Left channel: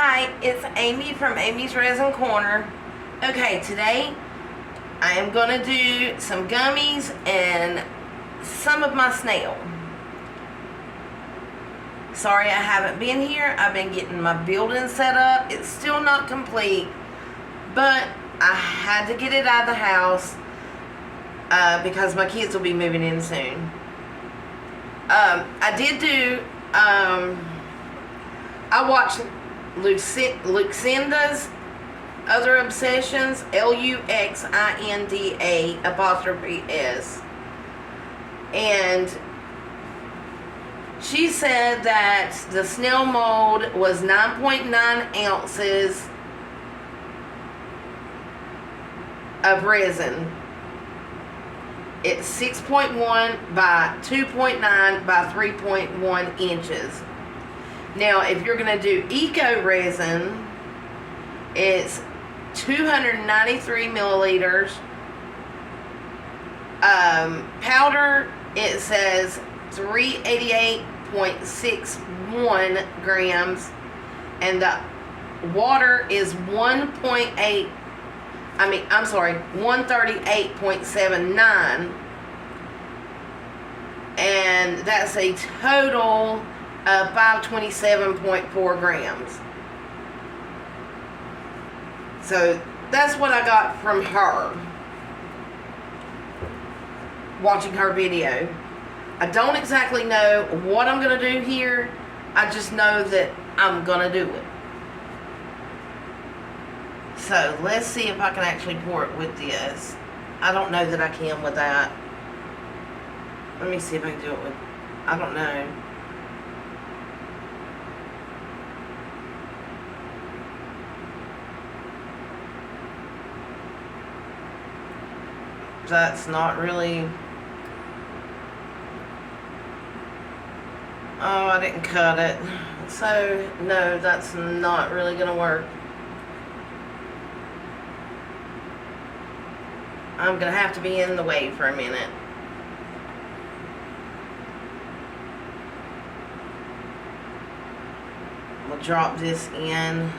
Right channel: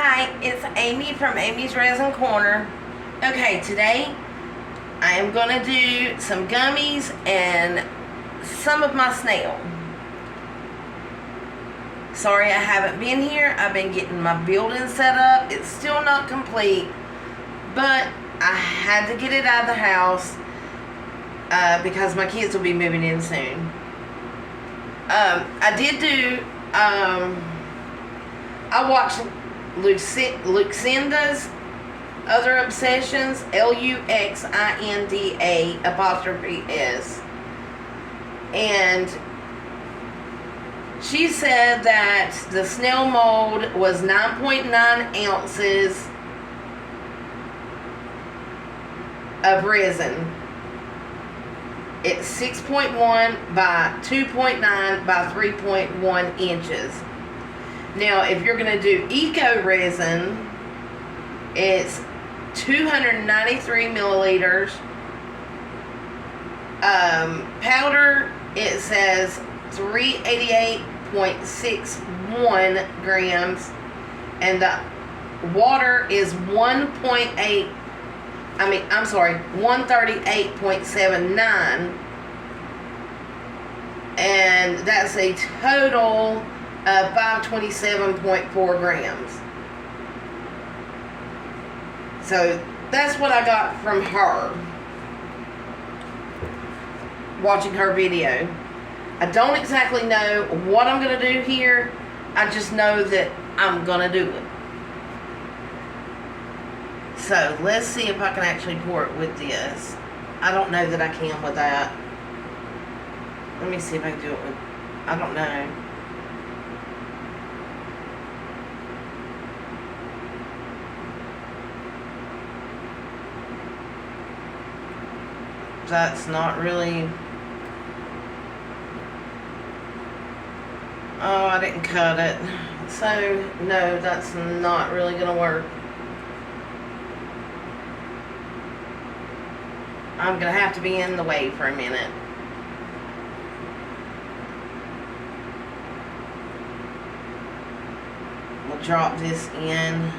Hi, it's Amy from Amy's Resin Corner. Okay, today I am going to do some gummies and some of my snail. Sorry I haven't been here. I've been getting my building set up. It's still not complete, but I had to get it out of the house because my kids will be moving in soon. I did do, I watched Lucinda's Other Obsessions, Luxinda''S, and she said that the Snail mold was 9.9 ounces of resin. It's 6.1 by 2.9 by 3.1 inches. Now, if you're going to do eco resin, it's 293 milliliters. Powder, it says 388.61 grams, and the water is 138.79, and that's a total of 527.4 grams. So that's what I got from her watching her video. I don't exactly know what I'm going to do here. I just know that I'm going to do it. So let's see if I can actually pour it with this. I don't know that I can with that. Let me see if I can do it with, I don't know. That's not really, oh, I didn't cut it. So no, that's not really going to work. I'm going to have to be in the way for a minute. We'll drop this in.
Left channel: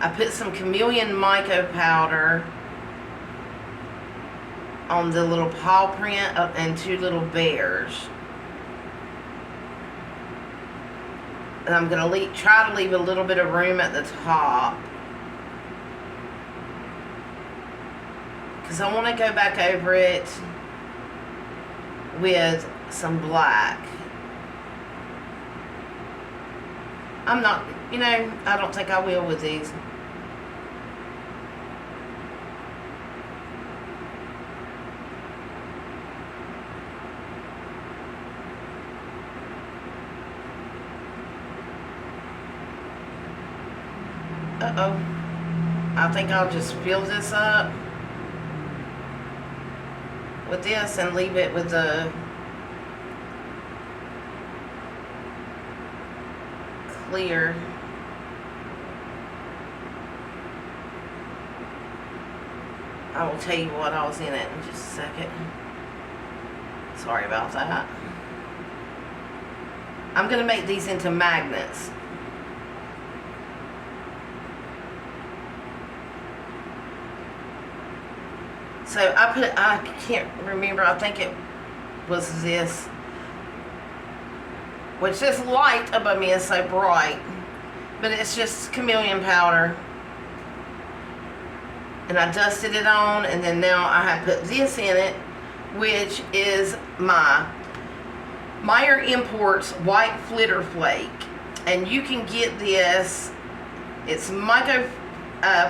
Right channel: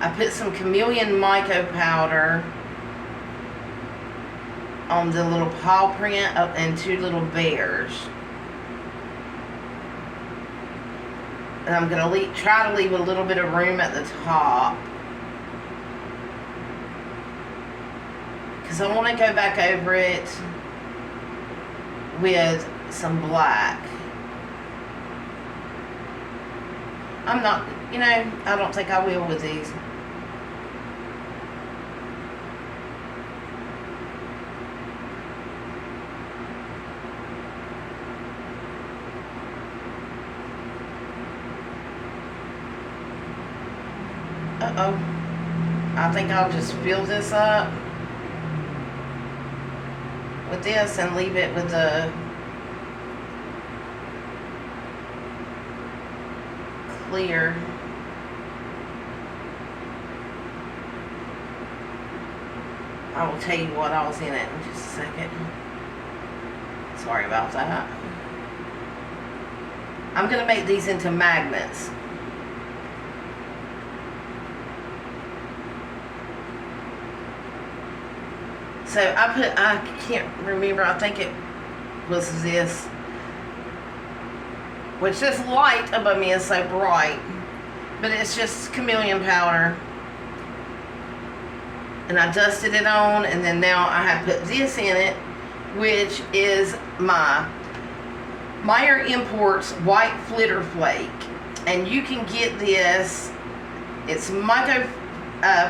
I put some chameleon mica powder on the little paw print and two little bears. And I'm going to try to leave a little bit of room at the top, because I want to go back over it with some black. I'm not, I don't think I will with these. Uh-oh. I think I'll just fill this up with this and leave it with the clear. I will tell you what I was in it in just a second. Sorry about that. I'm going to make these into magnets. So I can't remember, I think it was this, which this light above me is so bright, but it's just chameleon powder. And I dusted it on, and then now I have put this in it, which is my Meyer Imports White Flitter Flake. And you can get this, it's Micro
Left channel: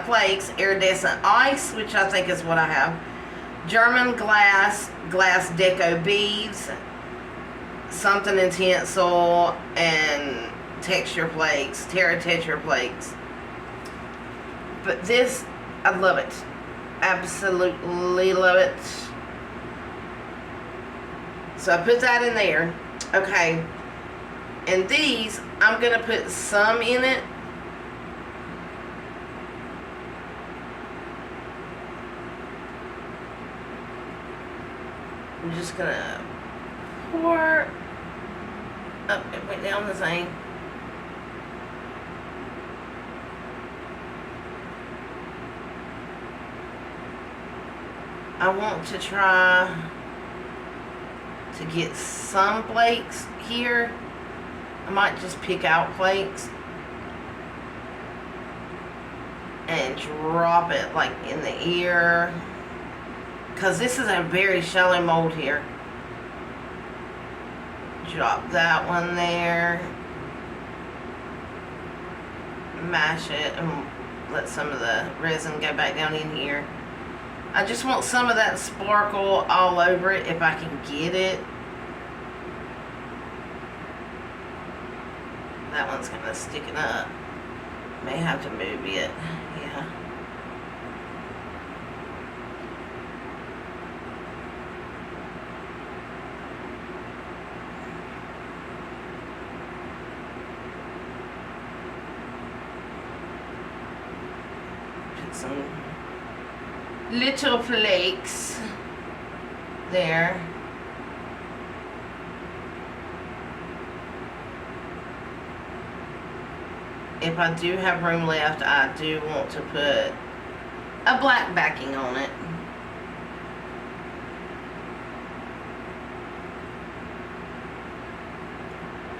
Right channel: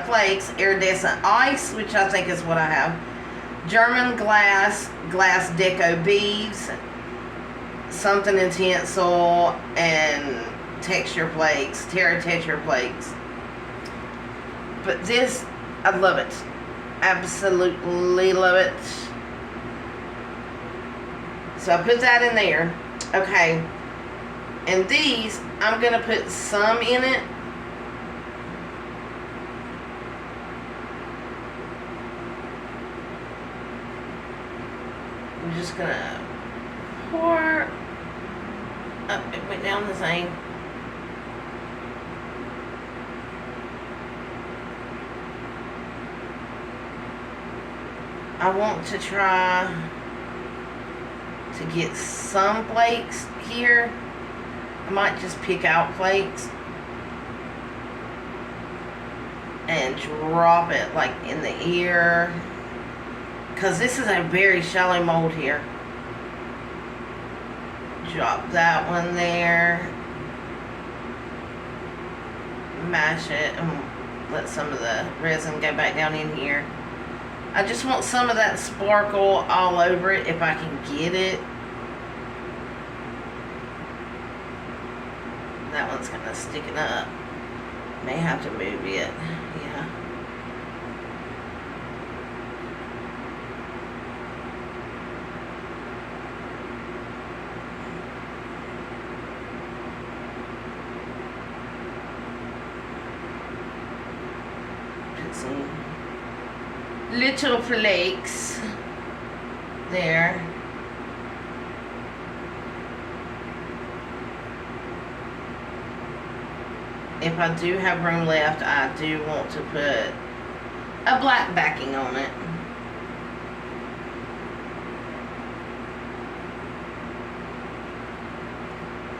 Flakes Iridescent Ice, which I think is what I have. German glass deco beads, something intense oil, and texture flakes, Terra texture flakes. But this, I love it. Absolutely love it. So I put that in there. Okay. And these, I'm going to put some in it. I'm just going to pour Oh, it went down the thing. I want to try to get some flakes here. I might just pick out flakes and drop it like in the ear, because this is a very shallow mold here. Drop that one there, mash it, and let some of the resin go back down in here. I just want some of that sparkle all over it if I can get it. That one's kind of sticking up. May have to move it. Yeah. Put some little flakes there. If I do have room left, I do want to put a black backing on it.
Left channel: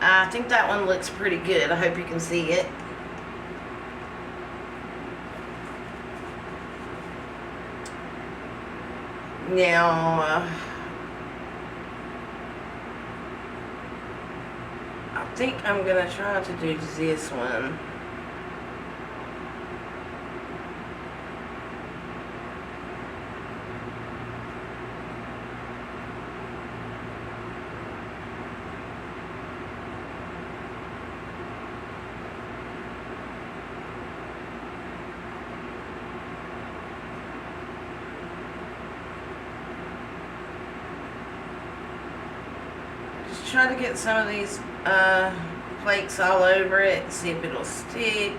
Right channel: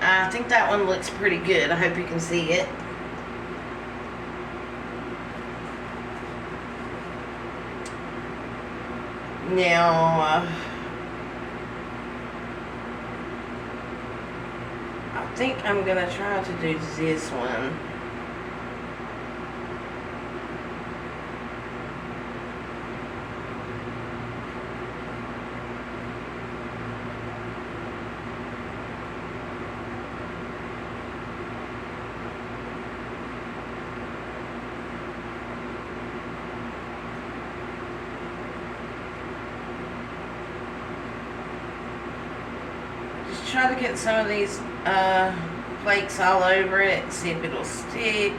I think that one looks pretty good. I hope you can see it. Now, I think I'm going to try to do this one. Try to get some of these flakes all over it, see if it'll stick,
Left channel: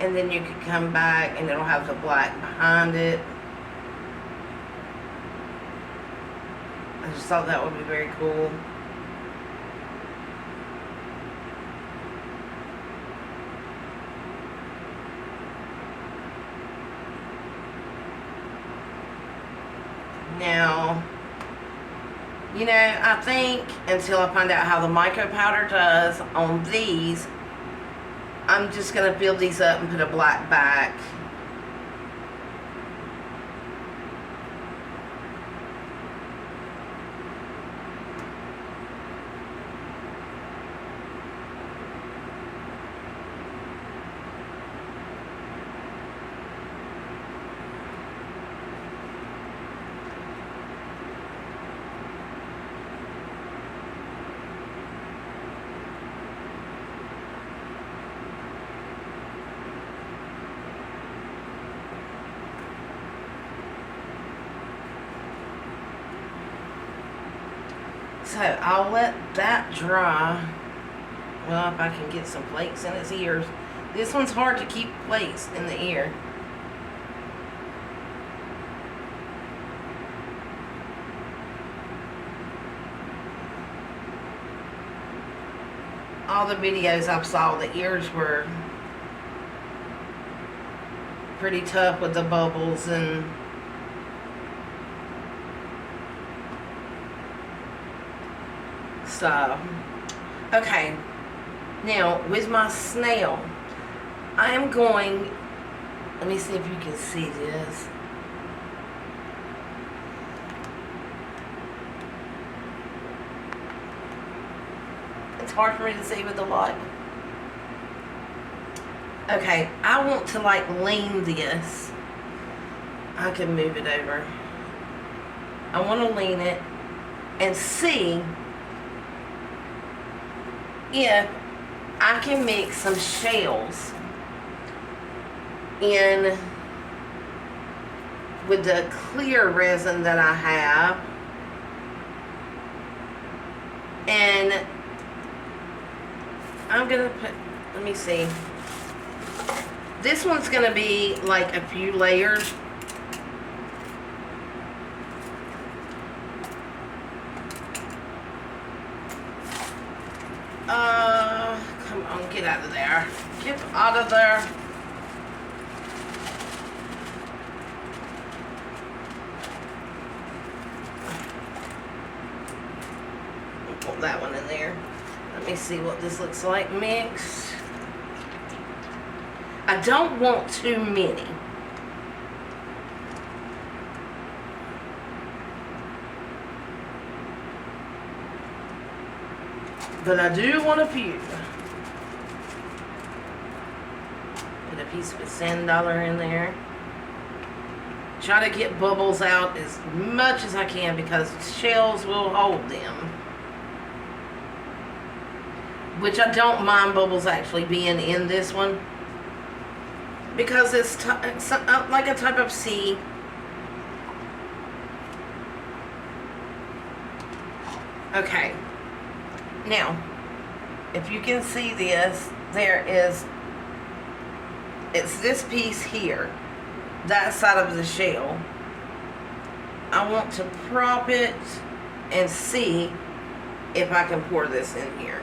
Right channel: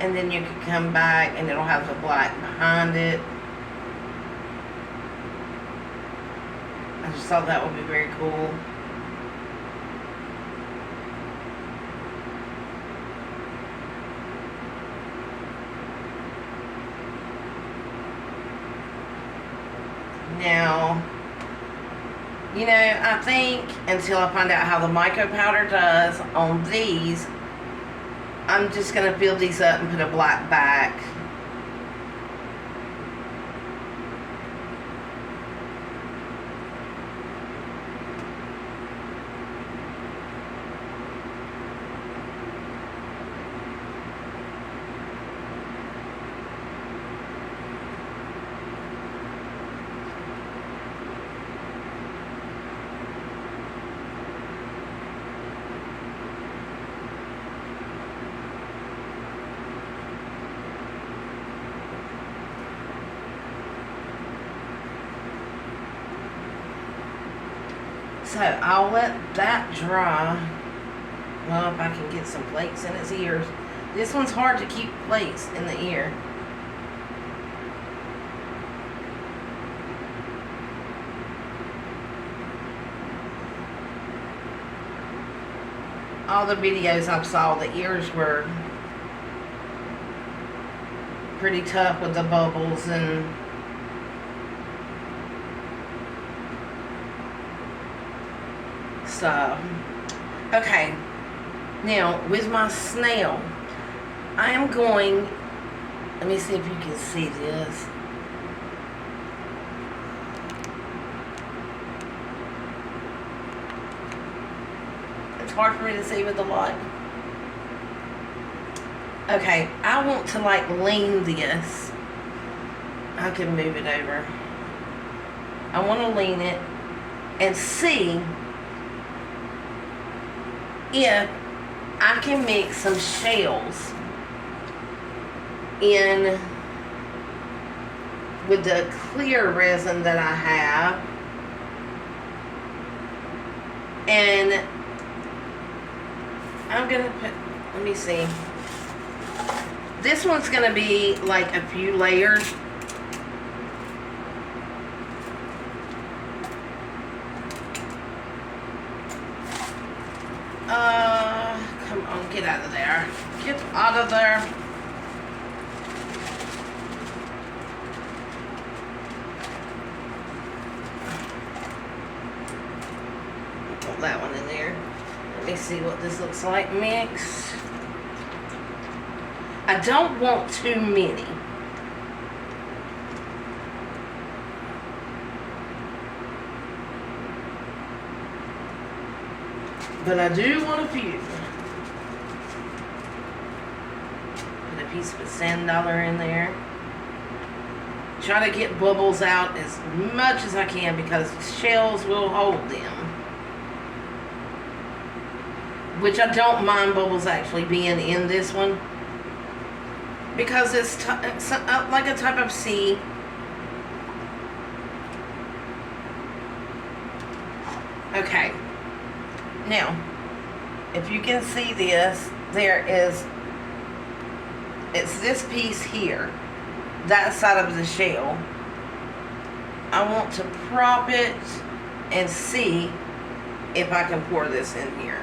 and then you can come back and it'll have the black behind it. I just thought that would be very cool. Now, you know, I think until I find out how the micro powder does on these, I'm just going to fill these up and put a black back. So I'll let that dry. Well, if I can get some flakes in its ears. This one's hard to keep flakes in the ear. All the videos I saw, the ears were pretty tough with the bubbles and so. Okay, now with my snail, I am going, let me see if you can see this. It's hard for me to see with the light. Okay, I want to like lean this. I can move it over. I want to lean it and see if I can mix some shells in with the clear resin that I have, and I'm gonna put, let me see, this one's gonna be like a few layers. Come on, get out of there. Get out of there. Put that one in there. Let me see what this looks like mixed. I don't want too many. But I do want a few. Put a piece of sand dollar in there. Try to get bubbles out as much as I can because shells will hold them. Which I don't mind bubbles actually being in this one. Because it's like a type of sea. Okay. Now, if you can see this, it's this piece here, that side of the shell. I want to prop it and see if I can pour this in here.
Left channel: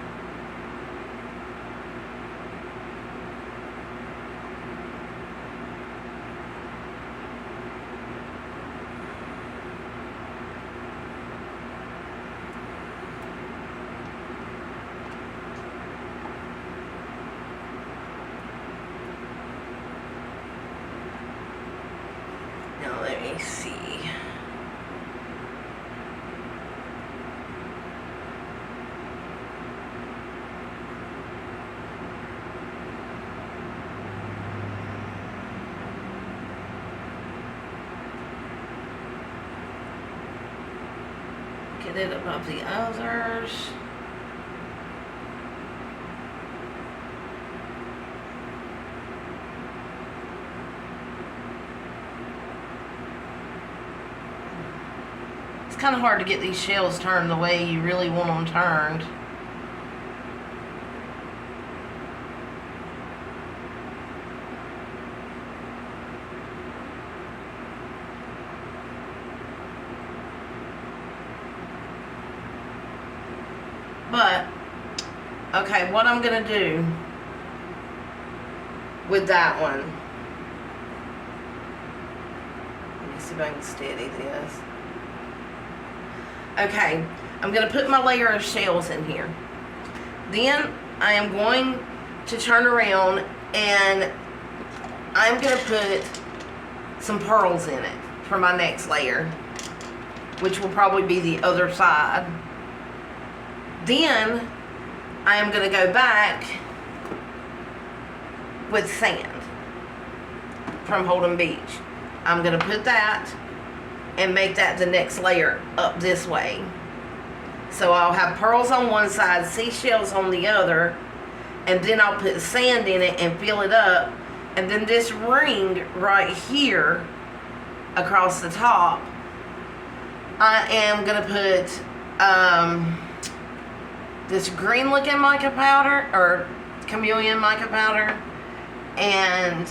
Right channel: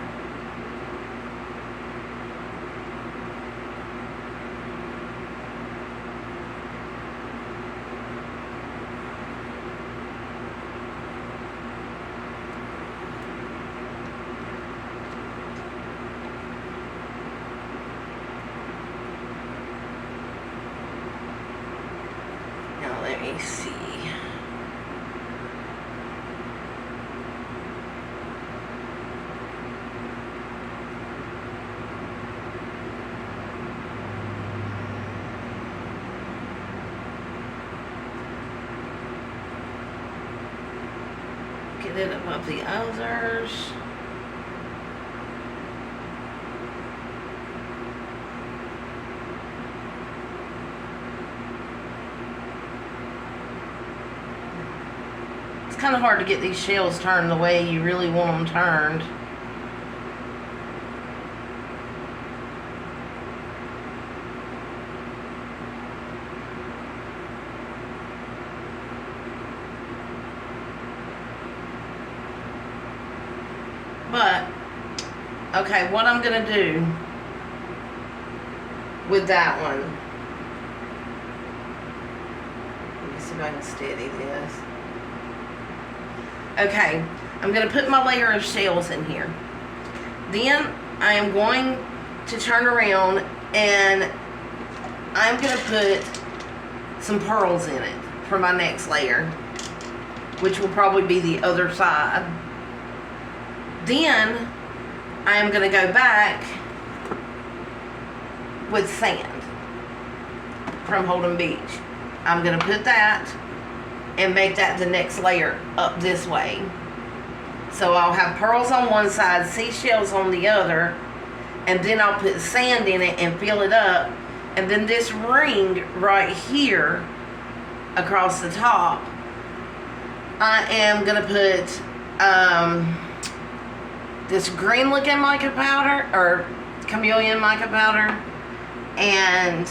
Let me see. Get it above the others. It's kind of hard to get these shells turned the way you really want them turned. But, okay, what I'm going to do with that one, let me see if I can steady this. Okay, I'm going to put my layer of shells in here. Then I am going to turn around and I'm going to put some pearls in it for my next layer, which will probably be the other side. Then I am going to go back with sand from Holden Beach. I'm going to put that and make that the next layer up this way. So I'll have pearls on one side, seashells on the other, and then I'll put sand in it and fill it up. And then this ring right here across the top, I am going to put this green looking mica powder, or chameleon mica powder, and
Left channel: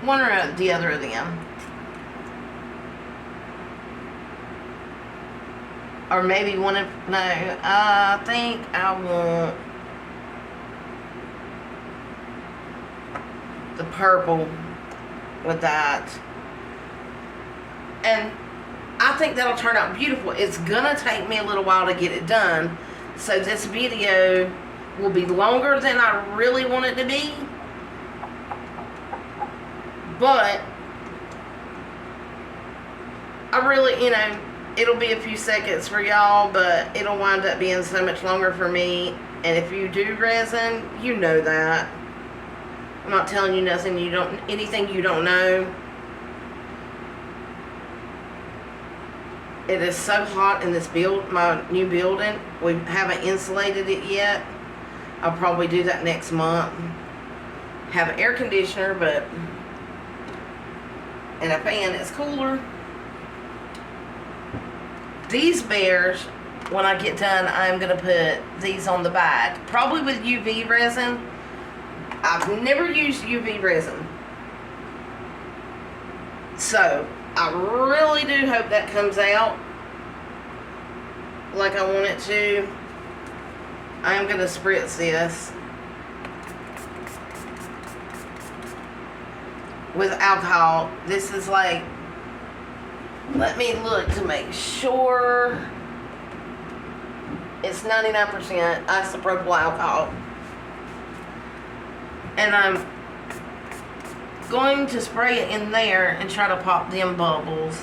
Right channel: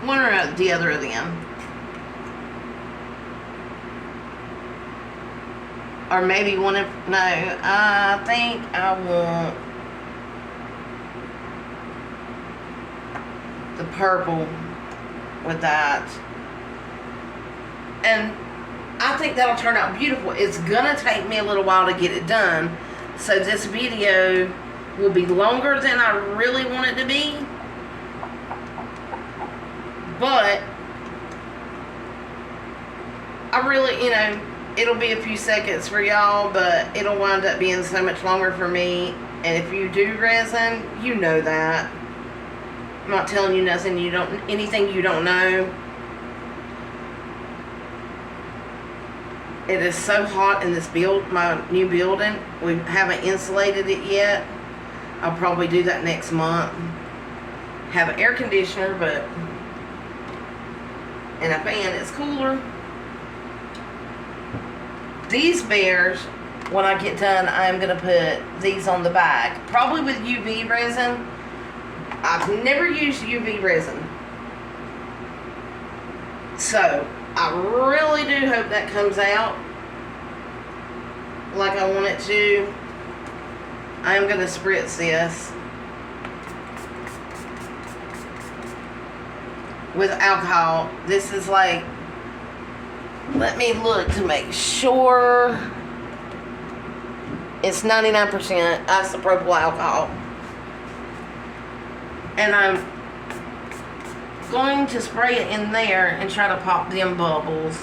one or the other of them. Or maybe one of, no, I think I want the purple with that. And I think that'll turn out beautiful. It's gonna take me a little while to get it done. So this video will be longer than I really want it to be. But I really, you know, it'll be a few seconds for y'all, but it'll wind up being so much longer for me. And if you do resin, you know that. I'm not telling you nothing you don't, anything you don't know. It is so hot in this build, my new building. We haven't insulated it yet. I'll probably do that next month. Have an air conditioner, but and a fan. It's cooler. These bears, when I get done, I'm going to put these on the back. Probably with UV resin. I've never used UV resin. So, I really do hope that comes out like I want it to. I am going to spritz this with alcohol. This is like, let me look to make sure. It's 99% isopropyl alcohol. And I'm going to spray it in there and try to pop them bubbles.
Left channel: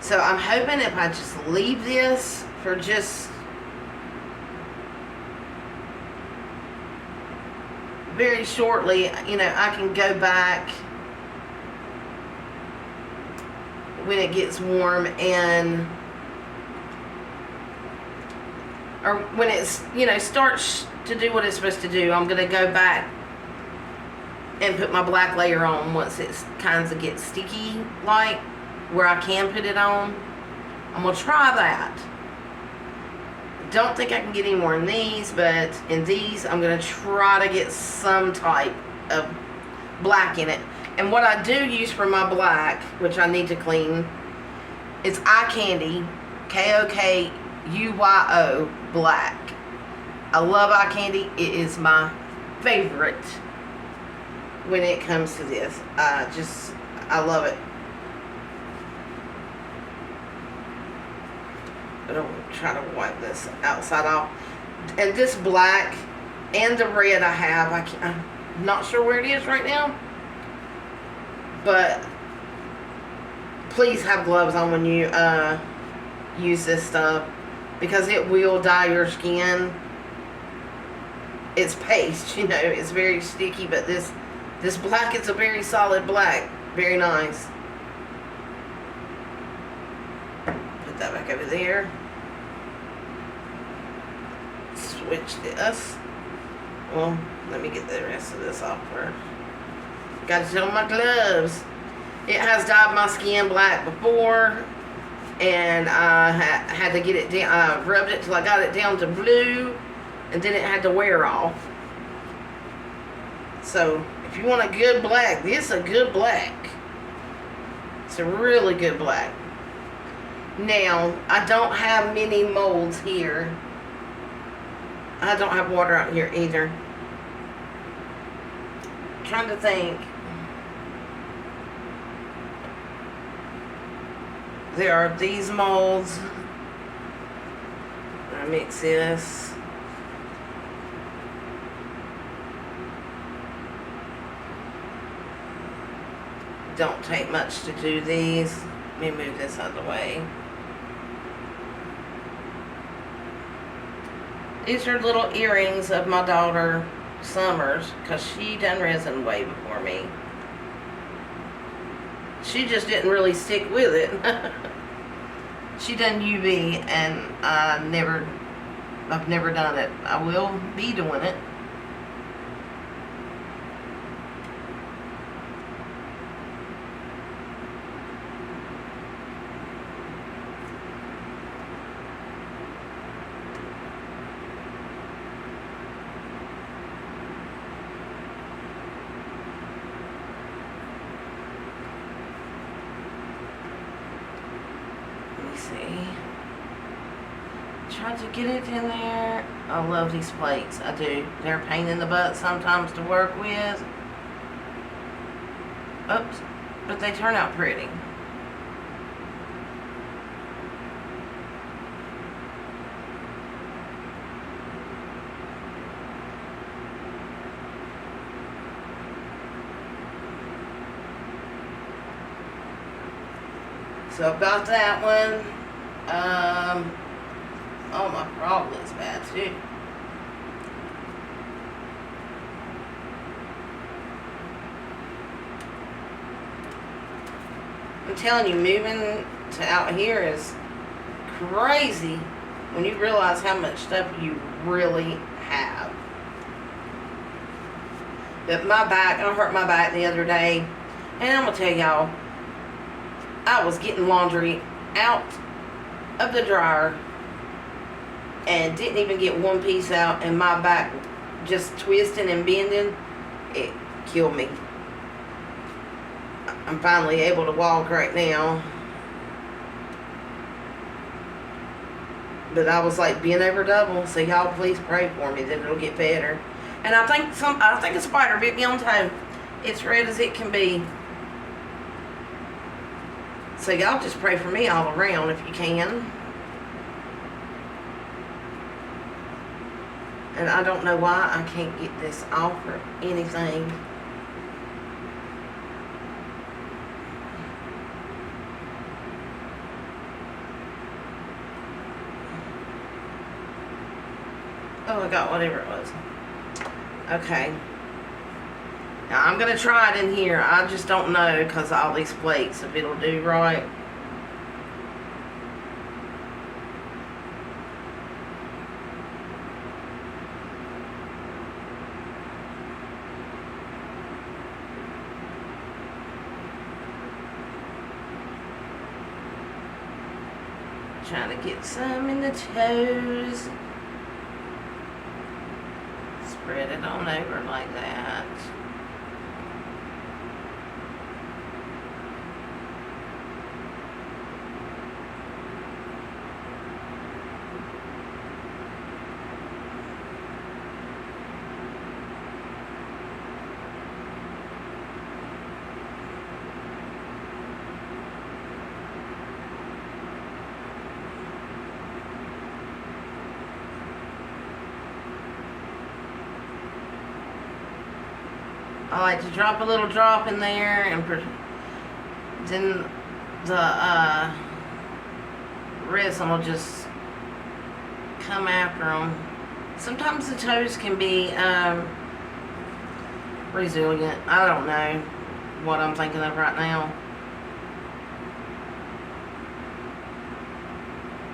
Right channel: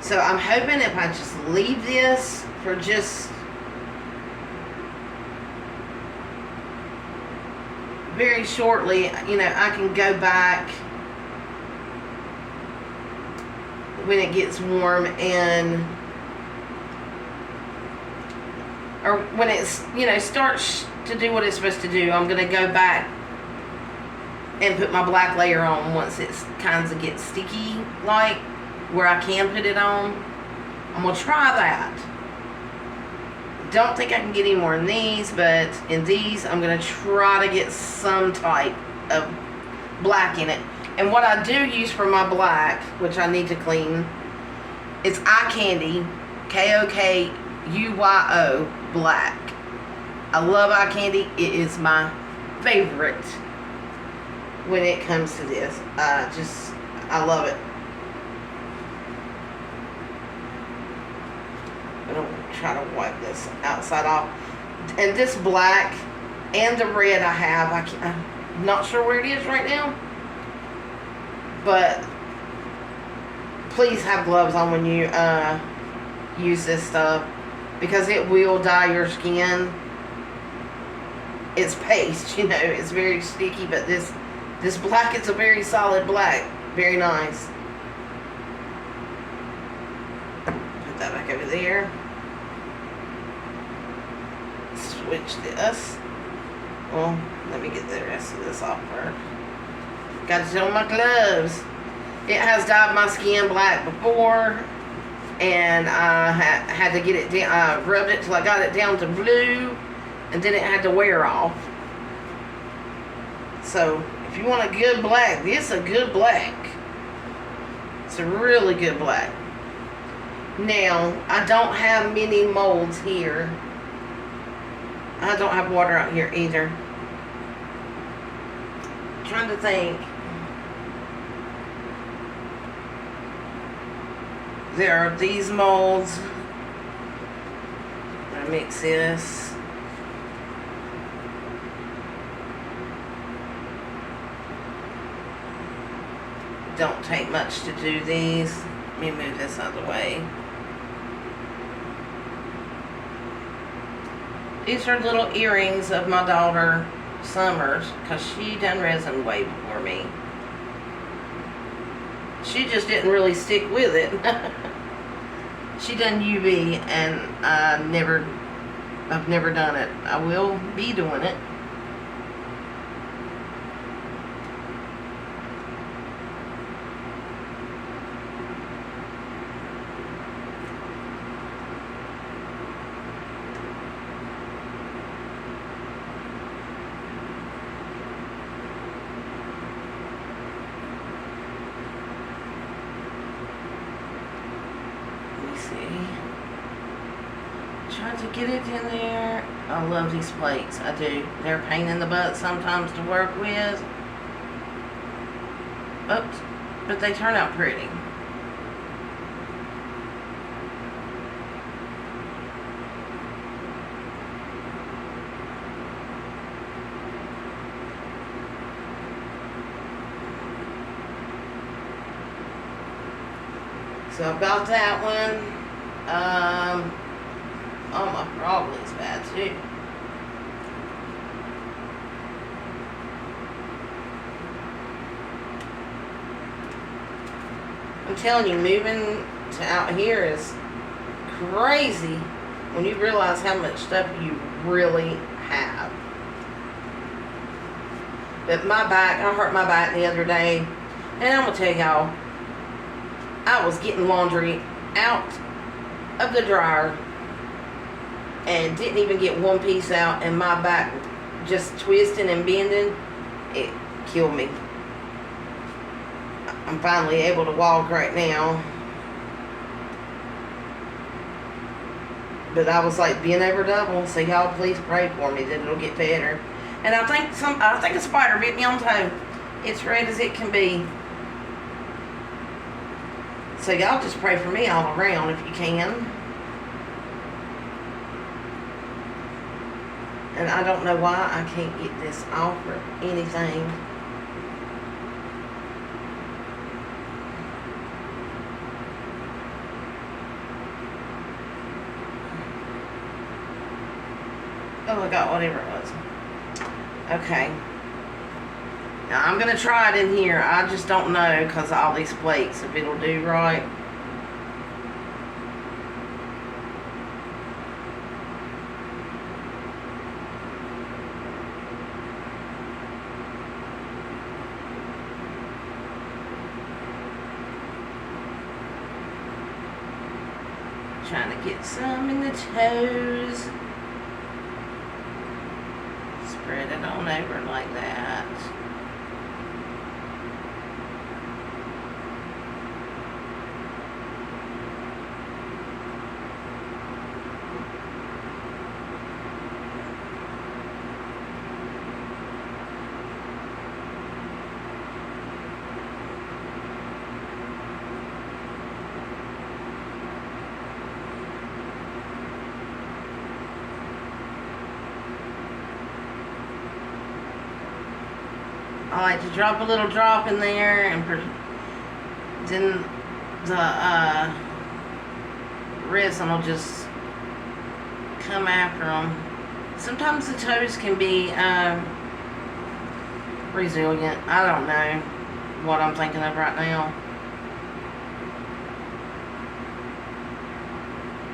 So I'm hoping if I just leave this for just very shortly, you know, I can go back when it gets warm and, or when it's, you know, starts to do what it's supposed to do. I'm going to go back and put my black layer on once it kind of gets sticky, like where I can put it on. I'm going to try that. Don't think I can get any more in these, but in these I'm going to try to get some type of black in it. And what I do use for my black, which I need to clean, is Eye Candy K-O-K-U-Y-O black. I love Eye Candy. It is my favorite when it comes to this. I love it. I'm going to try to wipe this outside off. And this black and the red I have, I'm not sure where it is right now. But please have gloves on when you use this stuff, because it will dye your skin. It's paste, you know, it's very sticky, but this black is a very solid black. Very nice. Put that back over there. Switch this. Well, let me get the rest of this off first. Got to show my gloves. It has dyed my skin black before, and I had to get it down. I rubbed it till I got it down to blue, and then it had to wear off. So if you want a good black, this is a good black. It's a really good black. Now, I don't have many molds here. I don't have water out here either. I'm trying to think. There are these molds. I mix this. Don't take much to do these. Let me move this out of the way. These are little earrings of my daughter Summer's, because she done resin way before me. She just didn't really stick with it. She done UV, and I've never done it. I will be doing it. Try to get it in there. I love these plates. I do. They're a pain in the butt sometimes to work with. Oops. But they turn out pretty. So I've got that one. Oh, my frog looks bad too. I'm telling you, moving to out here is crazy when you realize how much stuff you really have. But my back, I hurt my back the other day, and I'm gonna tell y'all, I was getting laundry out of the dryer and didn't even get one piece out, and my back just twisting and bending. It killed me. I'm finally able to walk right now. But I was like bent over double, so y'all please pray for me that it'll get better. And I think a spider bit me on toe. It's red as it can be. So y'all just pray for me all around if you can. And I don't know why I can't get this off or anything. Oh, I got whatever it was. Okay. Now I'm going to try it in here. I just don't know because of all these plates if it'll do right. Trying to get some in the toes. Spread it on over like that. I like to drop a little drop in there, and then the resin will just come after them. Sometimes the toes can be resilient. I don't know what I'm thinking of right now.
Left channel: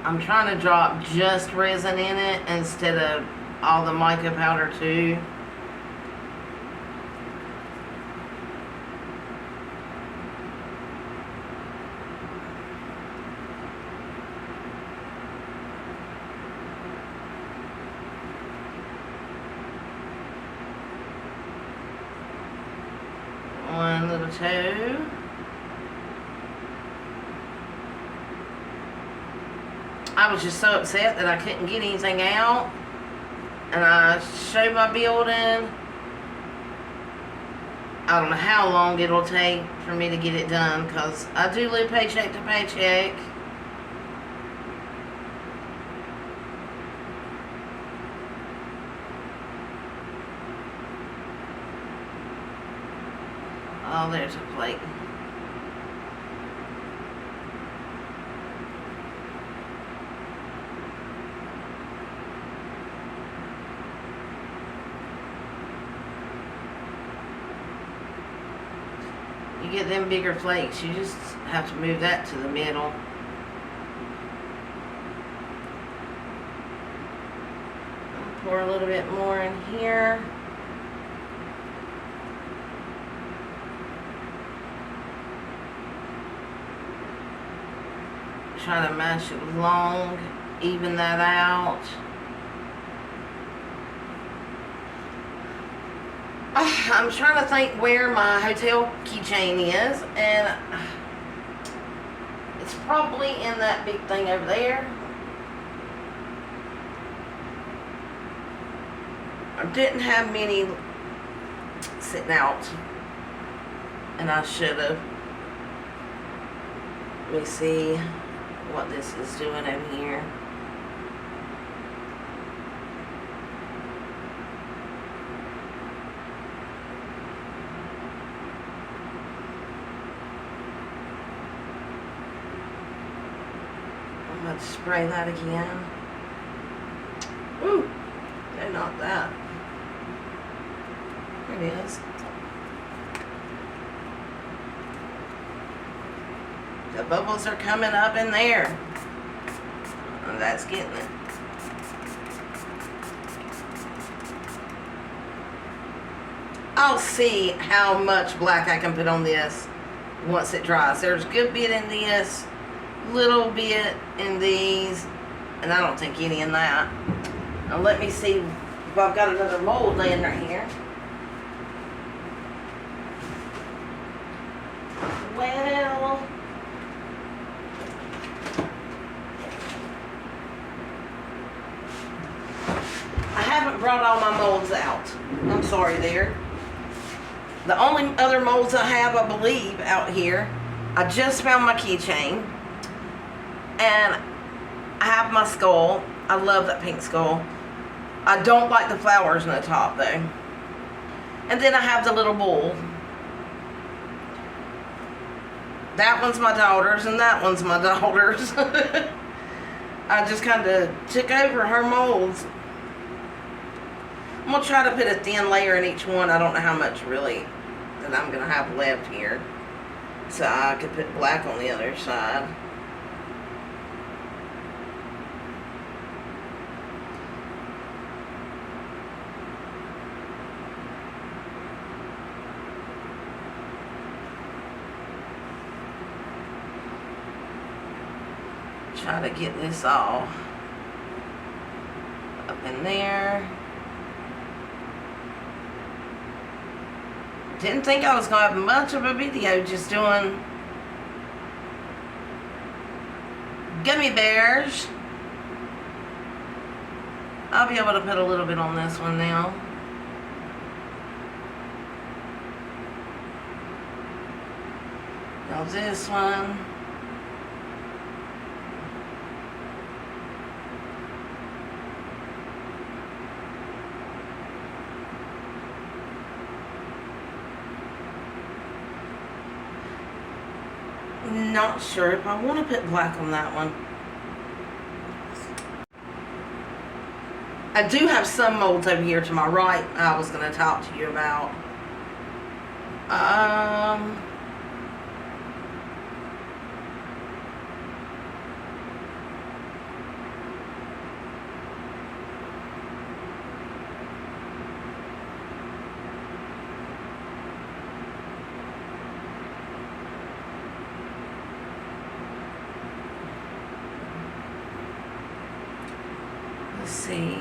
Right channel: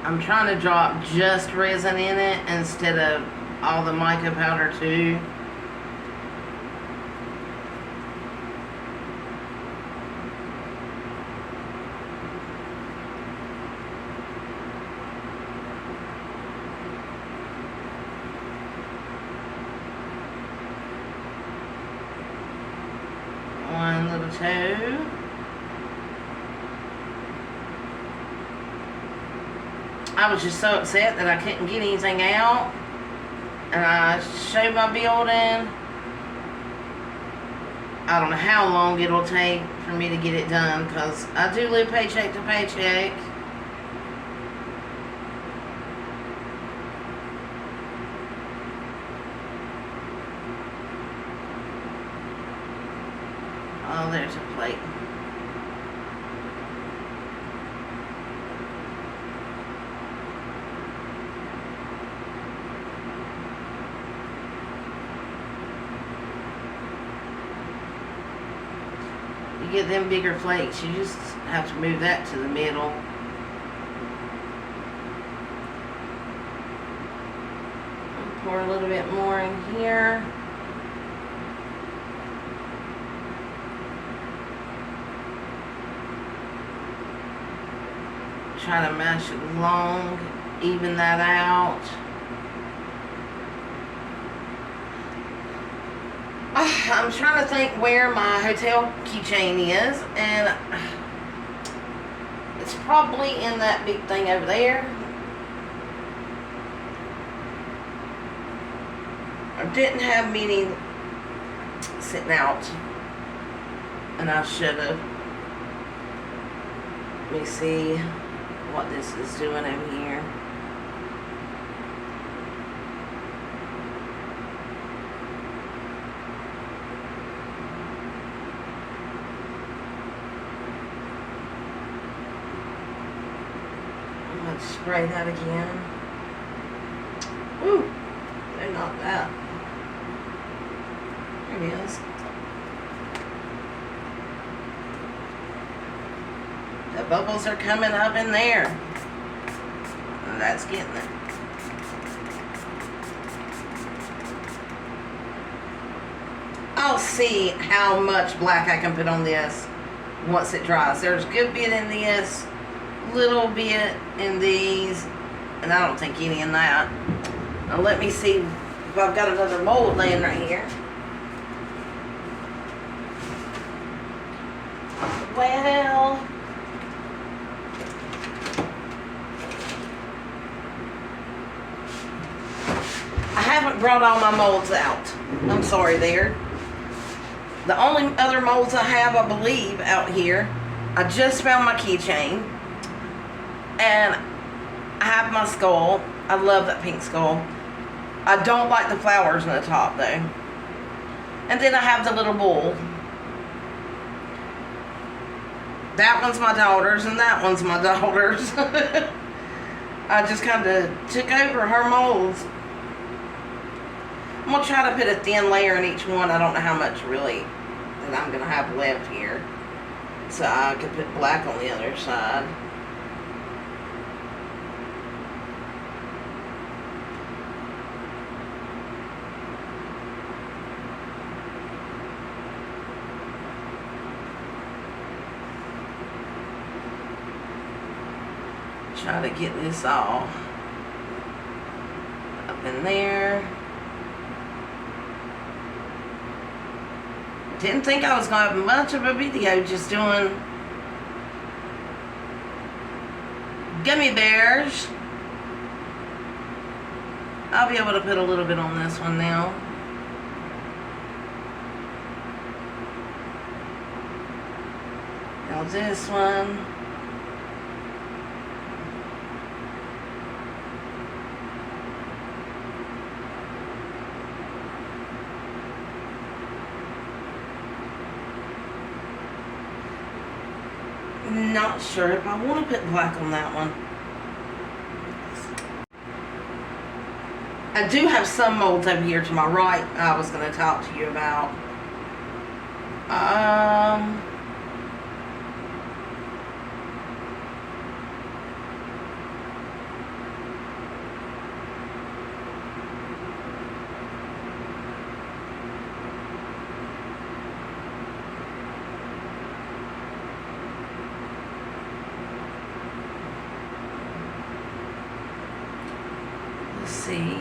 I'm trying to drop just resin in it instead of all the mica powder too. One little toe. I was just so upset that I couldn't get anything out. And I showed my building. I don't know how long it'll take for me to get it done because I do live paycheck to paycheck. Oh, there's a plate. You get them bigger flakes, you just have to move that to the middle. Pour a little bit more in here. Try to mash it along, even that out. I'm trying to think where my hotel keychain is, and it's probably in that big thing over there. I didn't have many sitting out, and I should have. Let me see what this is doing over here. I'm going to spray that again. Ooh, they're not that. There it is. The bubbles are coming up in there. Oh, that's getting it. I'll see how much black I can put on this once it dries. There's a good bit in this, little bit in these, and I don't think any in that. Now let me see if I've got another mold laying right here. Well, I haven't brought all my molds out. I'm sorry there. The only other molds I have, I believe, out here, I just found my keychain. And I have my skull. I love that pink skull. I don't like the flowers on the top, though. And then I have the little bull. That one's my daughter's, and that one's my daughter's. I just kind of took over her molds. I'm going to try to put a thin layer in each one. I don't know how much really that I'm going to have left here. So I could put black on the other side. Try to get this all up in there. Didn't think I was going to have much of a video just doing gummy bears. I'll be able to put a little bit on this one now. Now this one. Not sure if I want to put black on that one. I do have some molds over here to my right I was going to talk to you about. Let's see.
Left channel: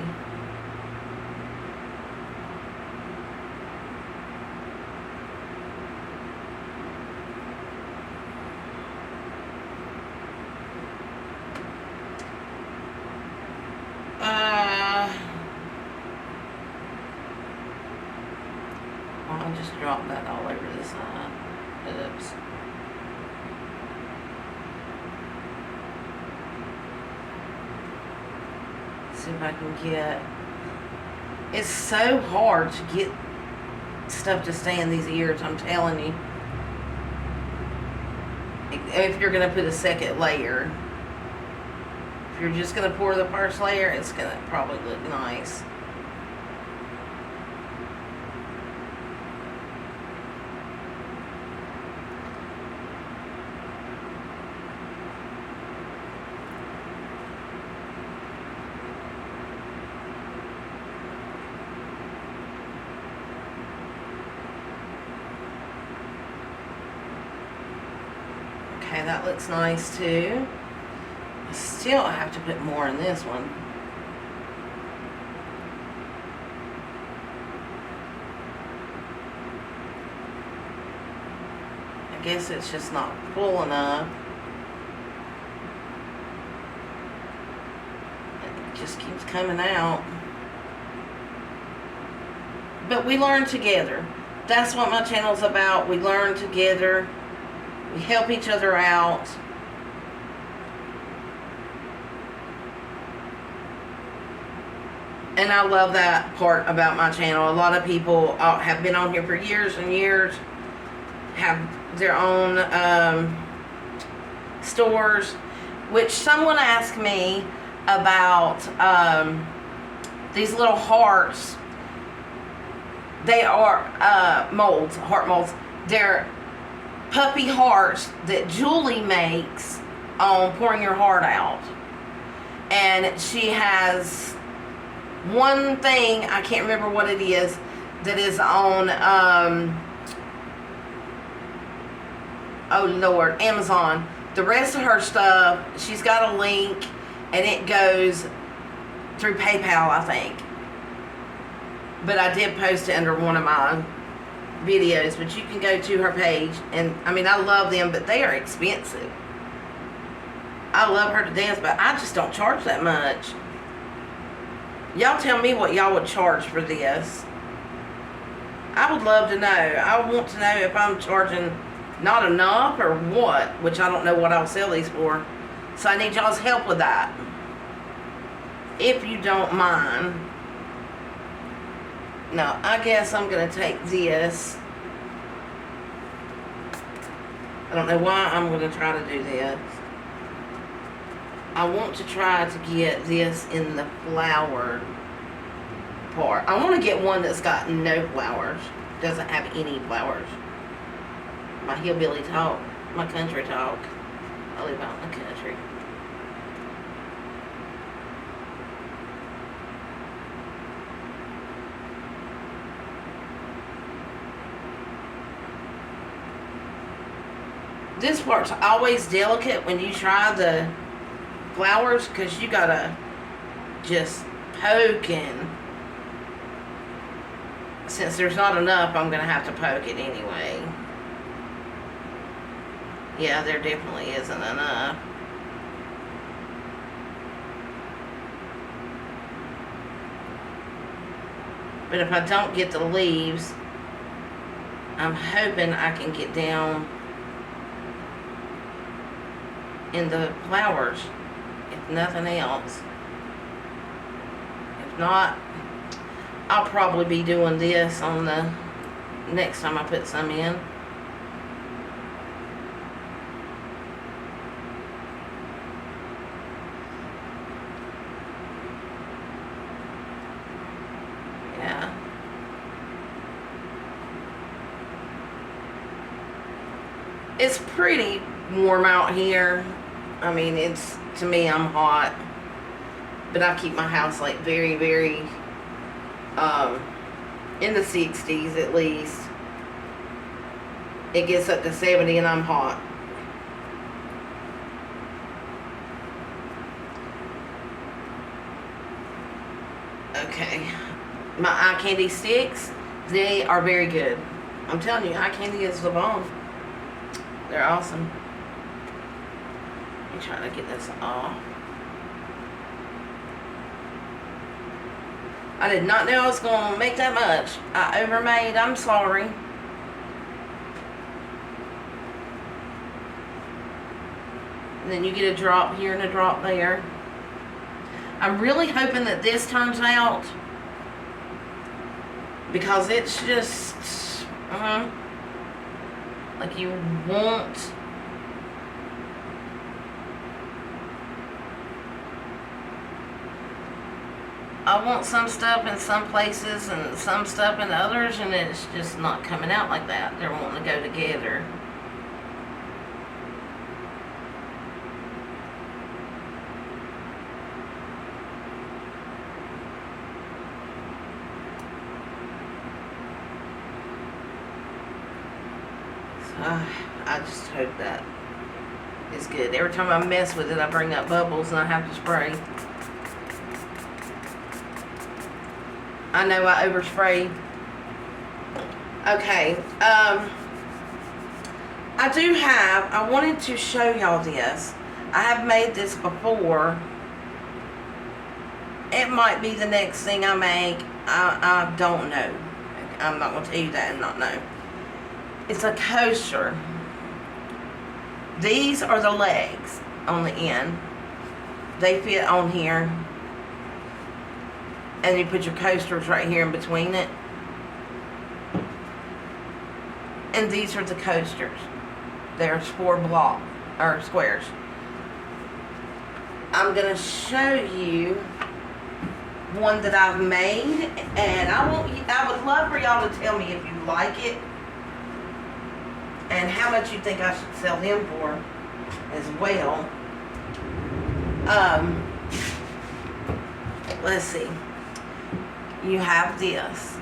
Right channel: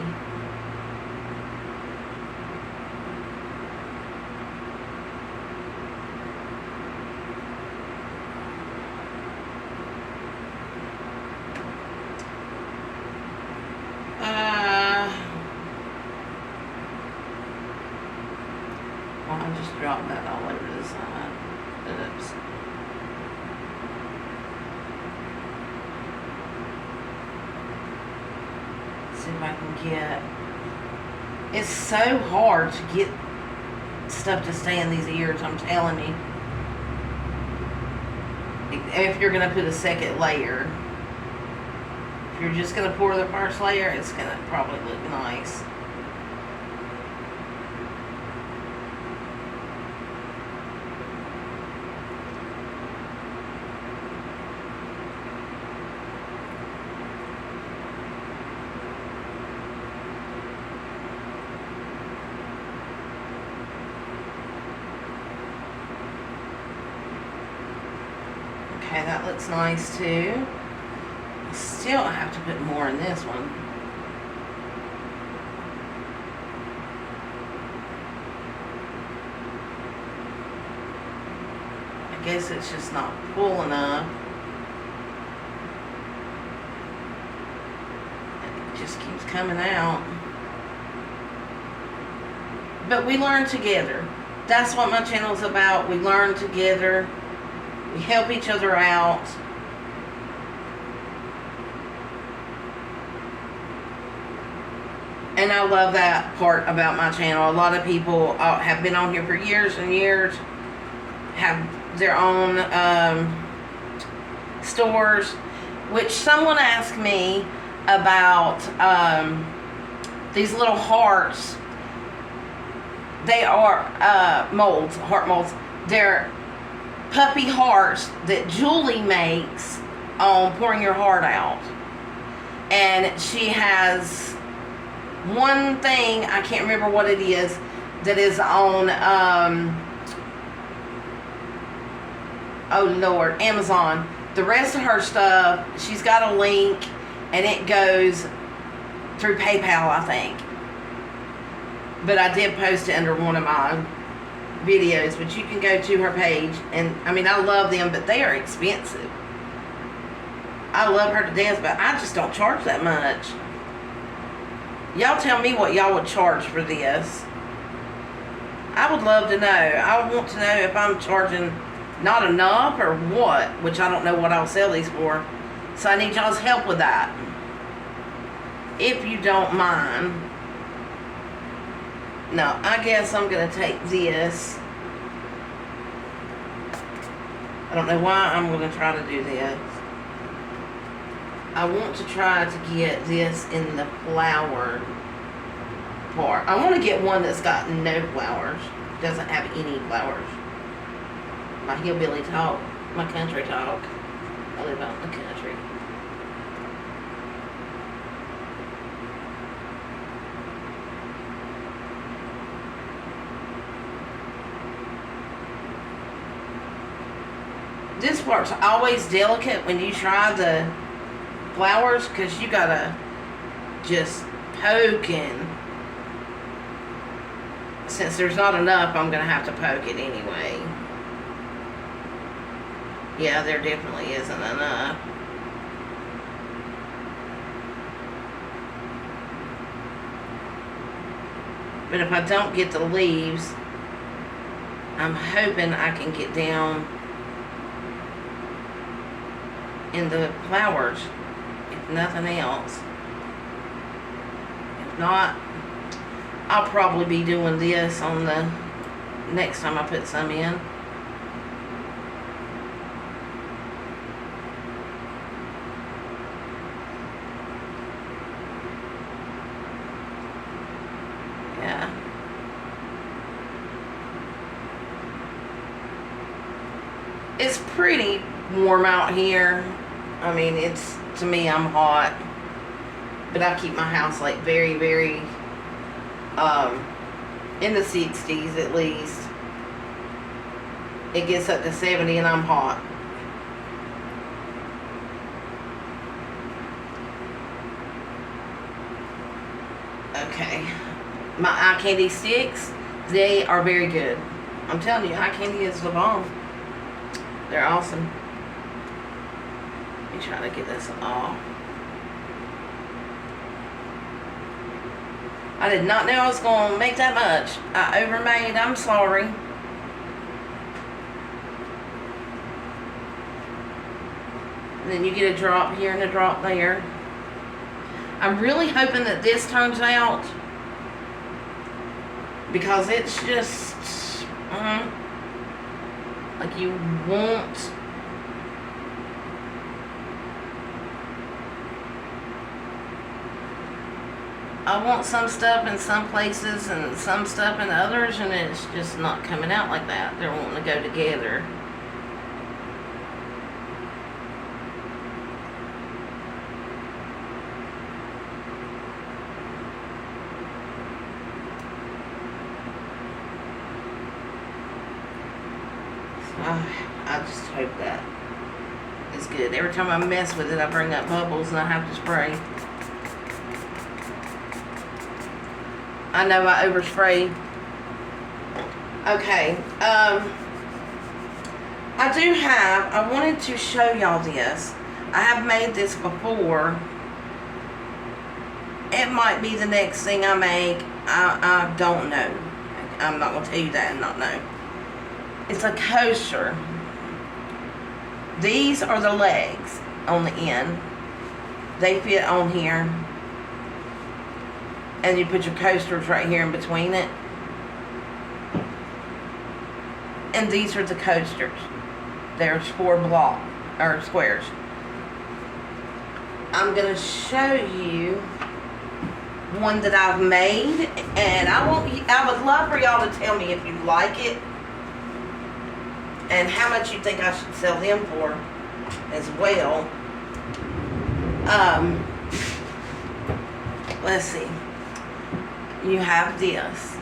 I just dropped that all over the side. Oops. See if I can get. It's so hard to get stuff to stay in these ears, I'm telling you. If you're going to put a second layer. If you're just going to pour the first layer, it's going to probably look nice. Okay, that looks nice too. Still, I have to put more in this one. I guess it's just not full enough. It just keeps coming out. But we learn together. That's what my channel's about. We learn together. We help each other out. And I love that part about my channel. A lot of people have been on here for years and years, have their own stores, which someone asked me about these little hearts. They are molds, heart molds. They're puppy hearts that Julie makes on pouring your heart out. And she has one thing, I can't remember what it is, that is on, oh Lord, Amazon. The rest of her stuff, she's got a link, and it goes through PayPal, I think. But I did post it under one of mine. videos, but you can go to her page, and I mean, I love them, but they are expensive. I love her to death, but I just don't charge that much. Y'all tell me what y'all would charge for this. I would love to know. I want to know if I'm charging not enough or what, which I don't know what I'll sell these for. So I need y'all's help with that, if you don't mind. Now, I guess I'm going to take this. I don't know why I'm going to try to do this. I want to try to get this in the flower part. I want to get one that's got no flowers. Doesn't have any flowers. My hillbilly talk. My country talk. I live out in the country. This part's always delicate when you try the flowers, because you gotta just poke in. Since there's not enough, I'm gonna have to poke it anyway. Yeah, there definitely isn't enough. But if I don't get the leaves, I'm hoping I can get down in the flowers, if nothing else. If not, I'll probably be doing this on the next time I put some in. Yeah. It's pretty warm out here. I mean, it's, to me, I'm hot, but I keep my house like very, very in the 60s at least. It gets up to 70 and I'm hot. Okay, my eye candy sticks, they are very good. I'm telling you, eye candy is the bomb. They're awesome. Let me try to get this off. I did not know I was going to make that much. I overmade. I'm sorry. And then you get a drop here and a drop there. I'm really hoping that this turns out, because it's just like you want. I want some stuff in some places and some stuff in others, and it's just not coming out like that. They're wanting to go together. So, I just hope that is good. Every time I mess with it, I bring up bubbles and I have to spray. I know I overspray. Okay, I wanted to show y'all this. I have made this before. It might be the next thing I make. I don't know. I'm not going to tell you that and not know. It's a coaster. These are the legs on the end. They fit on here. And you put your coasters right here in between it. And these are the coasters. There's 4 block or squares. I'm gonna show you one that I've made, and I would love for y'all to tell me if you like it and how much you think I should sell them for as well. Let's see. You have this.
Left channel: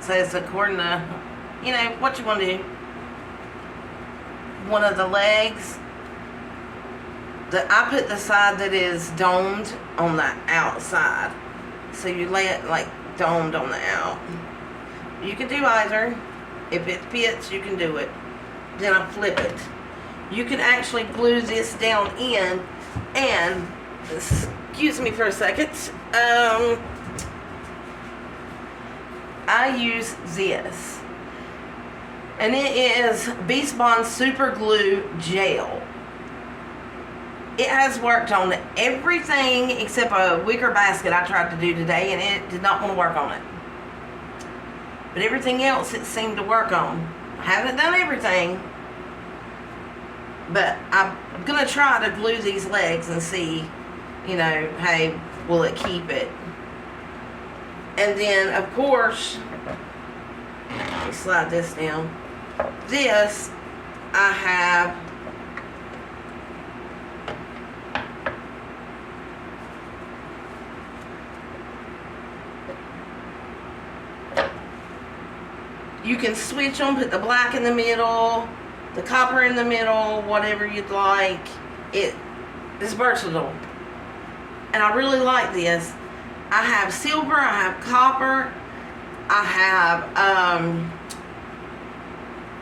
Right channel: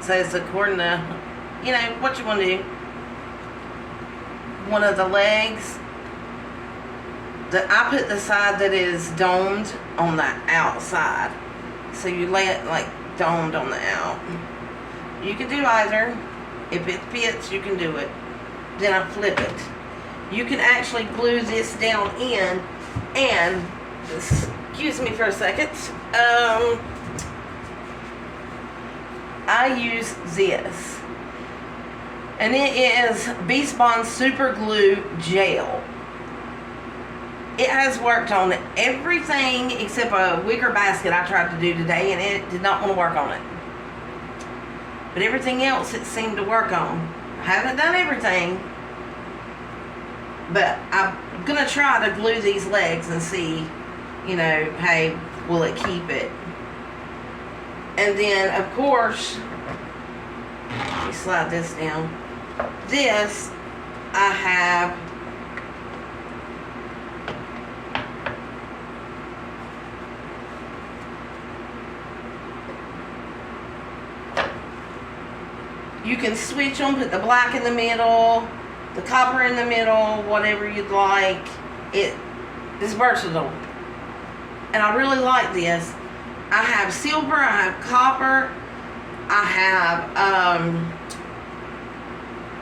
So it's according to, you know, what you want to do. One of the legs, I put the side that is domed on the outside. So you lay it like dawned on the out. You can do either. If it fits, you can do it. Then I flip it. You can actually glue this down in, and excuse me for a second. I use this, and it is Beast Bond Super Glue Gel. It has worked on everything except a wicker basket I tried to do today, and it did not want to work on it. But everything else it seemed to work on. I haven't done everything, but I'm going to try to glue these legs and see, you know, hey, will it keep it? And then, of course, let me slide this down. This, I have you can switch them, put the black in the middle, the copper in the middle, whatever you'd like. It is versatile. And I really like this. I have silver, I have copper, I have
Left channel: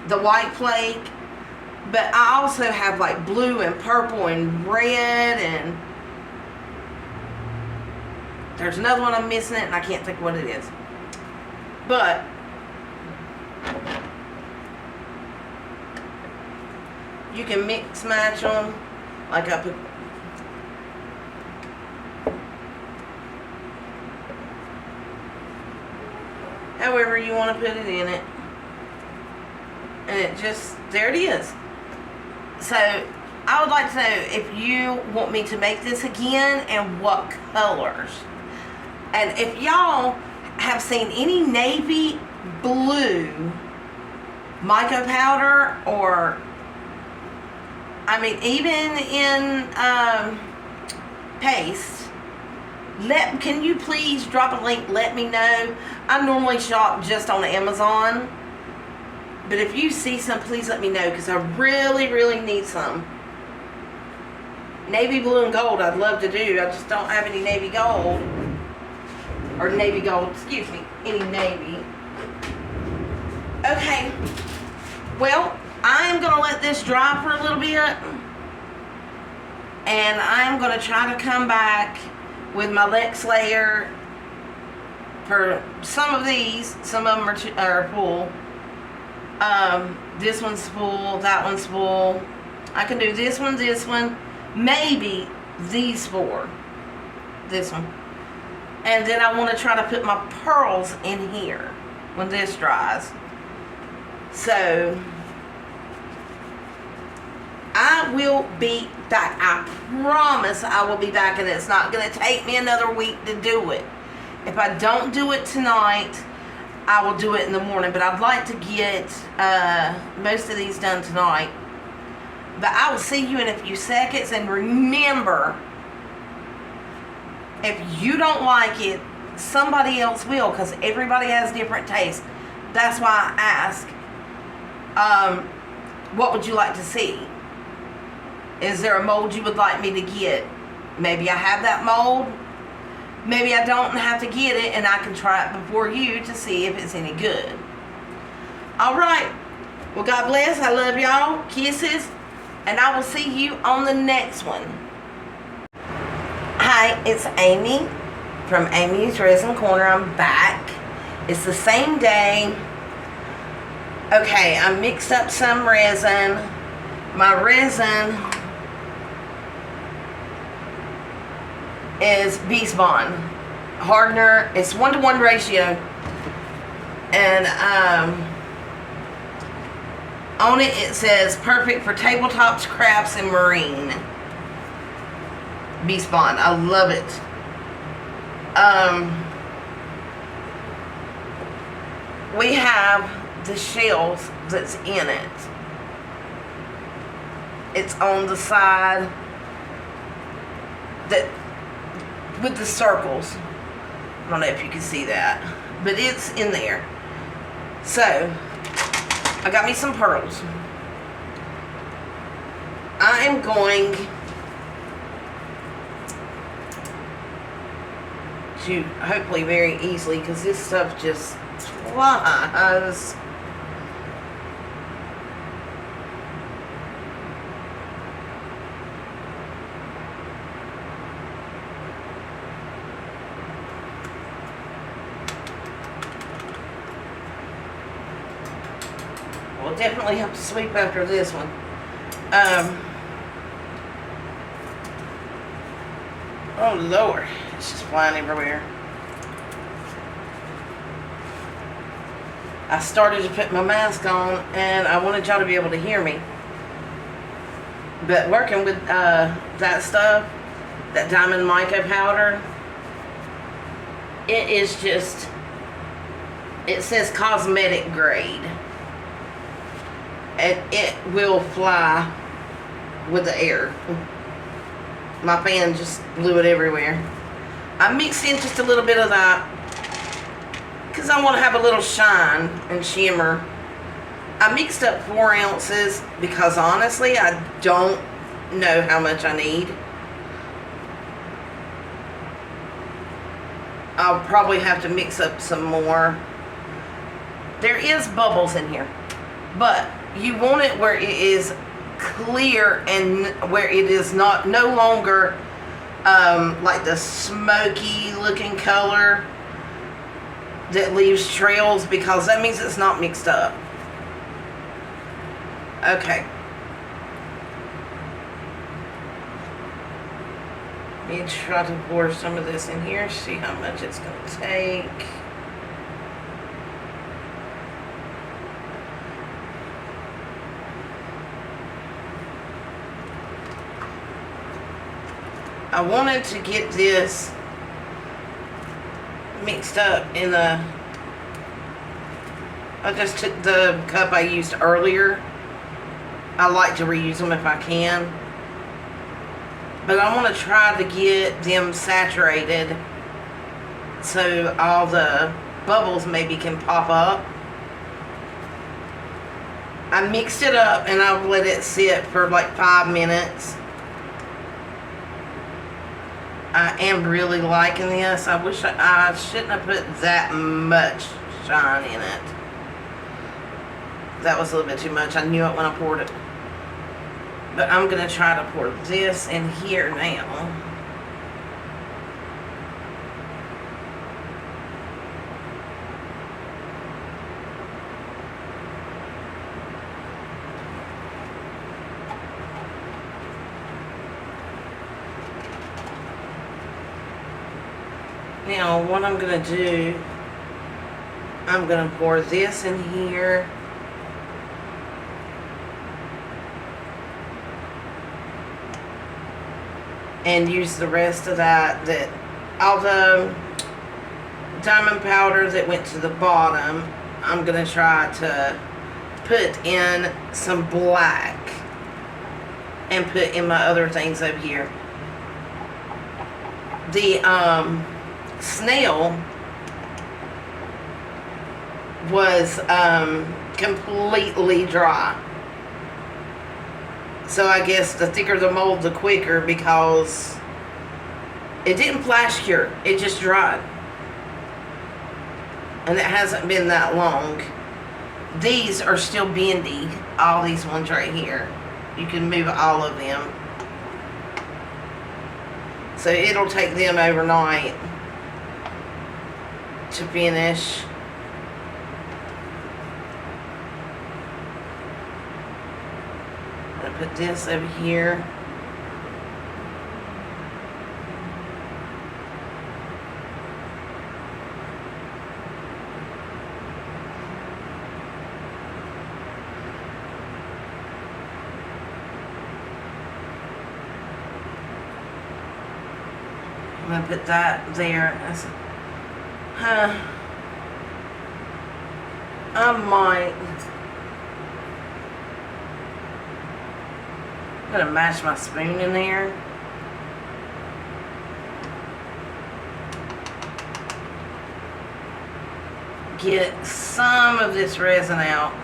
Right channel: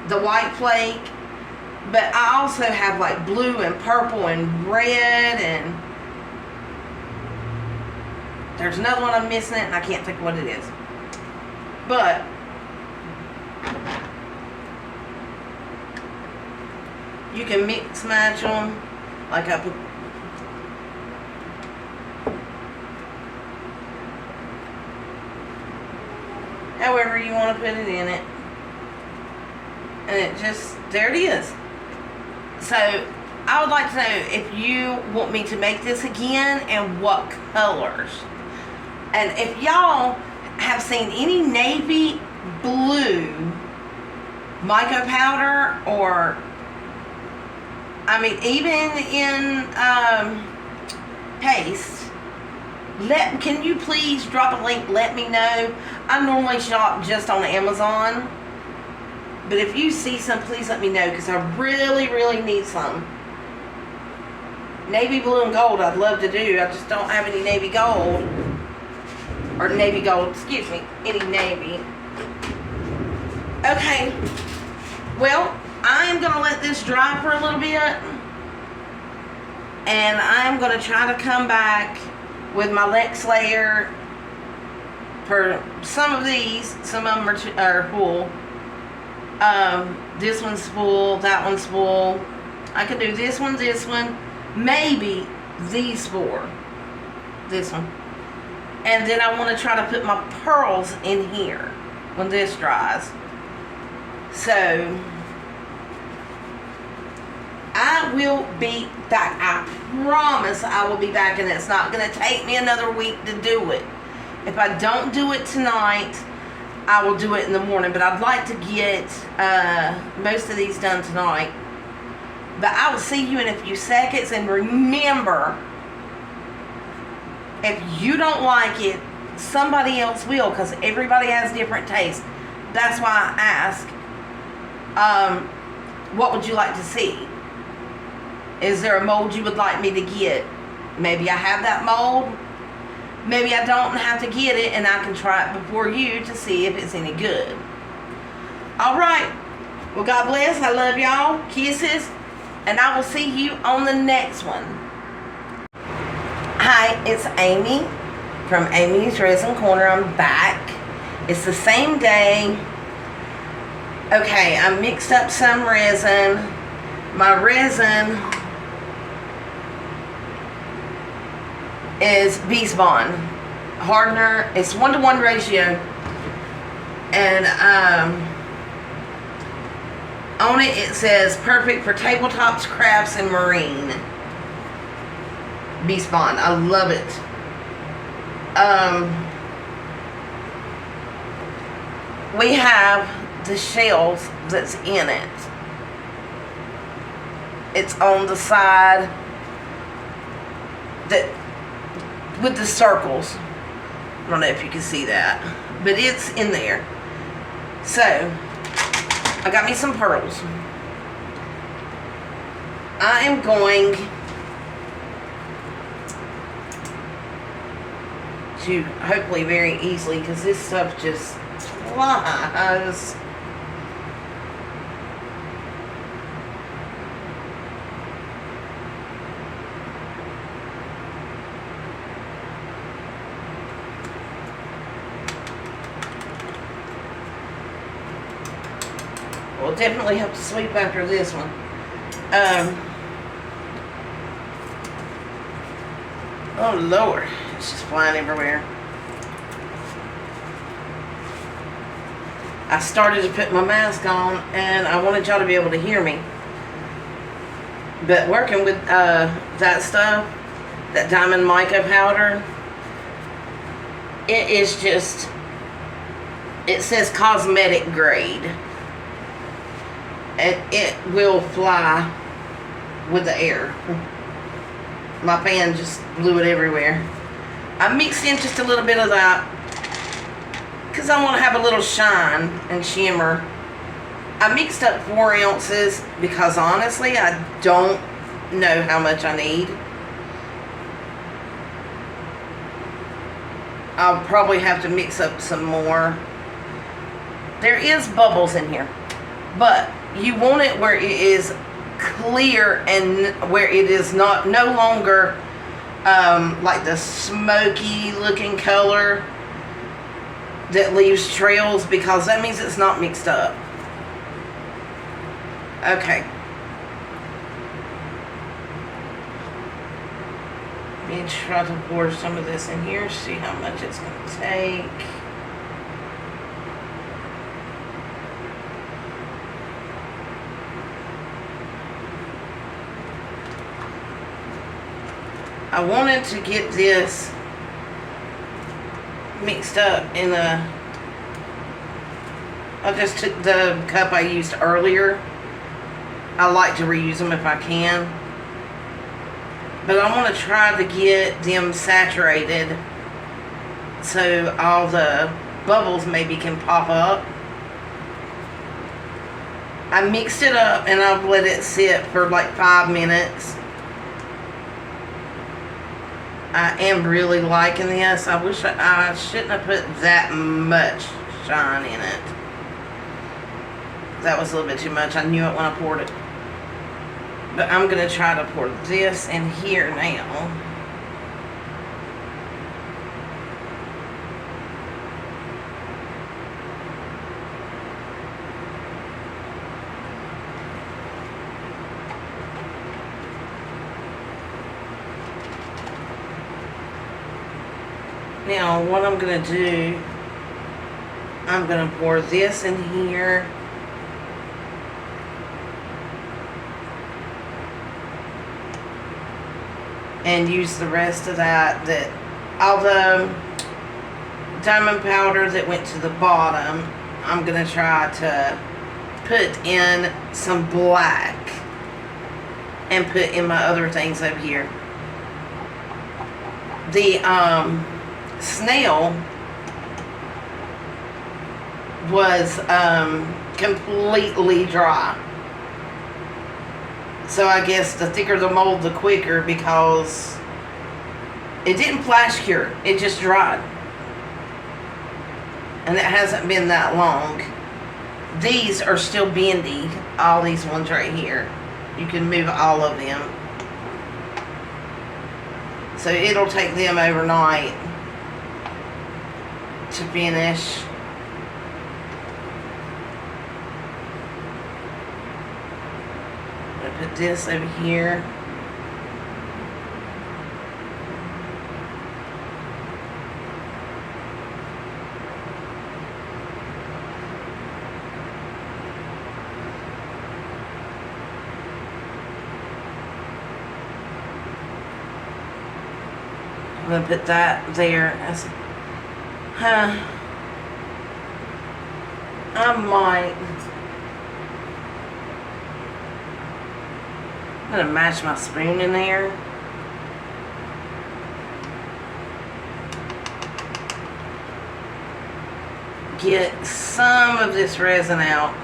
the white flake, but I also have like blue and purple and red, and there's another one I'm missing it and I can't think what it is. But you can mix match them, like I put. However you want to put it in it. And it just, there it is. So, I would like to know if you want me to make this again and what colors. And if y'all have seen any navy blue mica powder, or I mean even in paste, can you please drop a link, let me know. I normally shop just on Amazon, but if you see some, please let me know, because I really, really need some. Navy blue and gold I'd love to do. I just don't have any navy gold, or navy gold, excuse me, any navy. Okay, well, I'm going to let this dry for a little bit, and I'm going to try to come back with my Lex layer for some of these. Some of them are full. This one's full, that one's full. I can do this one, maybe these four. This one. And then I want to try to put my pearls in here when this dries. So I will be back. I promise I will be back, and it's not going to take me another week to do it. If I don't do it tonight, I will do it in the morning. But I'd like to get most of these done tonight. But I will see you in a few seconds. And remember, if you don't like it, somebody else will, because everybody has different tastes. That's why I ask, what would you like to see? Is there a mold you would like me to get? Maybe I have that mold. Maybe I don't have to get it, and I can try it before you to see if it's any good. Alright. Well, God bless. I love y'all. Kisses. And I will see you on the next one. Hi, it's Amy from Amy's Resin Corner. I'm back. It's the same day. Okay, I mixed up some resin. My resin is Beast Bond hardener. It's 1-to-1 ratio, and on it says perfect for tabletops, crafts, and marine. Beast Bond. I love it. We have the shells that's in it. It's on the side that with the circles. I don't know if you can see that, but it's in there. So I got me some pearls. I am going to hopefully very easily, because this stuff just flies. We'll definitely have to sleep after this one. Oh Lord, it's just flying everywhere. I started to put my mask on and I wanted y'all to be able to hear me. But working with that stuff, that diamond mica powder, it is just, it says cosmetic grade. And it will fly with the air. My fan just blew it everywhere. I mixed in just a little bit of that because I want to have a little shine and shimmer. I mixed up 4 ounces because honestly I don't know how much I need. I'll probably have to mix up some more. There is bubbles in here, but you want it where it is clear and where it is no longer like the smoky looking color that leaves trails, because that means it's not mixed up. Okay. Let me try to pour some of this in here, see how much it's going to take. I wanted to get this mixed up in I just took the cup I used earlier. I like to reuse them if I can. But I want to try to get them saturated so all the bubbles maybe can pop up. I mixed it up and I've let it sit for like 5 minutes. I am really liking this. I wish I shouldn't have put that much shine in it. That was a little bit too much. I knew it when I poured it. But I'm going to try to pour this in here now. Now, what I'm going to do, I'm going to pour this in here. And use the rest of that all the diamond powder that went to the bottom, I'm going to try to put in some black and put in my other things over here. The Snail was completely dry. So I guess the thicker the mold, the quicker, because it didn't flash cure. It just dried. And it hasn't been that long. These are still bendy. All these ones right here. You can move all of them. So it'll take them overnight to finish. I'm gonna put this over here. I'm gonna put that there. I might. I'm gonna mash my spoon in there. Get some of this resin out.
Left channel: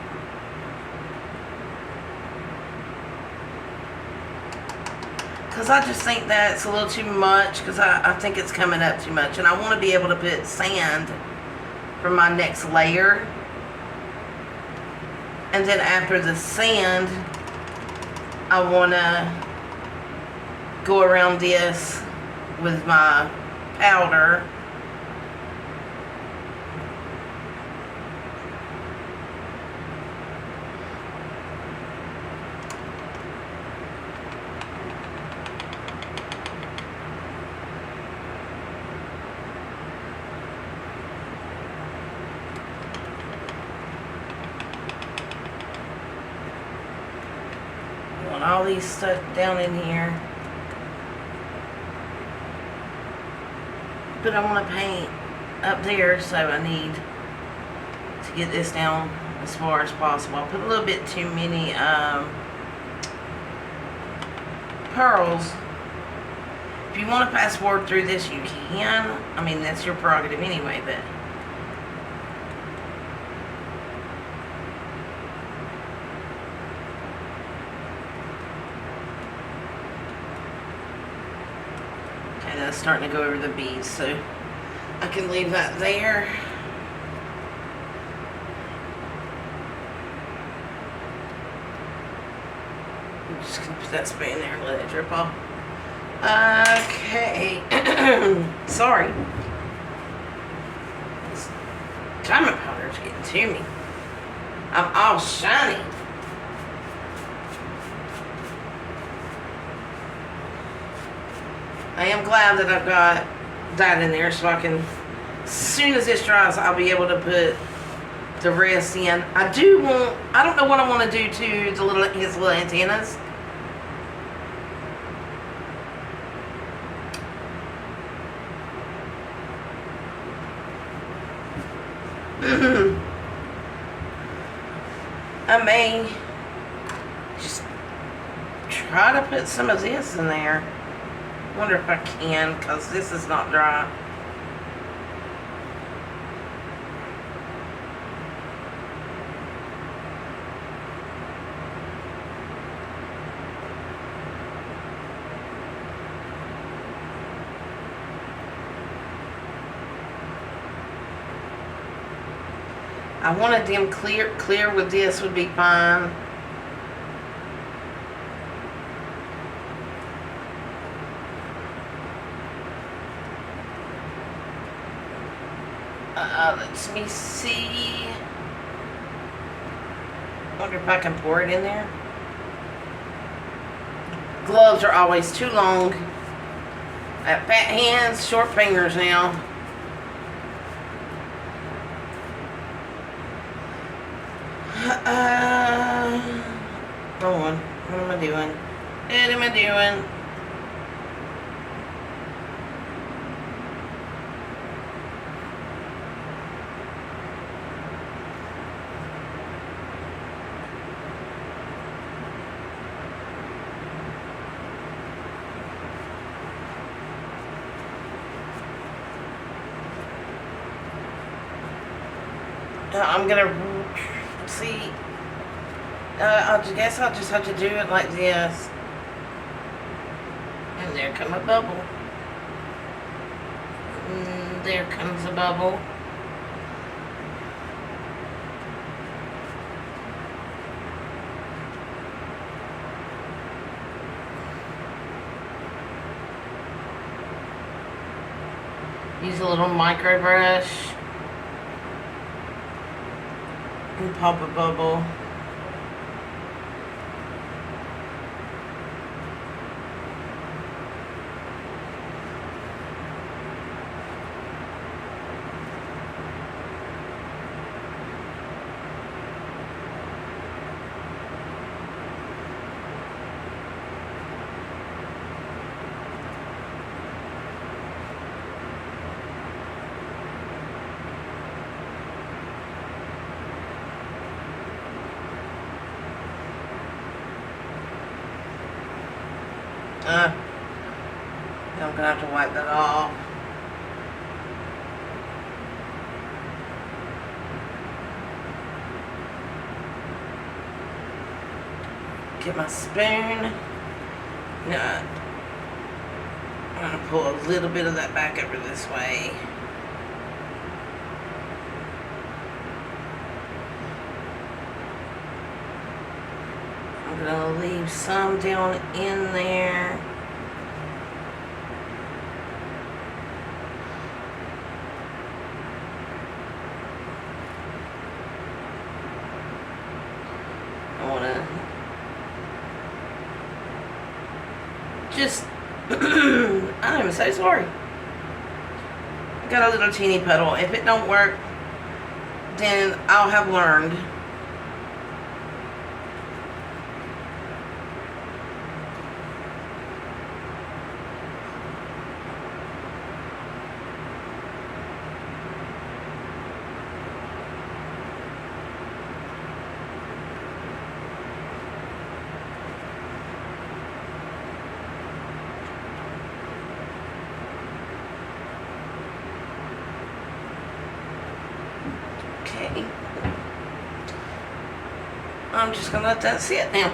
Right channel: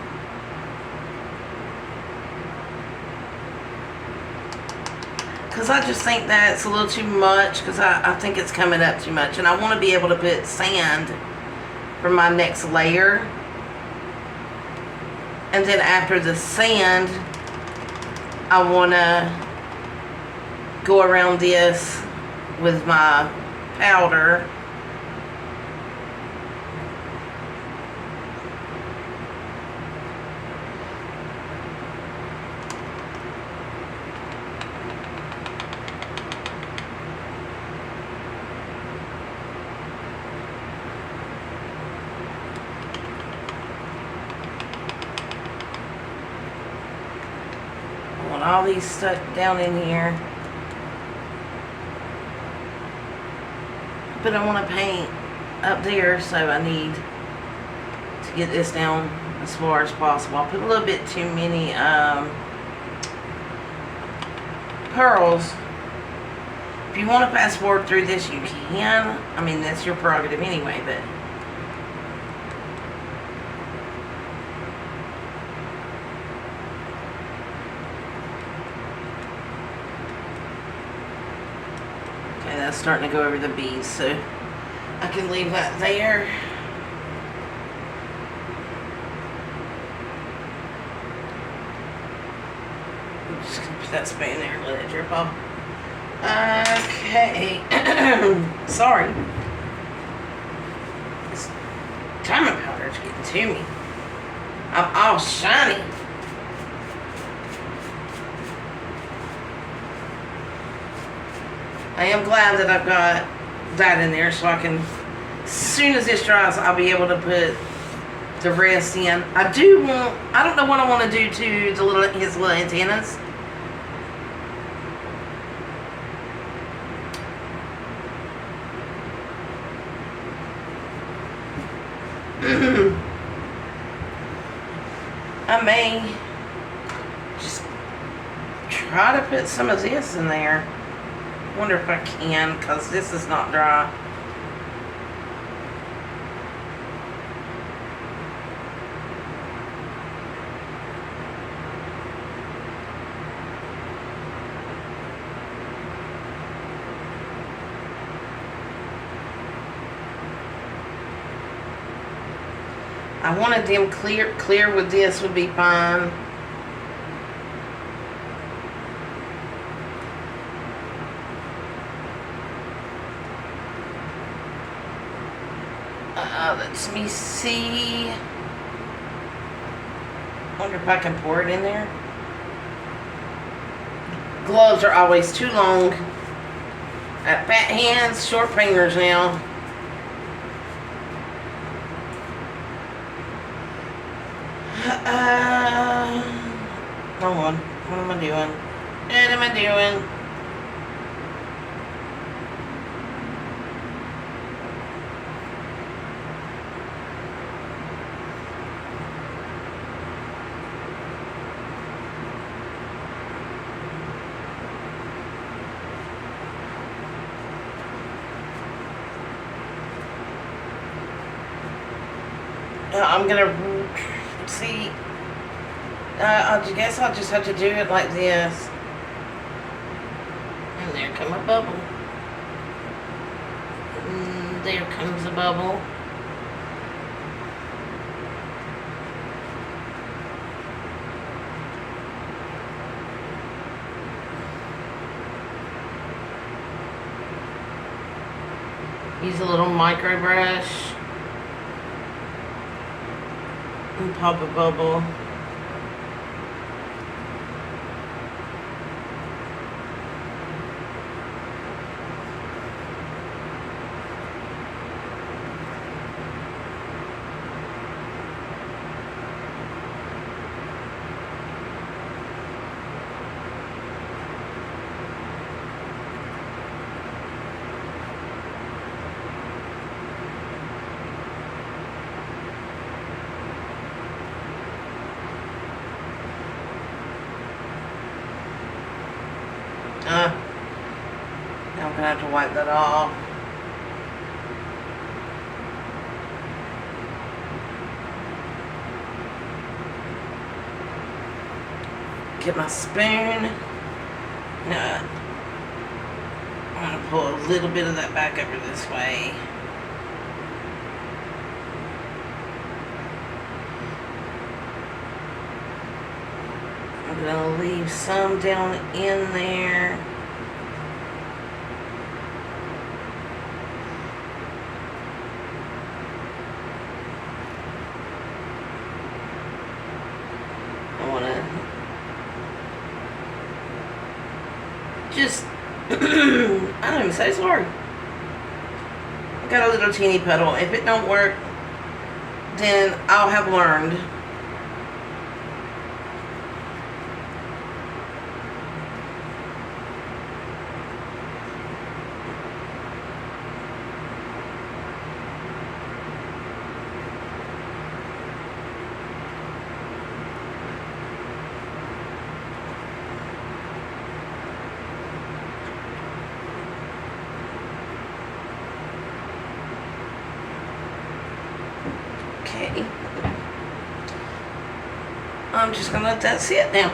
Because I just think that's a little too much, because I think it's coming up too much. And I want to be able to put sand for my next layer. And then after the sand, I want to go around this with my powder. All these stuck down in here, but I want to paint up there, so I need to get this down as far as possible. I put a little bit too many pearls. If you want to fast forward through this, you can. I mean, that's your prerogative anyway, but that's starting to go over the beads, so I can leave that there. I'm just gonna put that spray in there and let it drip off. Okay. Sorry. This diamond powder is getting to me. I'm all shiny. I am glad that I've got that in there, so I can, as soon as this dries, I'll be able to put the rest in. I don't know what I want to do to his little antennas. I may just try to put some of this in there. Wonder if I can, because this is not dry. I wanted them clear with this would be fine. Let me see. Wonder if I can pour it in there. Gloves are always too long. I have fat hands, short fingers now. Hold on. What am I doing? What am I doing? I'm gonna see. I guess I'll just have to do it like this. And there comes a bubble. And there comes a bubble. Use a little micro brush. And pop a bubble. Now I'm gonna have to wipe that off. Get my spoon. No. I'm going to pull a little bit of that back over this way. I'm going to leave some down in there. I want to just, I'm so sorry. I got a little teeny puddle. If it don't work, then I'll have learned. Okay. I'm just gonna let that sit now.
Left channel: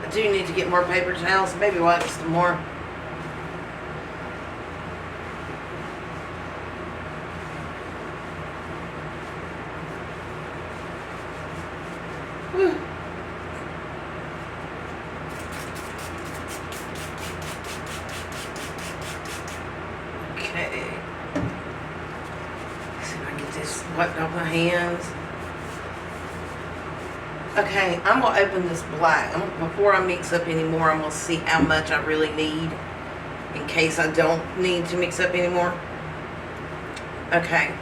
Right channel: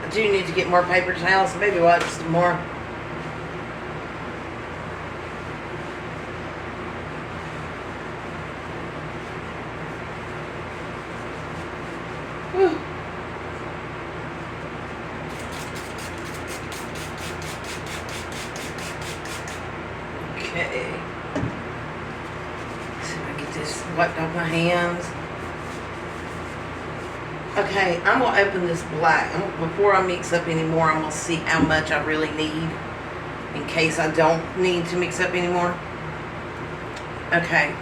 I do need to get more paper towels and baby wipes some more. Whew. Okay. See if I can get this wiped off my hands. Okay, I'm gonna open this black. Before I mix up anymore, I'm gonna see how much I really need in case I don't need to mix up anymore. Okay.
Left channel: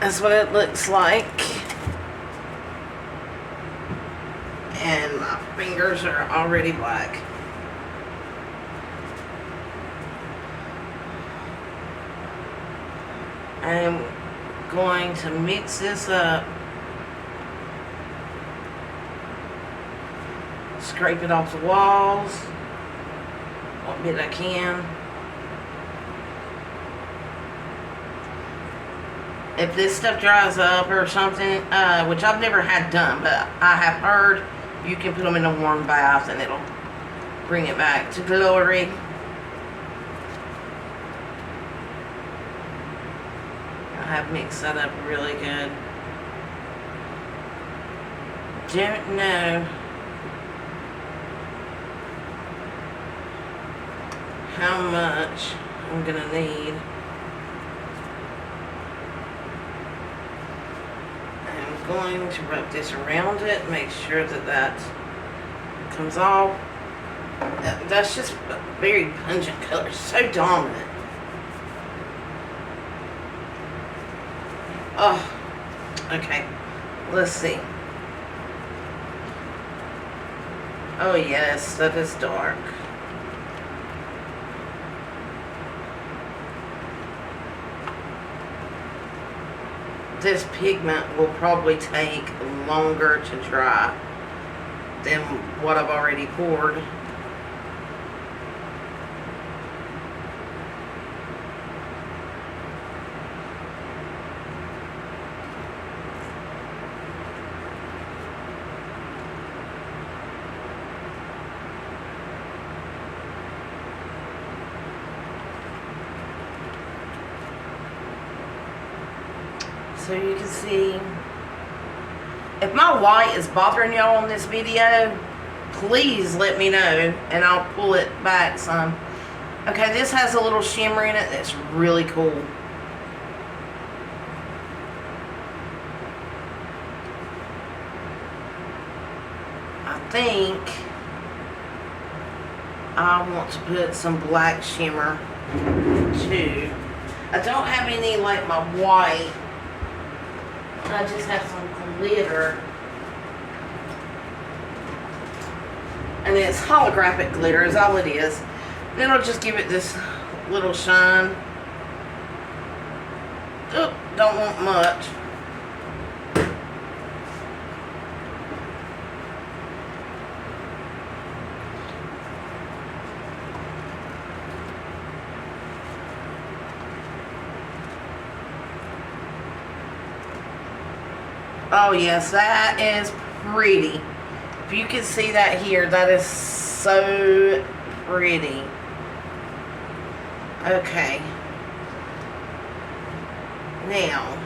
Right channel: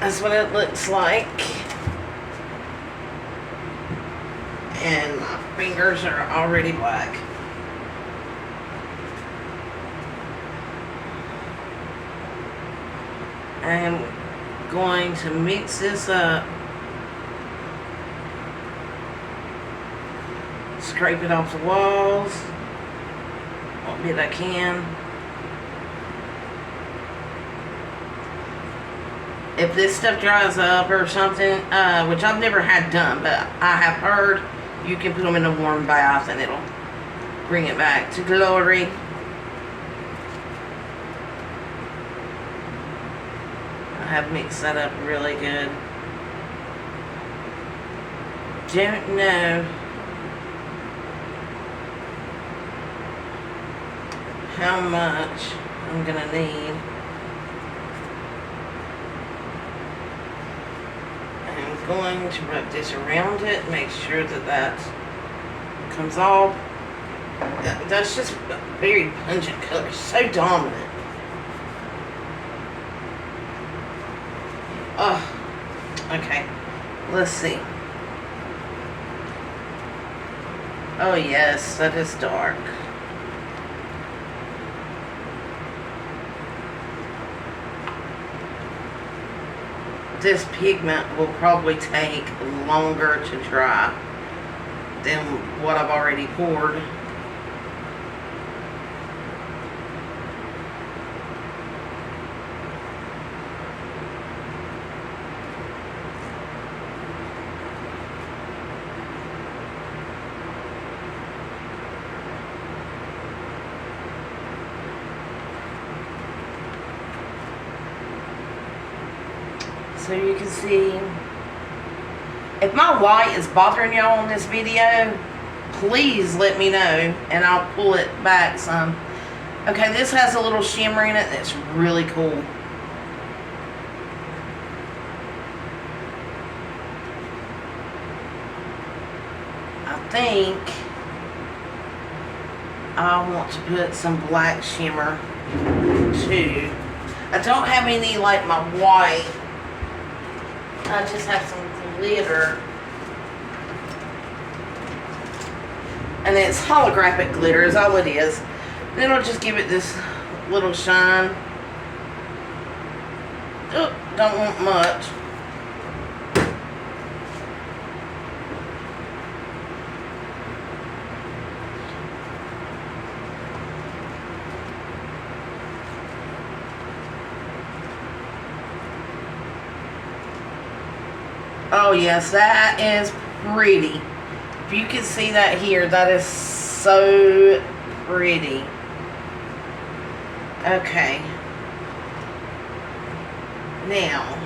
That's what it looks like. And my fingers are already black. I'm going to mix this up. Scrape it off the walls. What bit I can. If this stuff dries up or something, which I've never had done, but I have heard you can put them in a warm bath and it'll bring it back to glory. I have mixed that up really good. Don't know how much I'm gonna need. I'm going to rub this around it, make sure that that comes off. That's just a very pungent color, so dominant. Oh, okay. Let's see. Oh yes, that is dark. This pigment will probably take longer to dry than what I've already poured. So you can see, if my white is bothering y'all on this video, please let me know and I'll pull it back some. Okay, this has a little shimmer in it that's really cool. I think I want to put some black shimmer too. I don't have any like my white. I just have some glitter. And it's holographic glitter is all it is. Then I'll just give it this little shine. Oh, don't want much. Oh yes, that is pretty. If you can see that here, that is so pretty. Okay. Now,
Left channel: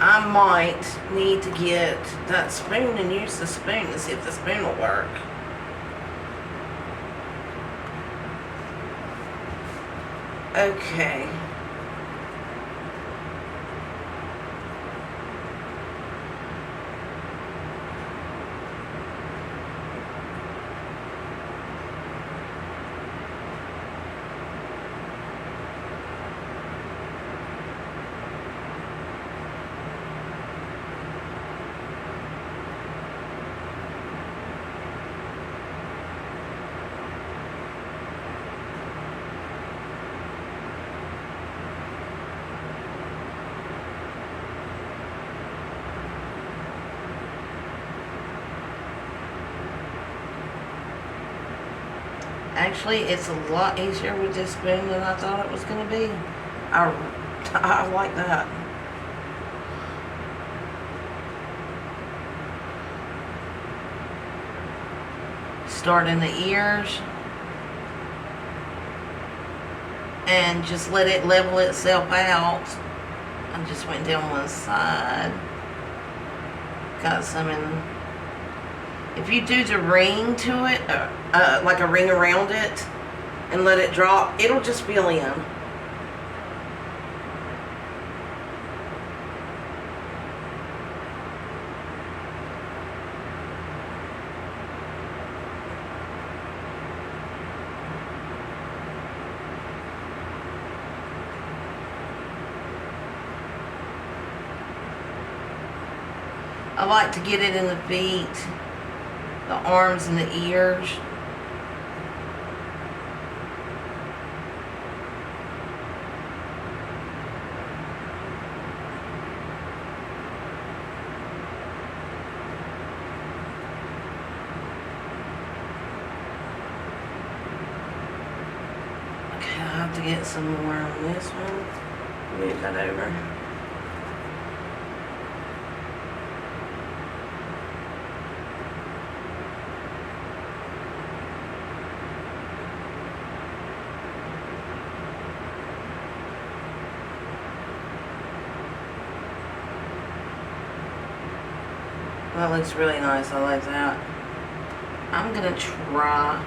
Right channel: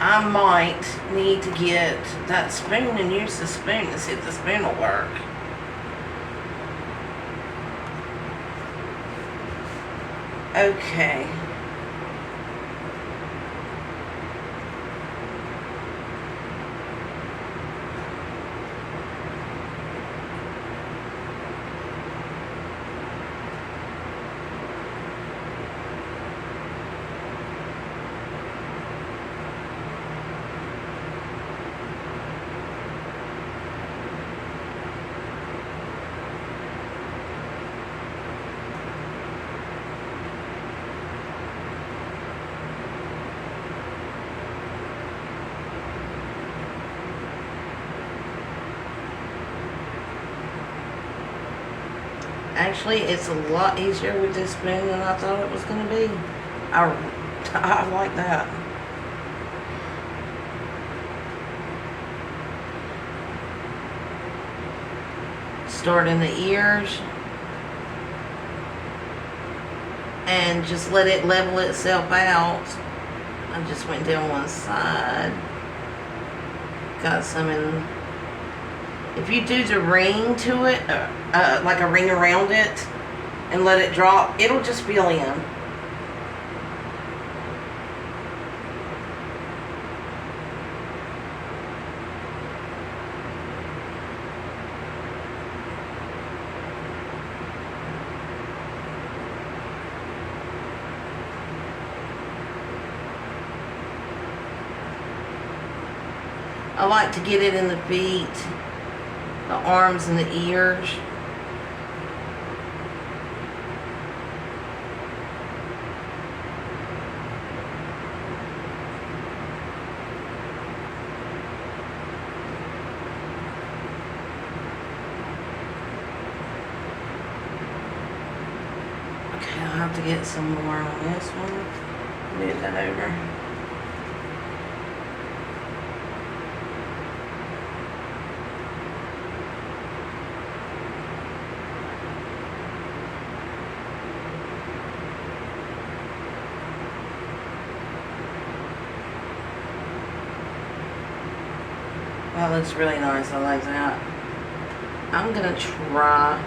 I might need to get that spoon and use the spoon and see if the spoon will work. Okay. Actually, it's a lot easier with this spoon than I thought it was going to be. I like that. Start in the ears. And just let it level itself out. I just went down one side. Got some in. If you do the ring to it, like a ring around it, and let it drop, it'll just fill in. I like to get it in the feet, the arms and the ears. Okay, I'll have to get some more on this one. Move that over. That looks really nice. I like that. I'm gonna try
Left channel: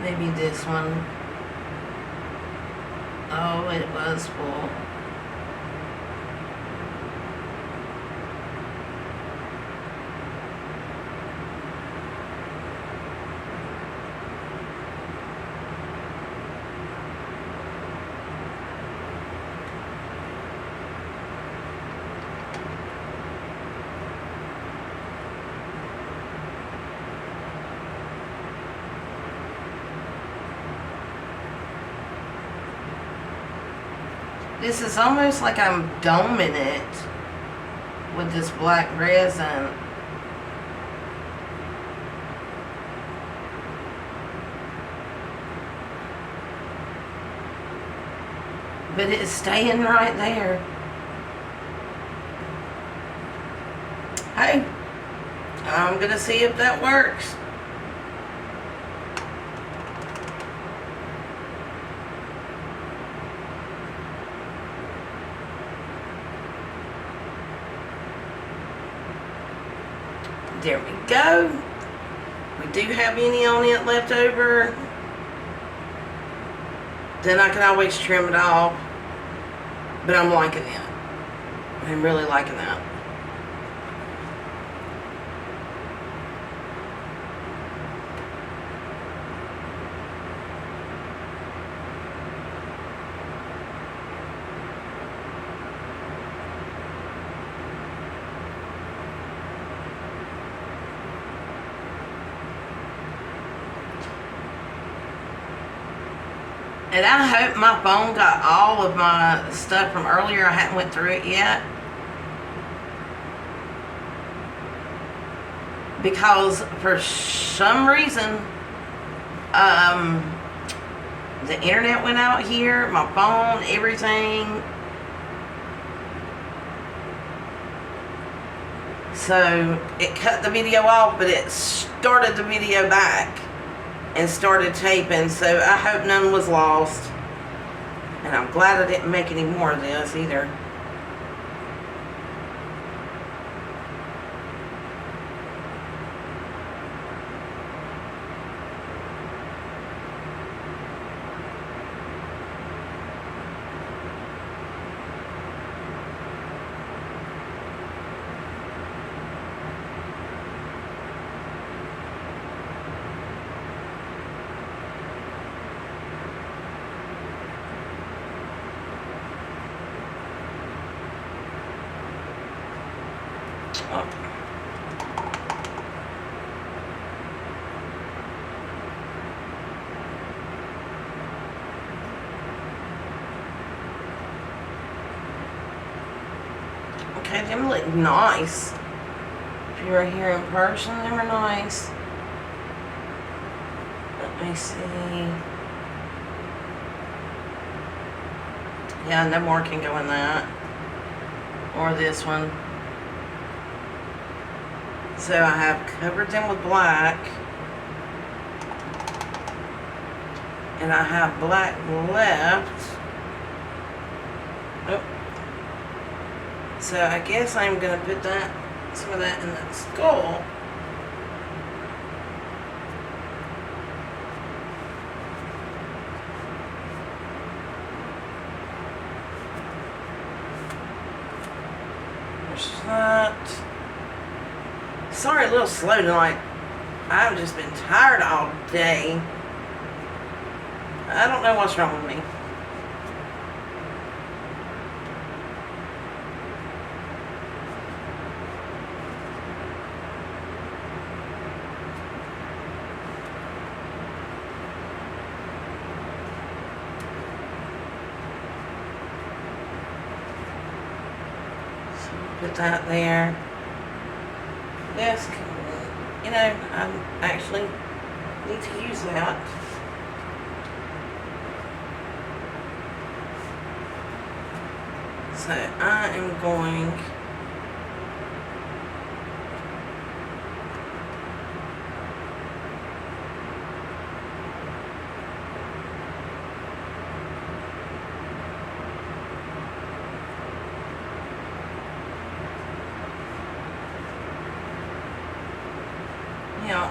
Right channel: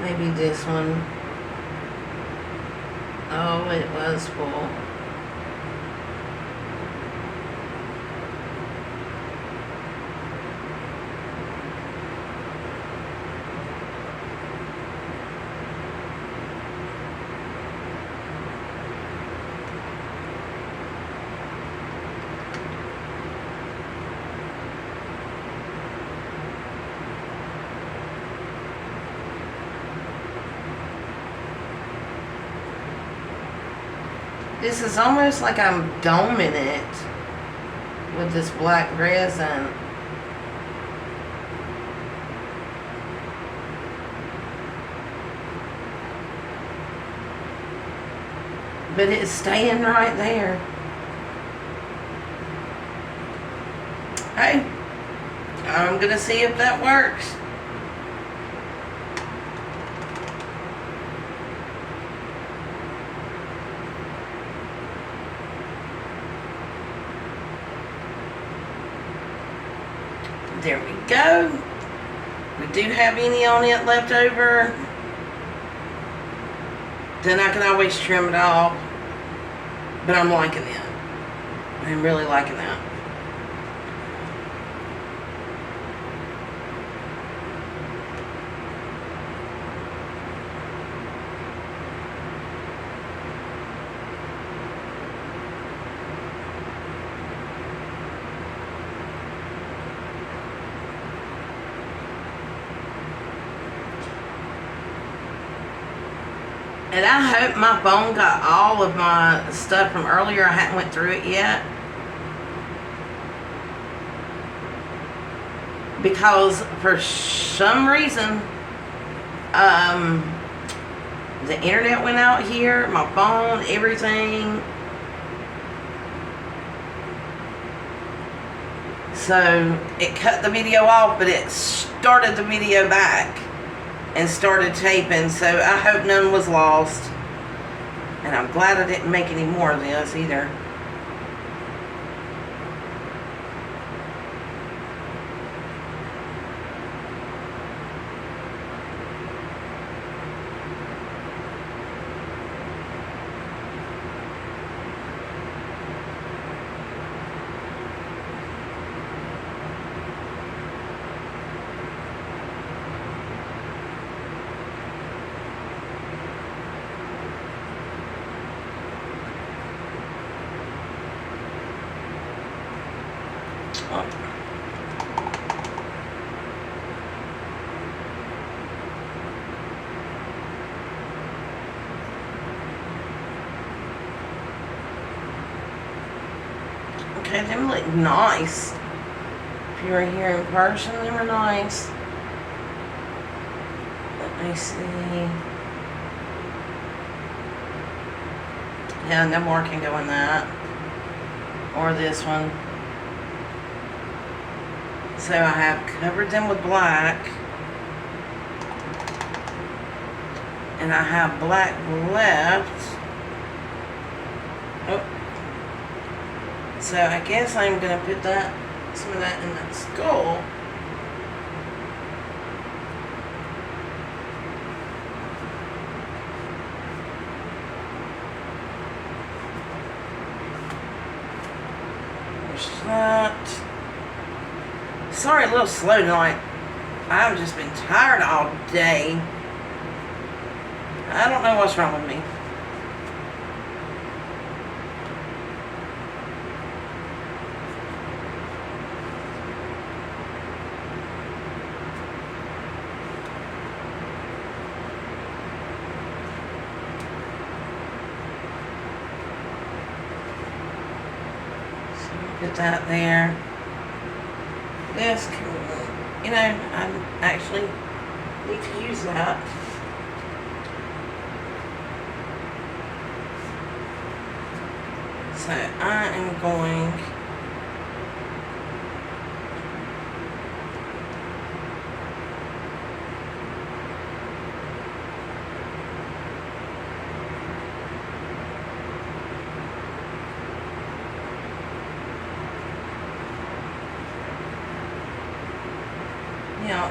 maybe this one. Oh, it was full. This is almost like I'm doming it with this black resin. But it's staying right there. Hey, I'm gonna see if that works. There we go. We do have any on it left over. Then I can always trim it off. But I'm liking it. I'm really liking that. And I hope my phone got all of my stuff from earlier. I hadn't went through it yet. Because for some reason, the internet went out here, my phone, everything. So it cut the video off, but it started the video back and started taping. So I hope none was lost. And I'm glad I didn't make any more of this either. Oh. Okay, them look nice. If you were here in person, they were nice. Let me see. Yeah, no more can go in that. Or this one. So I have covered them with black. And I have black left. Oh. So I guess I'm going to put some of that in that skull. There's that. Sorry, a little slow tonight. I've just been tired all day. I don't know what's wrong with me. So put that there. This, you know, I actually need to use that. So I am going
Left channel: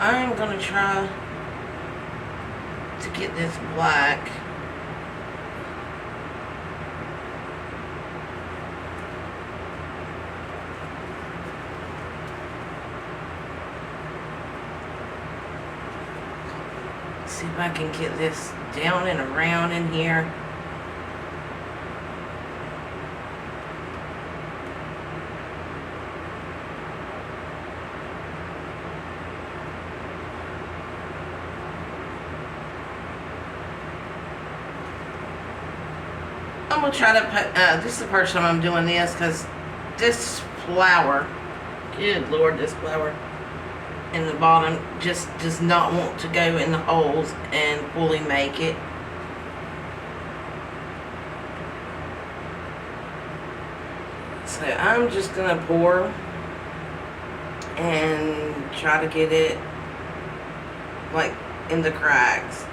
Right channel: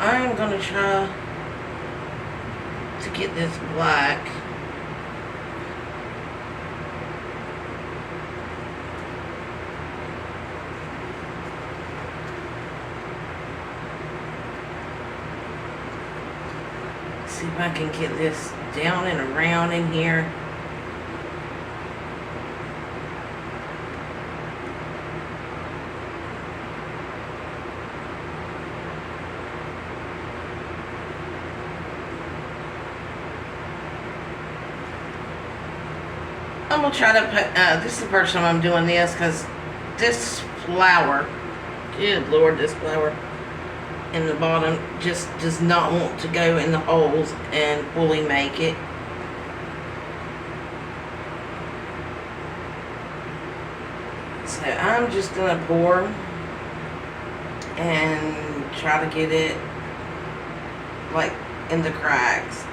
I'm going to try to get this black. See if I can get this down and around in here. I'm going to try to put, this is the first time I'm doing this because this flower, good Lord, this flower in the bottom just does not want to go in the holes and fully make it. So I'm just going to pour and try to get it like in the cracks.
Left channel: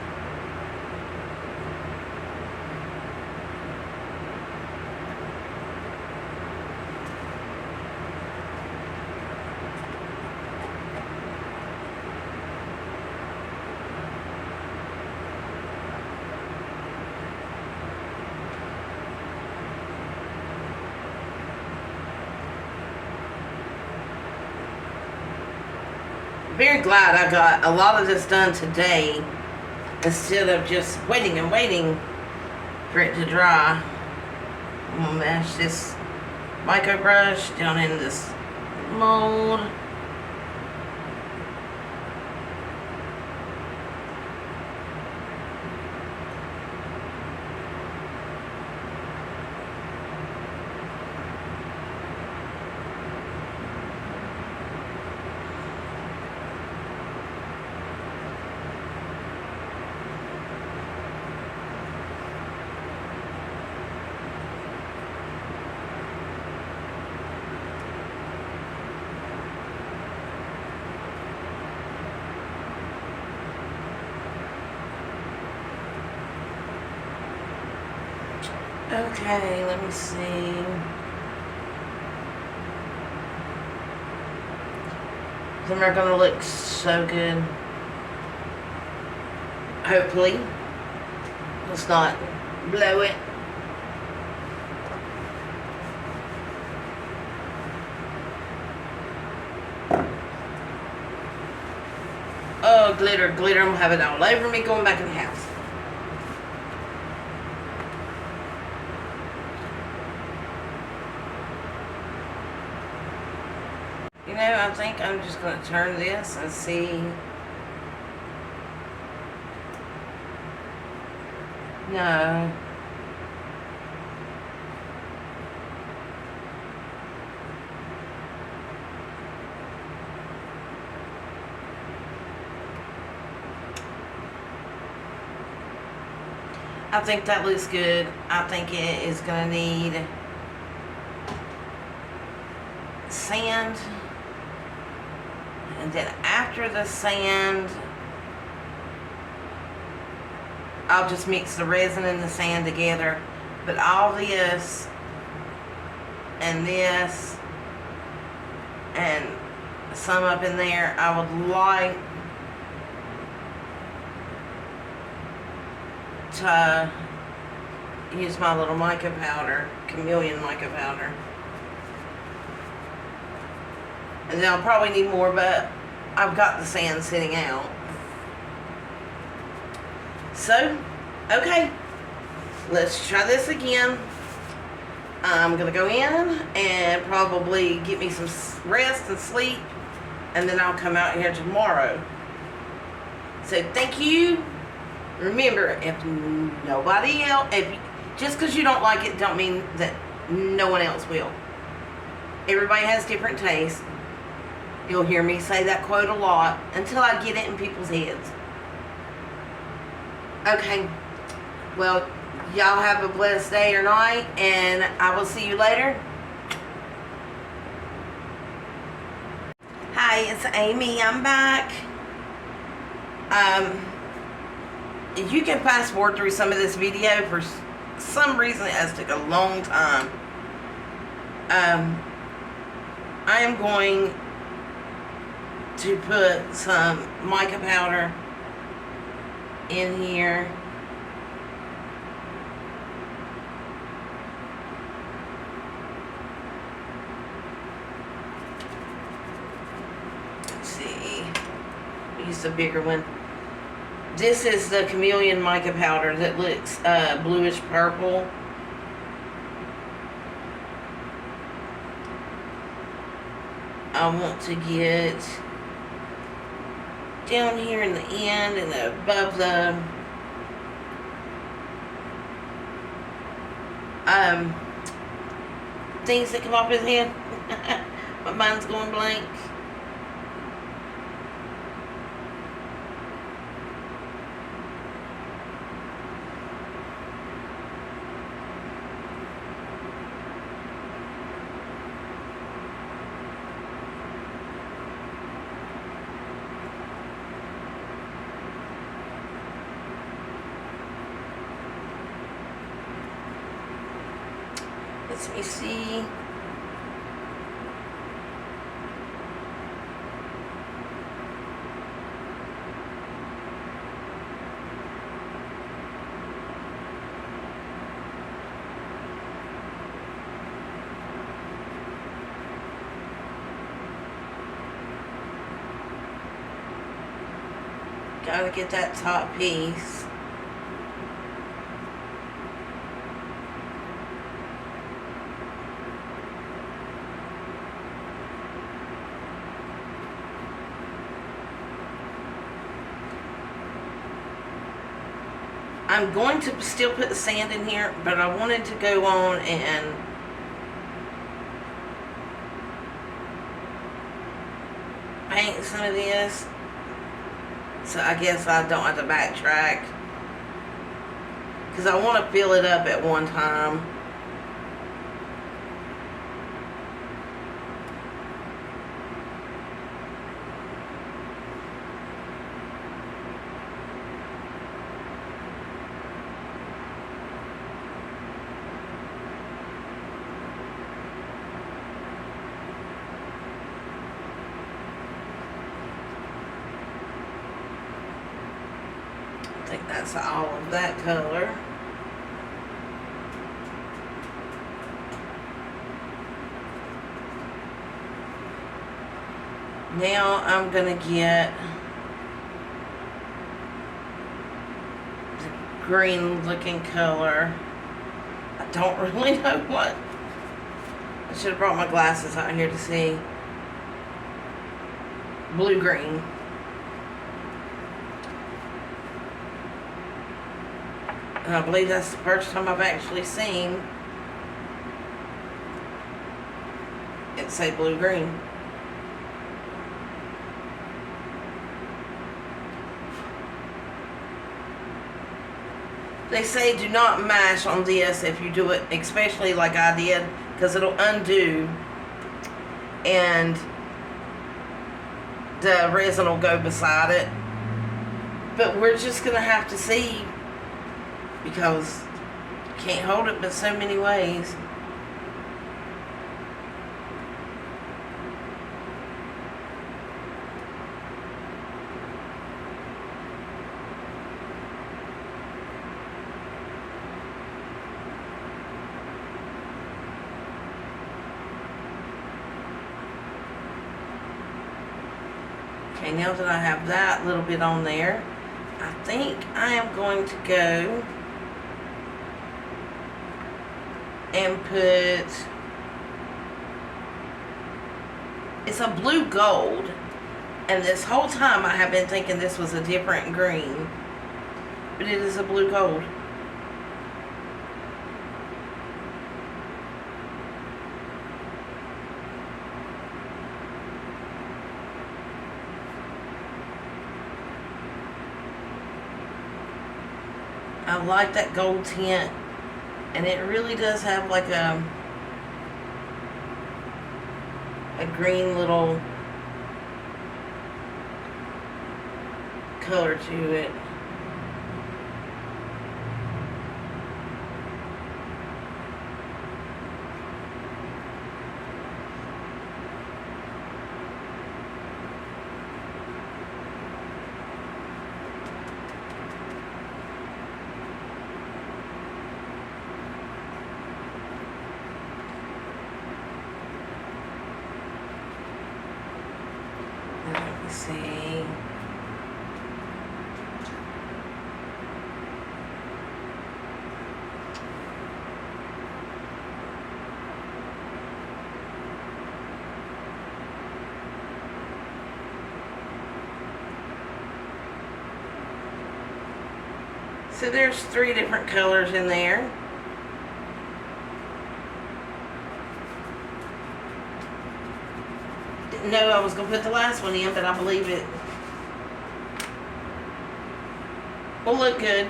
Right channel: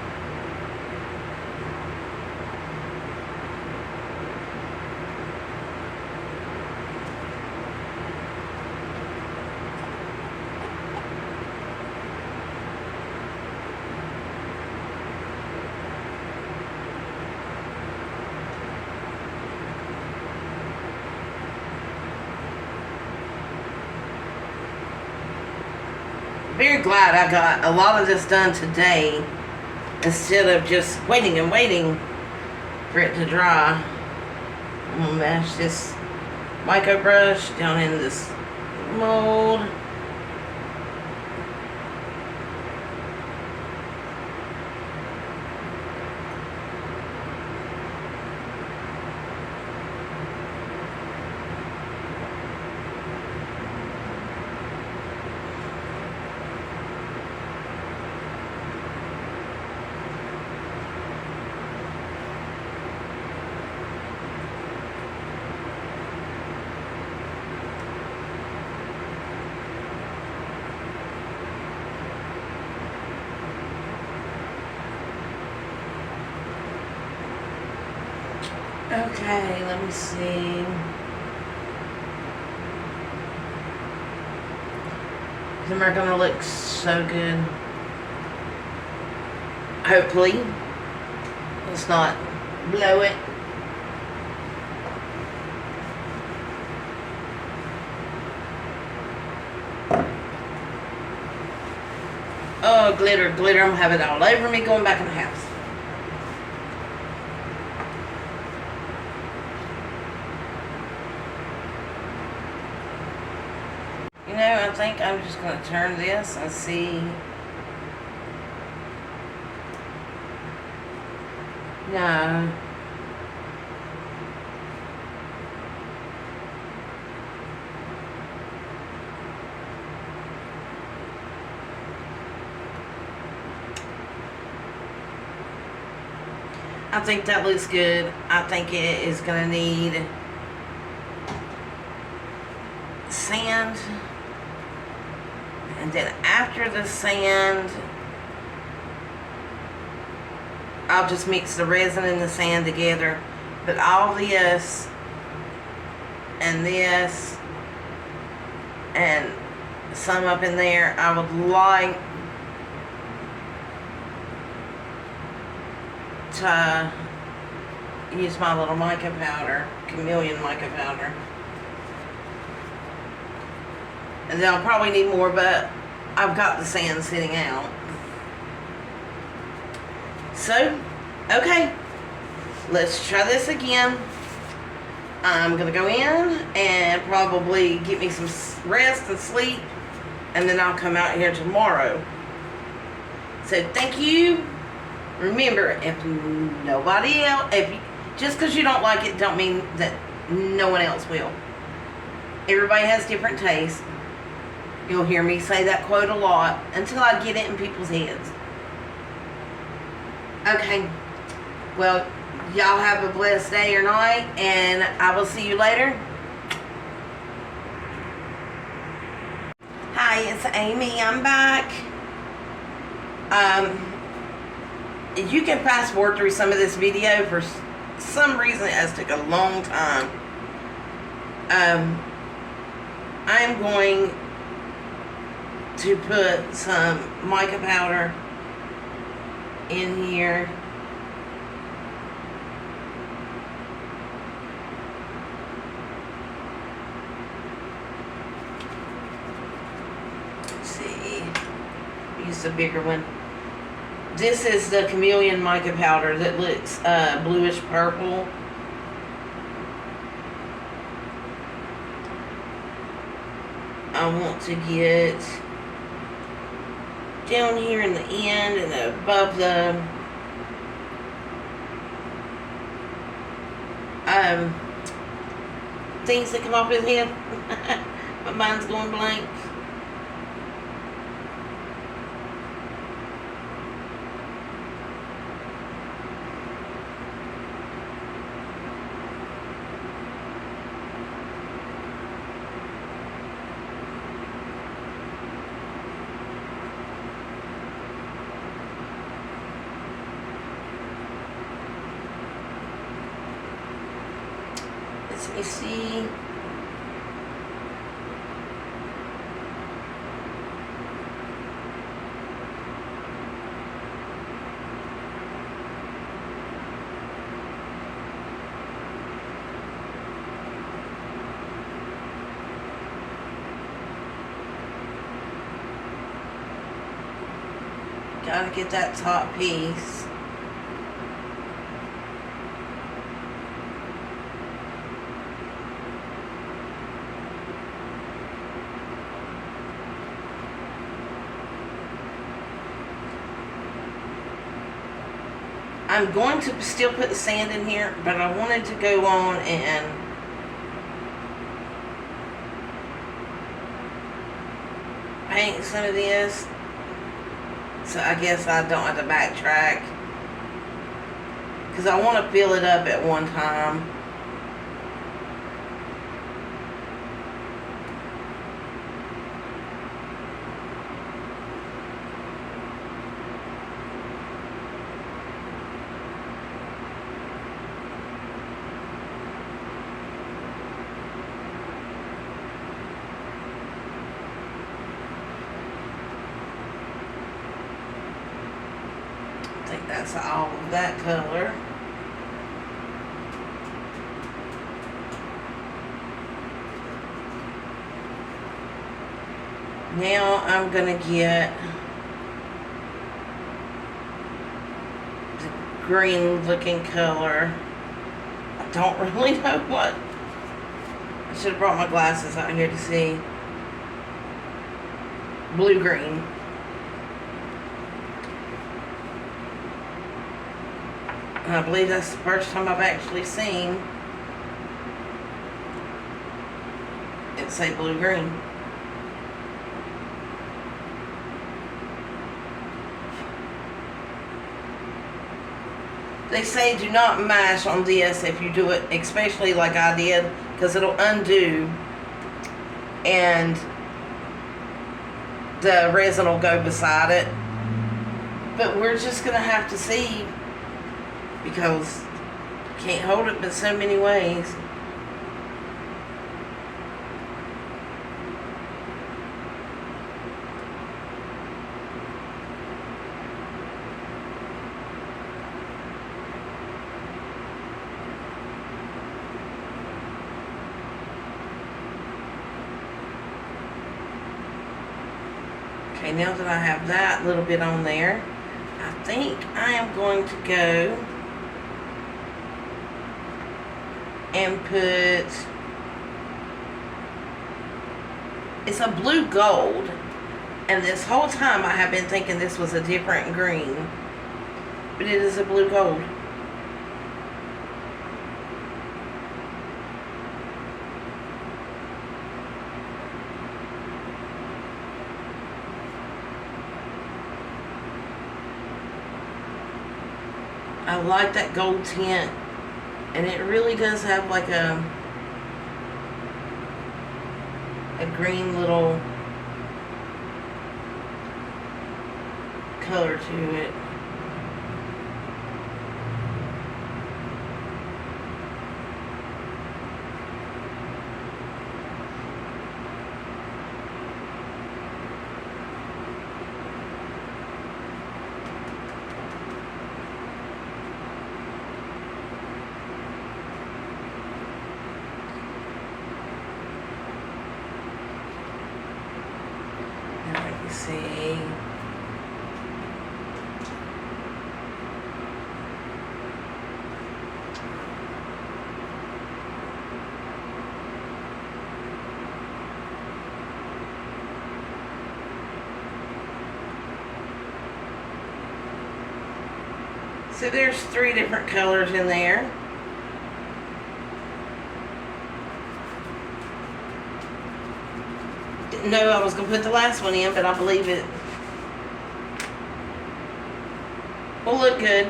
Very glad I got a lot of this done today instead of just waiting and waiting for it to dry. I'm gonna mash this micro brush down in this mold. Okay, let me see. Them are gonna look so good. Hopefully. Let's not blow it. Oh, glitter, glitter. I'm gonna have it all over me going back in the house. You know, I think I'm just going to turn this and see. No. I think that looks good. I think it is going to need sand. And then after the sand, I'll just mix the resin and the sand together. But all this and this and some up in there, I would like to use my little mica powder, chameleon mica powder. And then I'll probably need more, but I've got the sand sitting out. So, okay, let's try this again. I'm going to go in and probably get me some rest and sleep, and then I'll come out here tomorrow. So, thank you. Remember, if nobody else, just because you don't like it, don't mean that no one else will. Everybody has different tastes. You'll hear me say that quote a lot until I get it in people's heads. Okay. Well, y'all have a blessed day or night, and I will see you later. Hi, it's Amy. I'm back. You can fast forward through some of this video. For some reason, it has took a long time. I am going to put some mica powder in here. Let's see, use the bigger one. This is the chameleon mica powder that looks bluish purple. I want to get down here in the end and above the things that come off his head. But mine's going blank. Let me see. Gotta get that top piece. I'm going to still put the sand in here, but I wanted to go on and paint some of this. So I guess I don't have to backtrack, because I want to fill it up at one time. think that's all of that color. Now I'm gonna get the green looking color. I don't really know what. I should have brought my glasses out here to see. Blue-green. And I believe that's the first time I've actually seen it say blue-green. They say do not mash on this if you do it, especially like I did, because it'll undo and the resin will go beside it. But we're just going to have to see, because you can't hold it but so many ways. Okay, now that I have that little bit on there, I think I am going to go and put, it's a blue gold, and this whole time I have been thinking this was a different green, but it is a blue gold. I like that gold tint, and it really does have like a green little color to it. Let me see. So there's 3 different colors in there. Didn't know I was going to put the last one in, but I believe it will look good.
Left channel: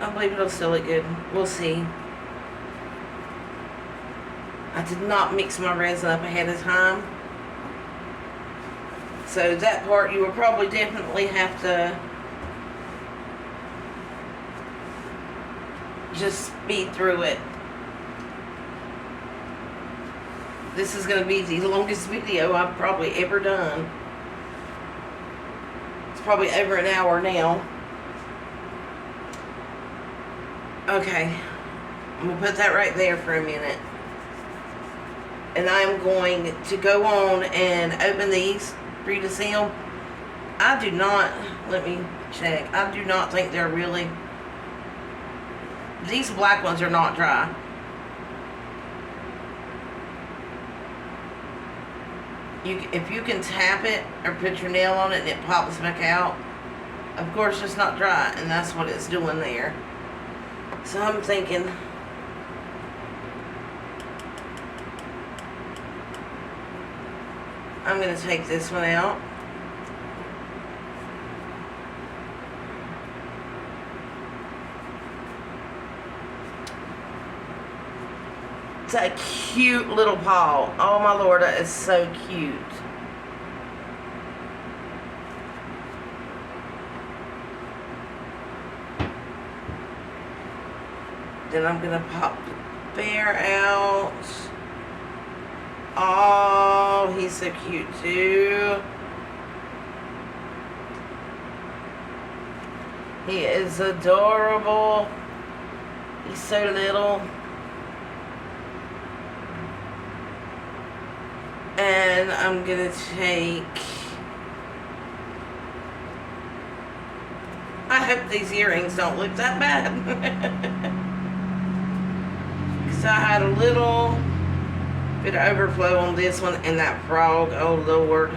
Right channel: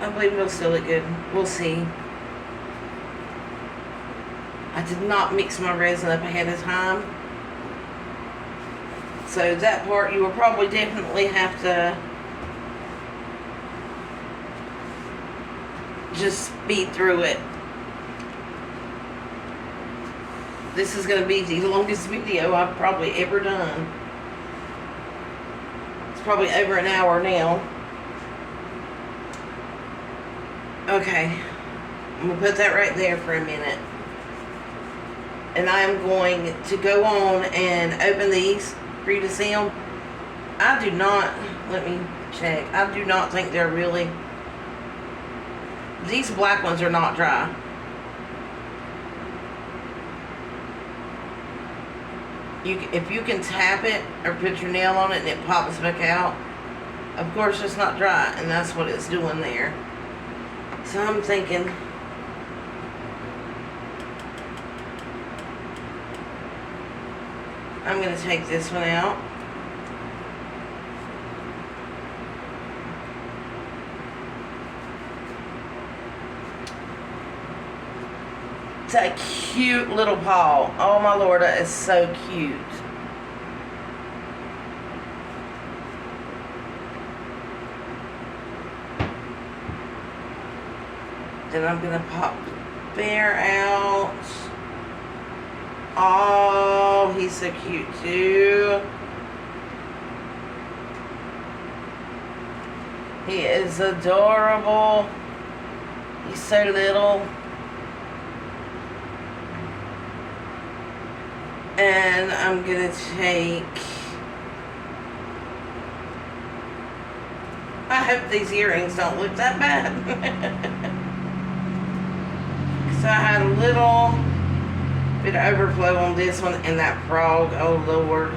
I believe it'll still look good. We'll see. I did not mix my resin up ahead of time. So that part you will probably definitely have to just speed through it. This is going to be the longest video I've probably ever done. It's probably over an hour now. Okay, I'm going to put that right there for a minute. And I'm going to go on and open these for you to see them. I do not, let me check, I do not think they're really, these black ones are not dry. If you can tap it or put your nail on it and it pops back out, of course it's not dry, and that's what it's doing there. So I'm thinking, I'm going to take this one out. It's a cute little paw. Oh my Lord, that is so cute. Then I'm gonna pop the bear out. Oh, he's so cute too. He is adorable. He's so little. And I'm gonna take, I hope these earrings don't look that bad. So I had a little bit of overflow on this one, and that frog, oh Lord.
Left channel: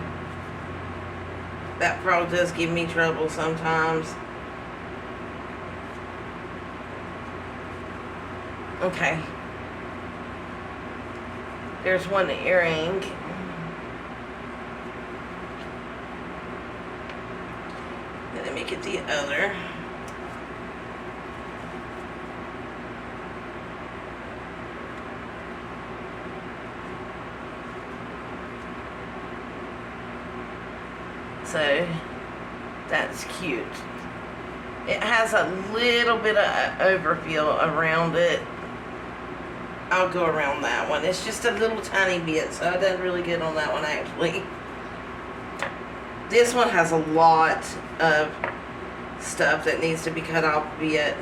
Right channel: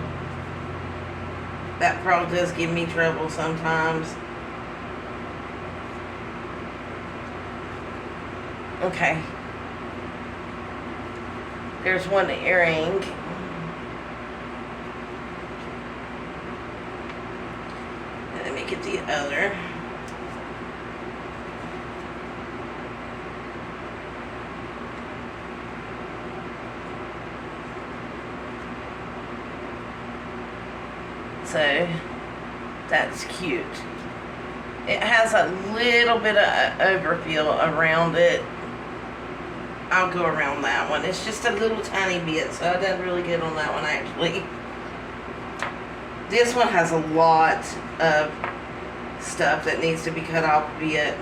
That frog does give me trouble sometimes. Okay. There's one earring. Let me get the other. So that's cute. It has a little bit of overfill around it. I'll go around that one. It's just a little tiny bit, so I didn't really get on that one actually. This one has a lot of stuff that needs to be cut off a bit.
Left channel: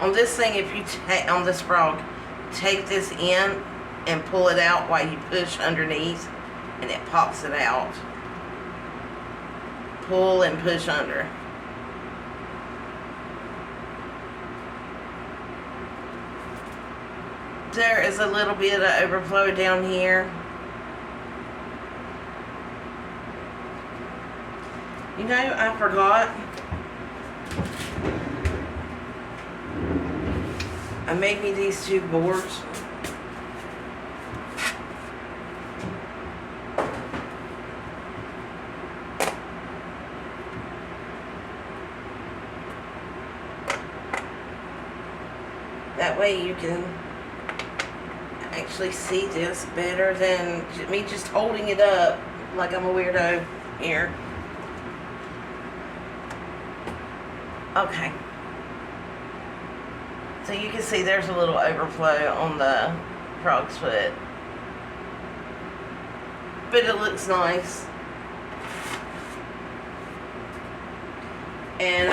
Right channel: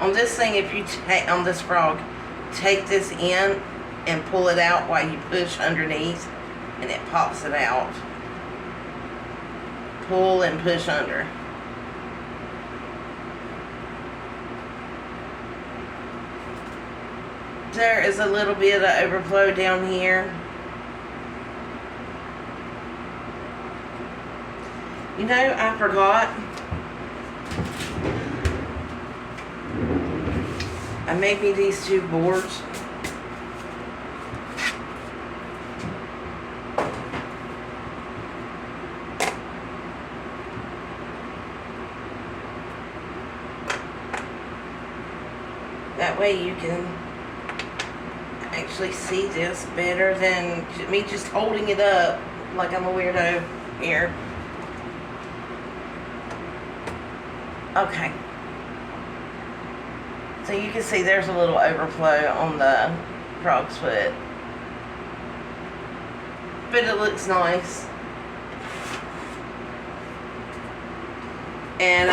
On this thing, if you take, on this frog, take this in and pull it out while you push underneath, and it pops it out. Pull and push under. There is a little bit of overflow down here. You know, I forgot. I made me these two boards. That way you can actually see this better than me just holding it up like I'm a weirdo here. Okay. So you can see there's a little overflow on the frog's foot. But it looks nice. And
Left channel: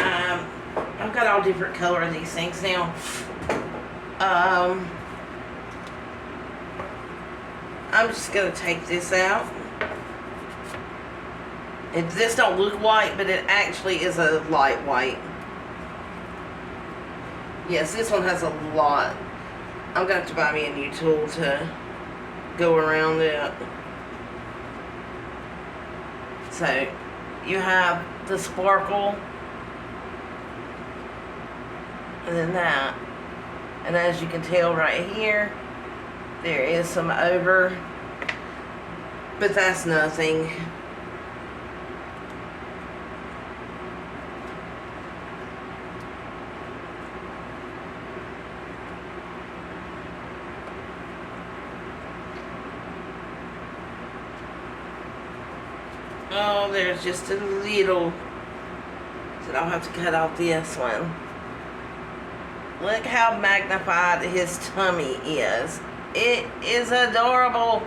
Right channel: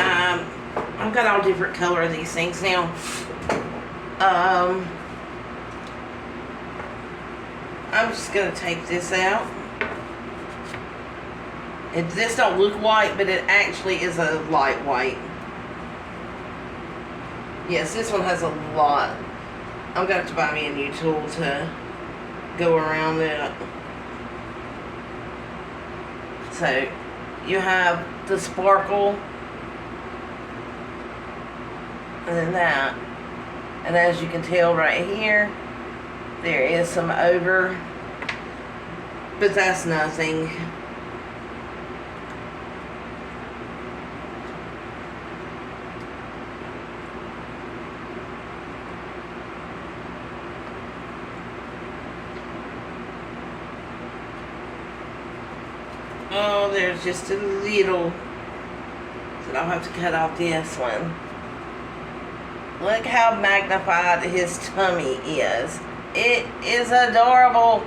I've got all different color of these things now. I'm just gonna take this out. This don't look white, but it actually is a light white. Yes, this one has a lot. I'm gonna have to buy me a new tool to go around it. So you have the sparkle, and then that. And as you can tell right here, there is some over, but that's nothing. Oh, there's just a little, so I'll have to cut off this one. Look how magnified his tummy is. It is adorable.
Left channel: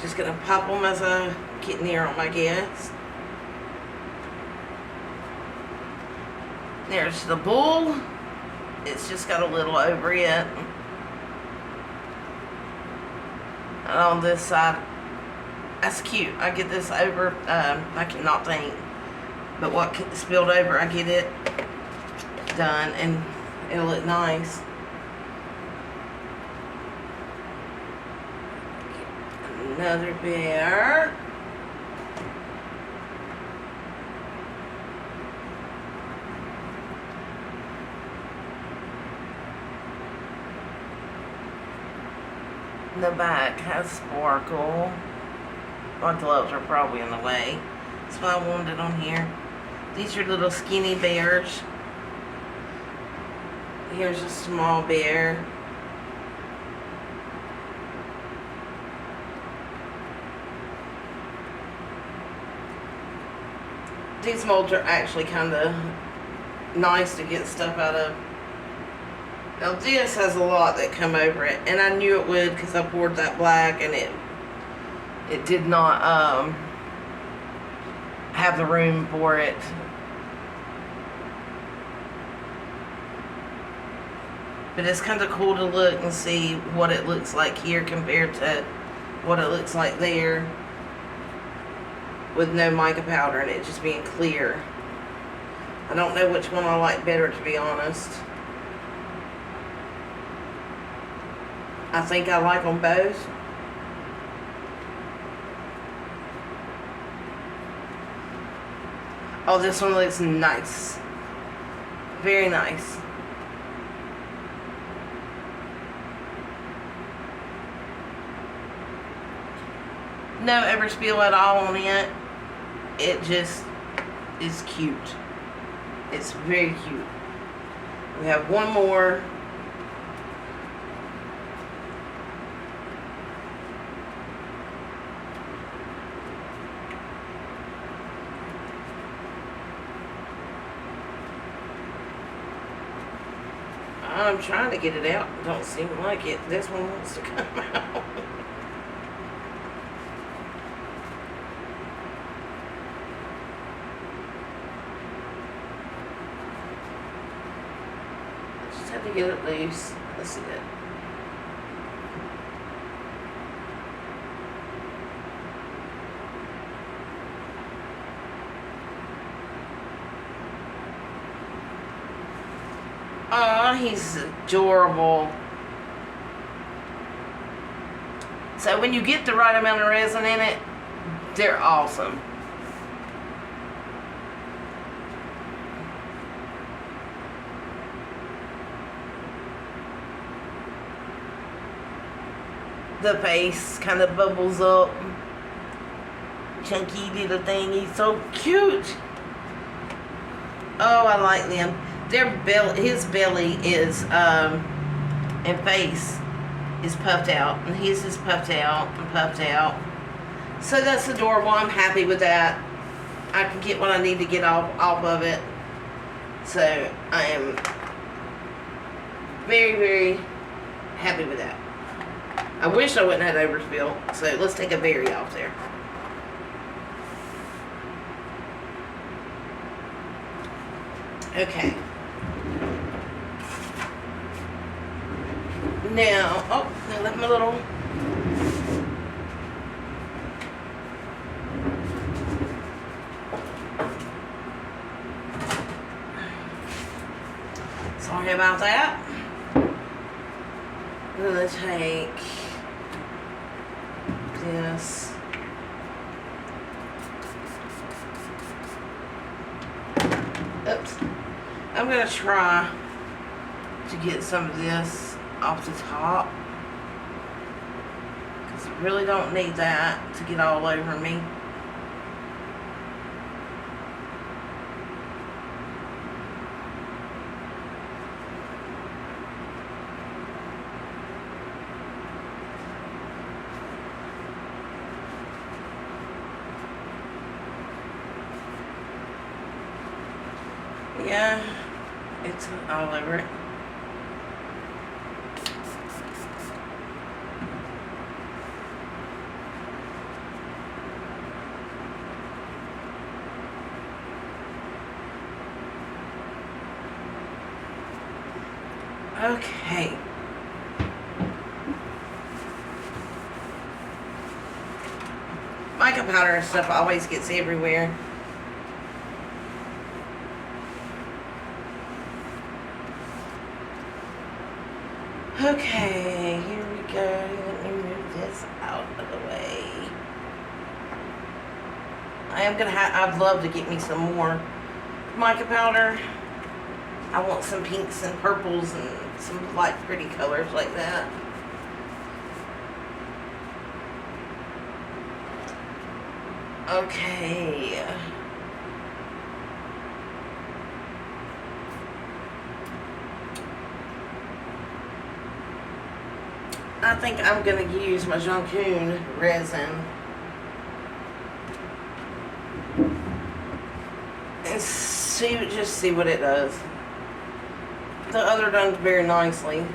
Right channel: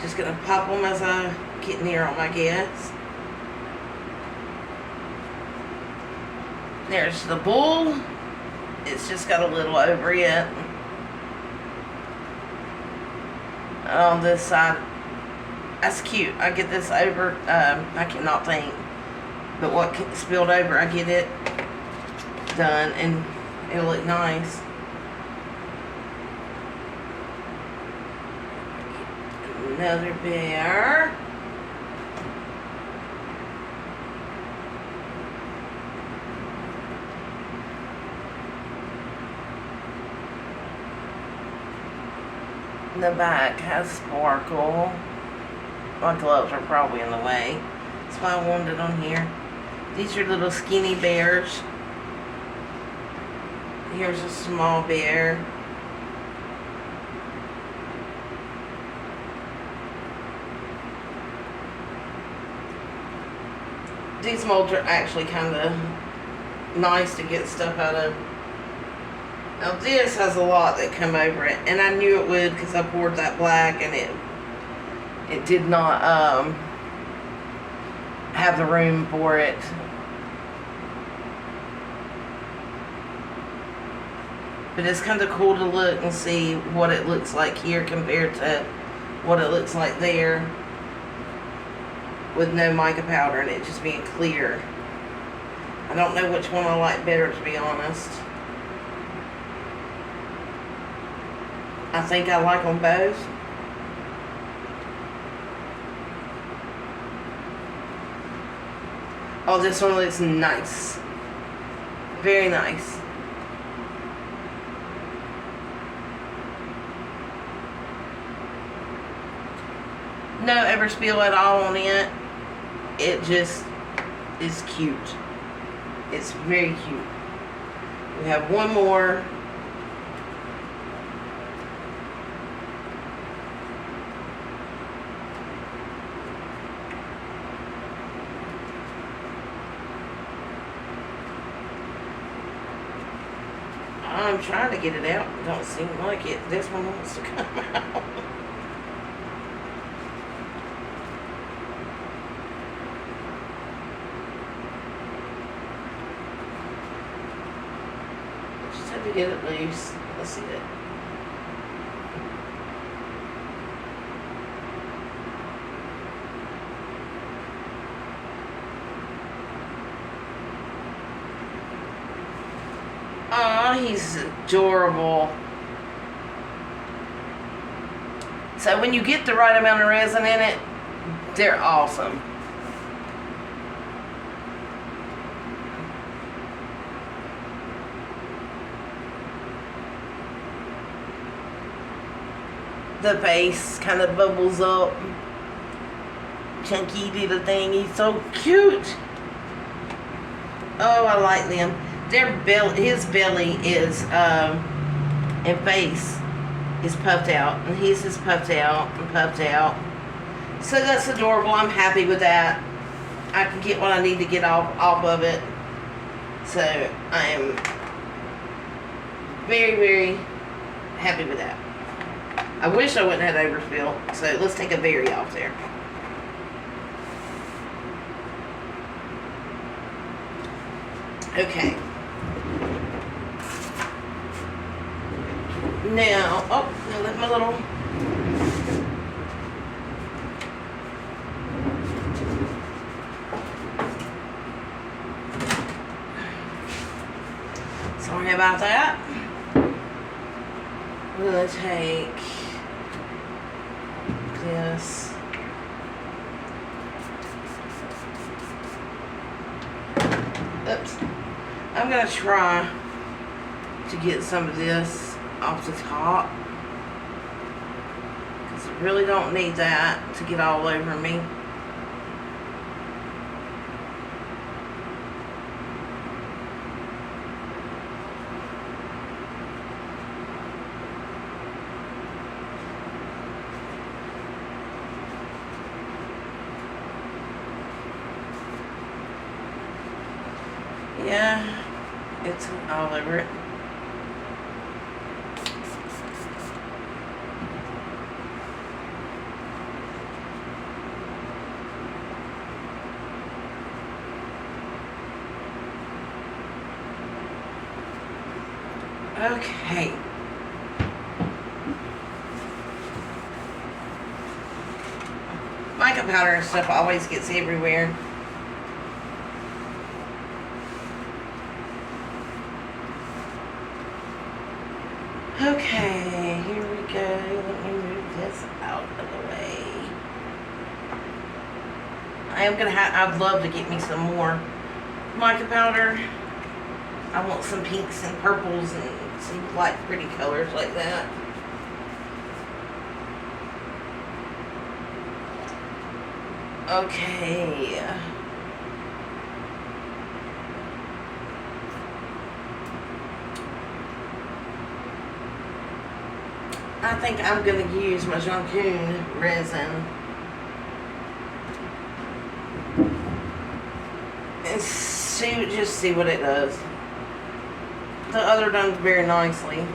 Just gonna pop them as I get near them, I guess. There's the bull. It's just got a little over it. And on this side, that's cute. I get this over, I cannot think. But what spilled over, I get it done, and it'll look nice. Another bear. The back has sparkle. My gloves are probably in the way. That's why I wanted it on here. These are little skinny bears. Here's a small bear. These molds are actually kind of nice to get stuff out of. Now this has a lot that come over it, and I knew it would because I poured that black, and it did not have the room for it. But it's kind of cool to look and see what it looks like here compared to what it looks like there with no mica powder and it just being clear. I don't know which one I like better, to be honest. I think I like them both. Oh, this one looks nice. Very nice. No overspill at all on it. It just is cute. It's very cute. We have one more. I'm trying to get it out. Don't seem like it. This one wants to come out. To get it loose. Let's see it. Aw, he's adorable. So when you get the right amount of resin in it, they're awesome. The face kind of bubbles up. Chunky little thing. He's so cute. Oh, I like them. His belly is, and face is puffed out. And his is puffed out and puffed out. So that's adorable. I'm happy with that. I can get what I need to get off of it. So I am very, very happy with that. I wish I wouldn't have overspill. So let's take a berry off there. Okay. Now, oh, I left my little. Sorry about that. I'm gonna take this. Oops. I'm gonna try to get some of this off the top because I really don't need that to get all over me. Yeah, it's all over it. Okay. Mica powder and stuff always gets everywhere. Okay, here we go. Let me move this out of the way. I am gonna I'd love to get me some more mica powder. I want some pinks and purples and some light pretty colors like that. Okay. I think I'm going to use my resin. and just see what it does. The other done very nicely.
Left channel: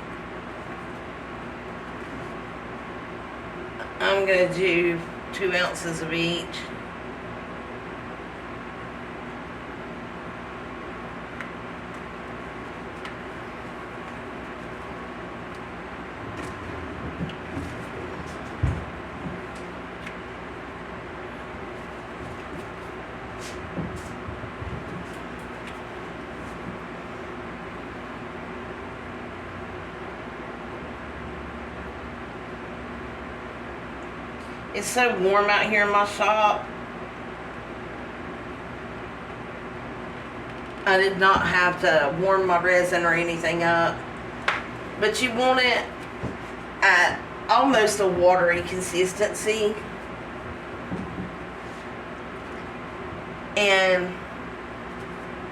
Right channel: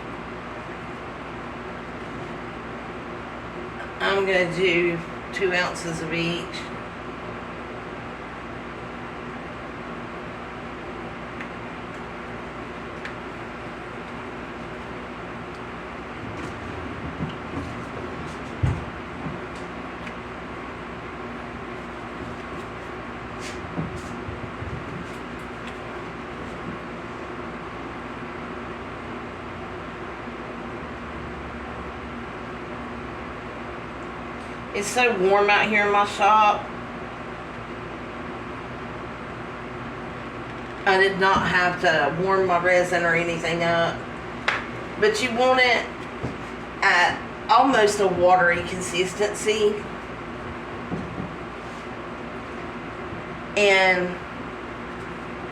I'm going to do 2 ounces of each. It's so warm out here in my shop. I did not have to warm my resin or anything up. But you want it at almost a watery consistency. And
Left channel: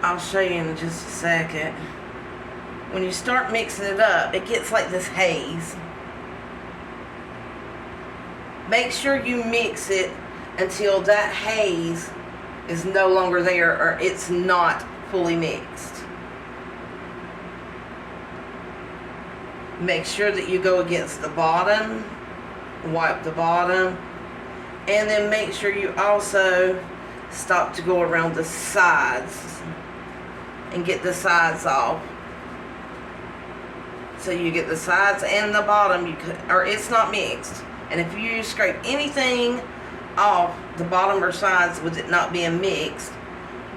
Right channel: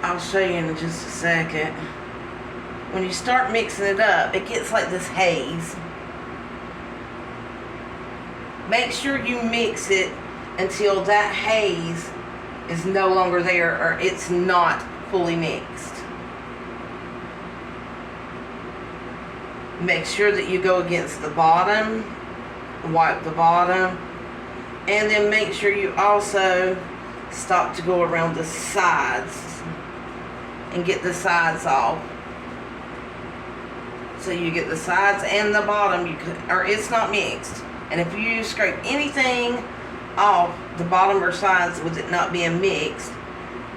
I'll show you in just a second. When you start mixing it up, it gets like this haze. Make sure you mix it until that haze is no longer there or it's not fully mixed. Make sure that you go against the bottom, wipe the bottom, and then make sure you also stop to go around the sides and get the sides off. So you get the sides and the bottom, or it's not mixed. And if you scrape anything off the bottom or sides with it not being mixed,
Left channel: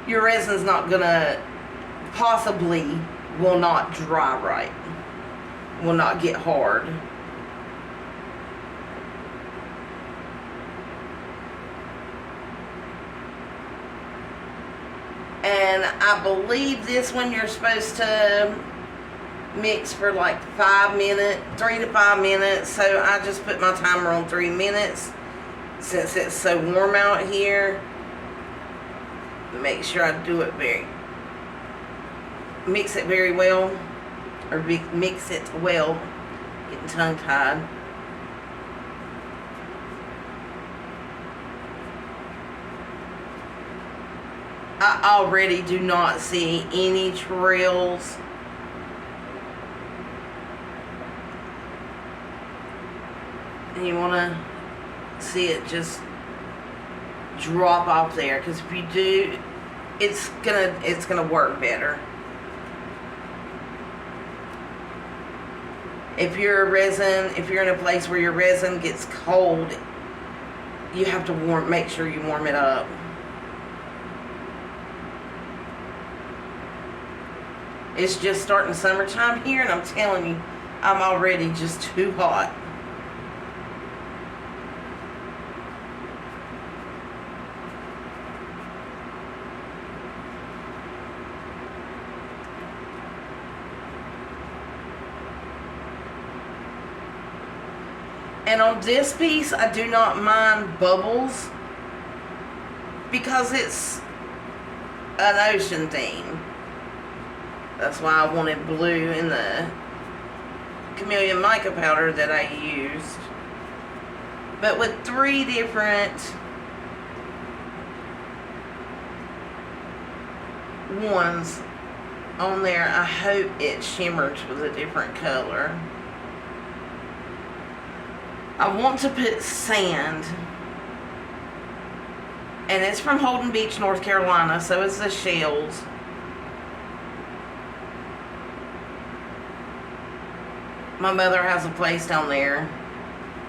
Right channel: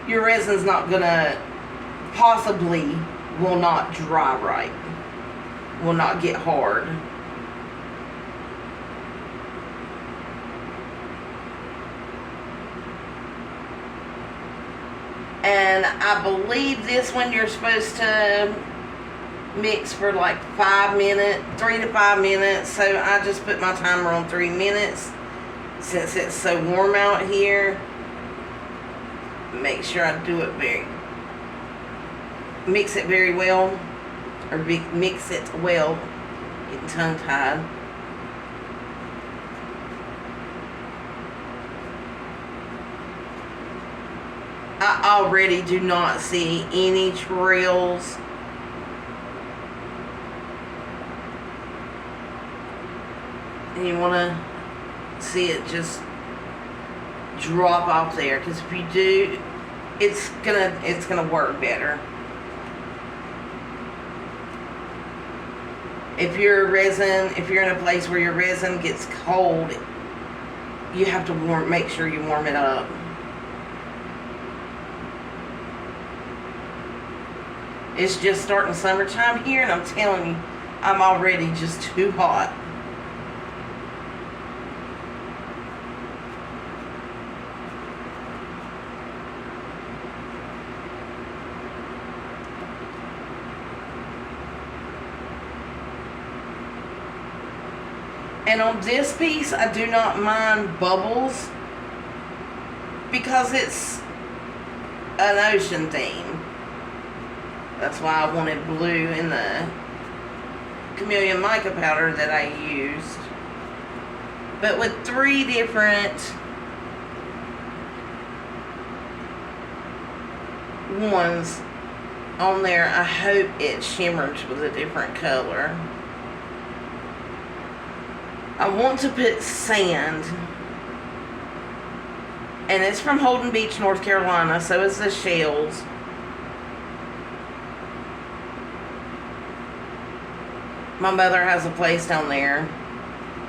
your resin's not gonna, possibly will not dry right. Will not get hard. And I believe this one you're supposed to mix for like 5 minutes, 3 to 5 minutes. So I just put my timer on 3 minutes since it's so warm out here. Make sure I do it mix it very well, or mix it well. Getting tongue tied. I already do not see any trails. And you want to see it just drop off there, because if you do, it's gonna work better. If you're in a place where your resin gets cold, you have to make sure you warm it up. It's just starting summertime here, and I'm telling you, I'm already just too hot. And on this piece, I do not mind bubbles because it's an ocean theme. That's why I wanted blue in the chameleon mica powder that I used. But with 3 different ones on there, I hope it shimmers with a different color. I want to put sand, and it's from Holden Beach, North Carolina, so is the shells. My mother has a place down there,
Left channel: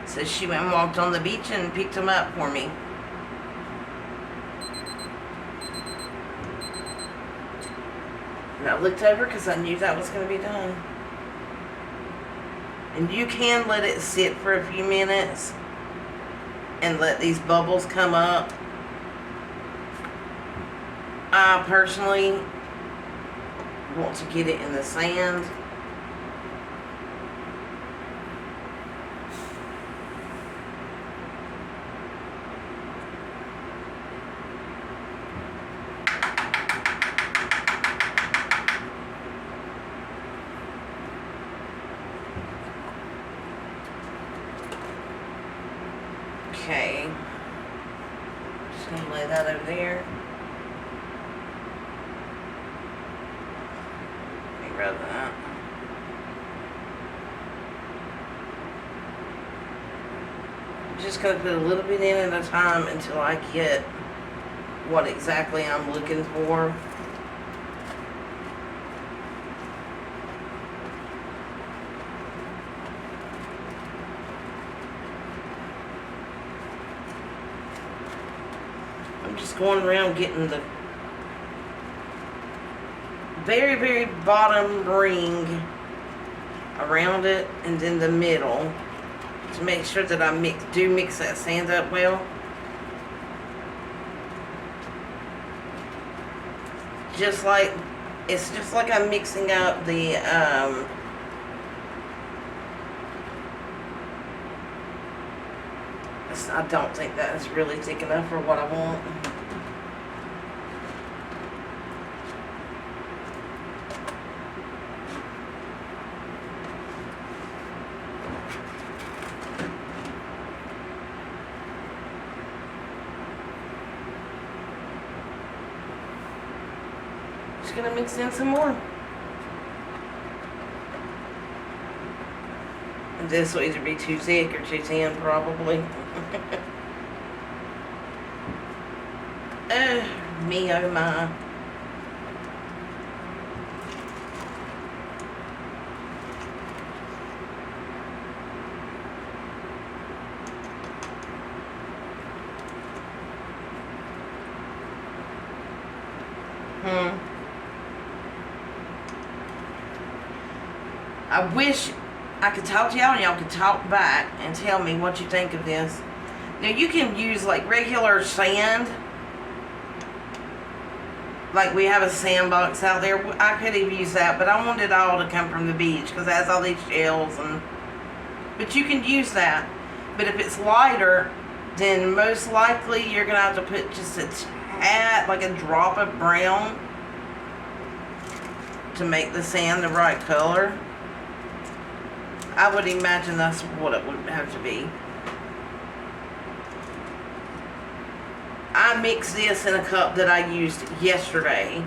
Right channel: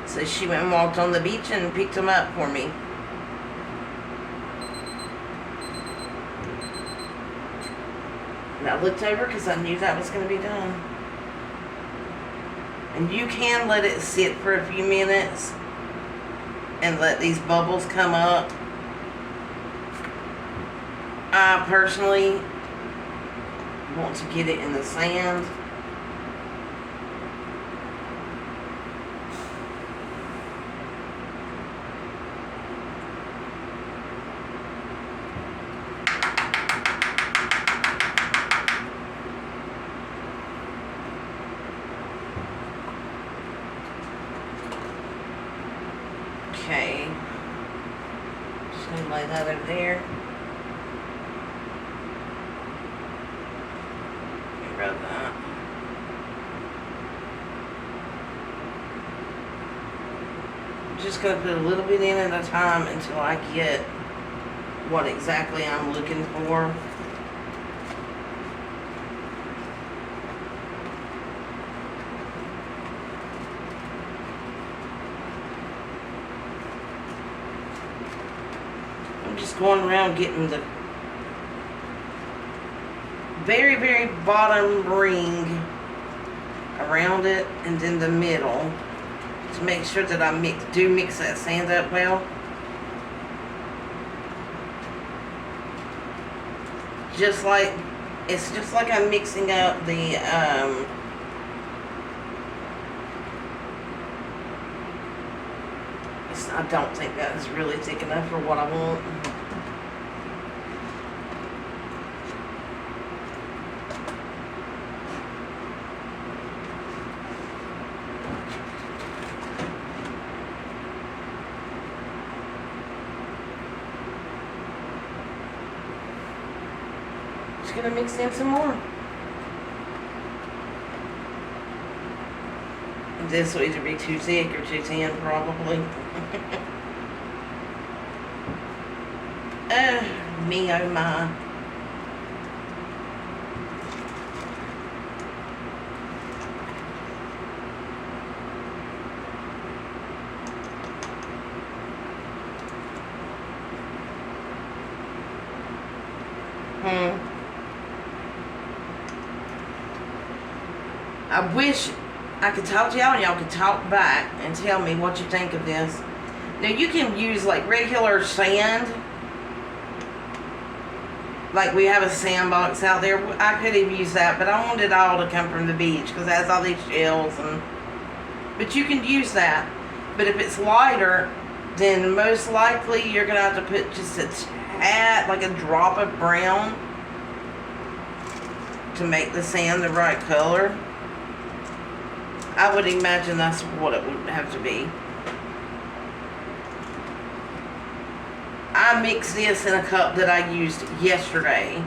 so she went and walked on the beach and picked them up for me. And I looked over because I knew that was going to be done. And you can let it sit for a few minutes and let these bubbles come up. I personally want to get it in the sand. Okay, just gonna lay that over there. about that. I'm just going to put a little bit in at a time until I get what exactly I'm looking for. I'm just going around getting the very, very bottom ring around it and then the middle to make sure that I mix that sand up well. It's just like I'm mixing up the I don't think that is really thick enough for what I want. Just gonna mix in some more. This will either be too thick or too thin, probably. Me oh my. I wish I could talk to y'all and y'all could talk back and tell me what you think of this. Now you can use like regular sand. Like we have a sandbox out there. I could have used that, but I wanted it all to come from the beach because it has all these shells and. But you can use that. But if it's lighter, then most likely you're gonna have to put just a tad, like a drop of brown, to make the sand the right color. I would imagine that's what it would have to be. I mixed this in a cup that I used yesterday,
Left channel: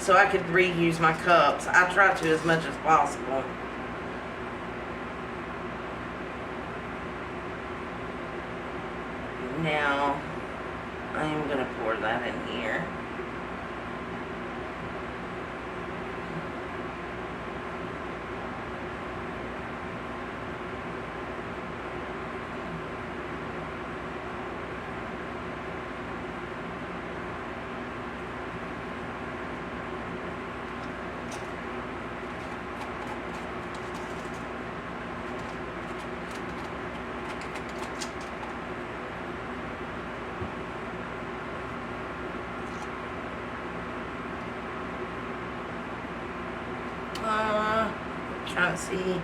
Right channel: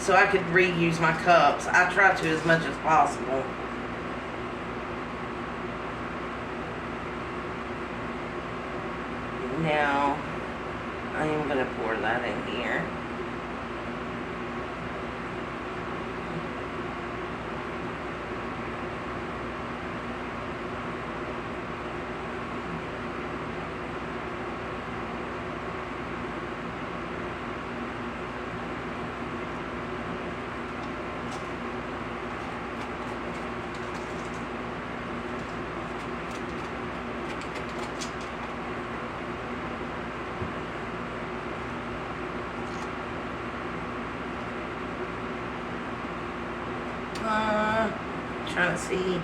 so I could reuse my cups. I try to as much as possible. Now, I am going to pour that in here. Trying to see.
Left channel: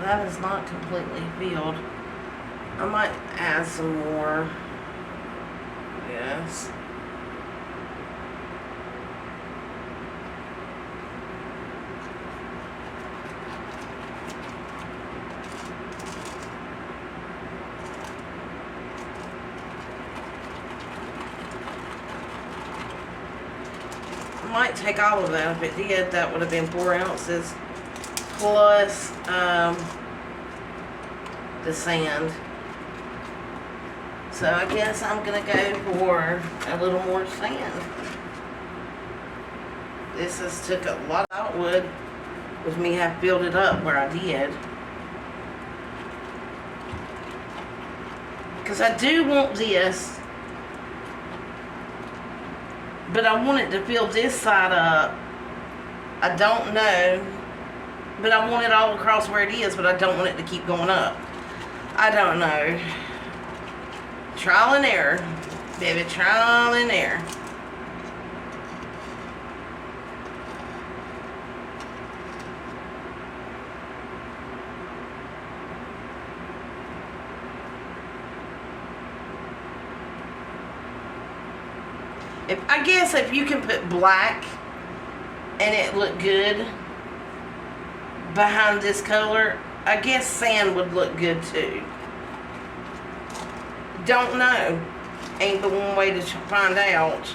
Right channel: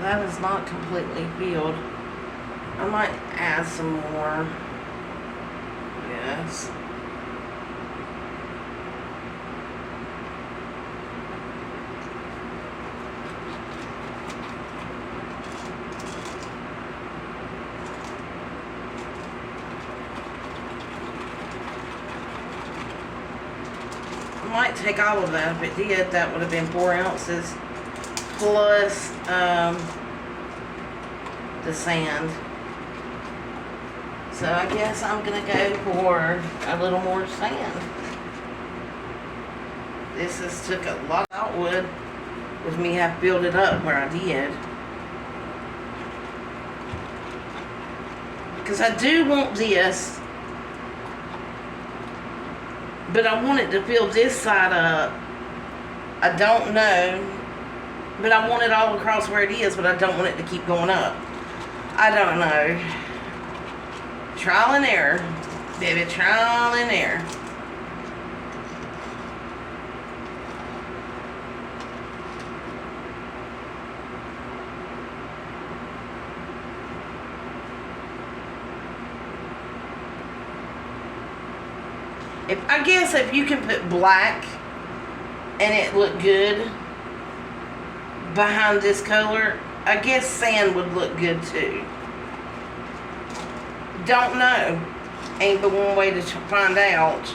That is not completely filled. I might add some more. Yes. Might take all of that. If it did, that would have been 4 ounces plus the sand. So I guess I'm gonna go for a little more sand. This has took a lot of wood with me have filled it up where I did, because I do want this. But I want it to fill this side up. I don't know. But I want it all across where it is, but I don't want it to keep going up. I don't know. Trial and error. Baby, trial and error. I guess if you can put black and it look good behind this color, I guess sand would look good too. Don't know. Ain't the one way to find out.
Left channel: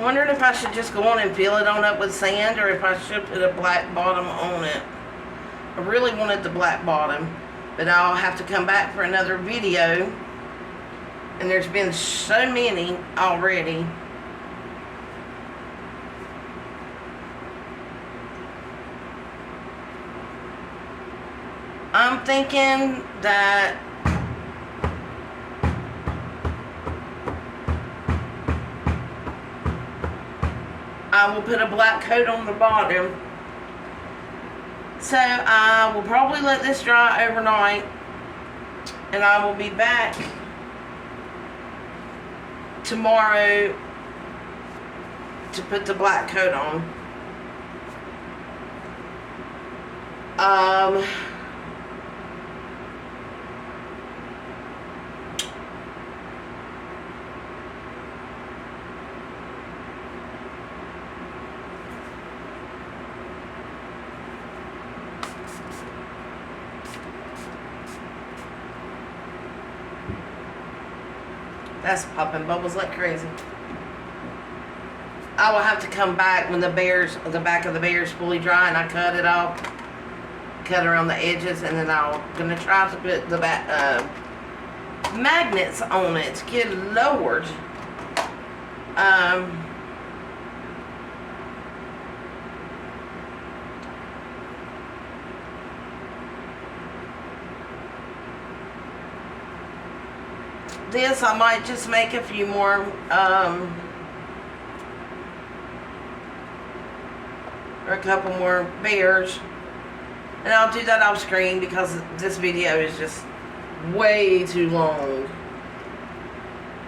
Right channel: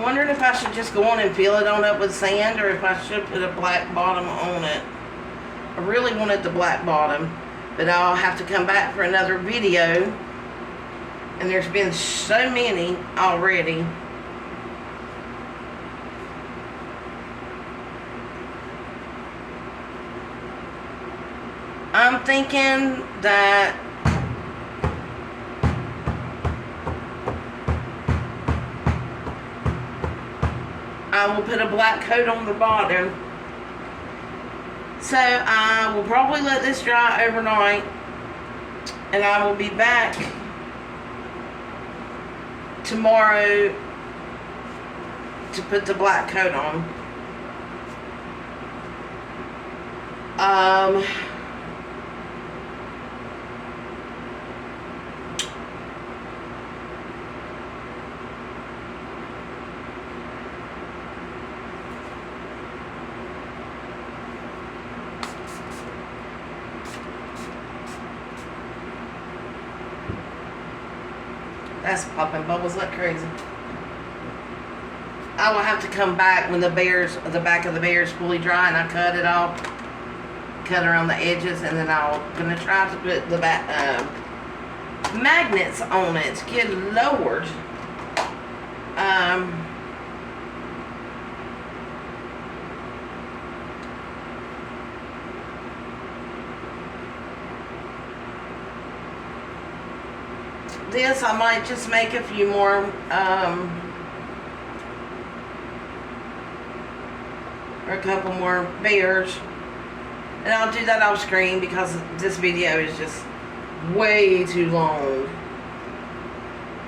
I'm wondering if I should just go on and fill it on up with sand, or if I should put a black bottom on it. I really wanted the black bottom, but I'll have to come back for another video. And there's been so many already. I'm thinking that I will put a black coat on the bottom. So I will probably let this dry overnight, and I will be back tomorrow to put the black coat on. That's popping bubbles like crazy. I will have to come back when the back of the bear is fully dry, and I cut it off, cut around the edges, and then I'm gonna try to put the magnets on it. Good Lord. This, I might just make a few more, or a couple more bears. And I'll do that off screen because this video is just way too long.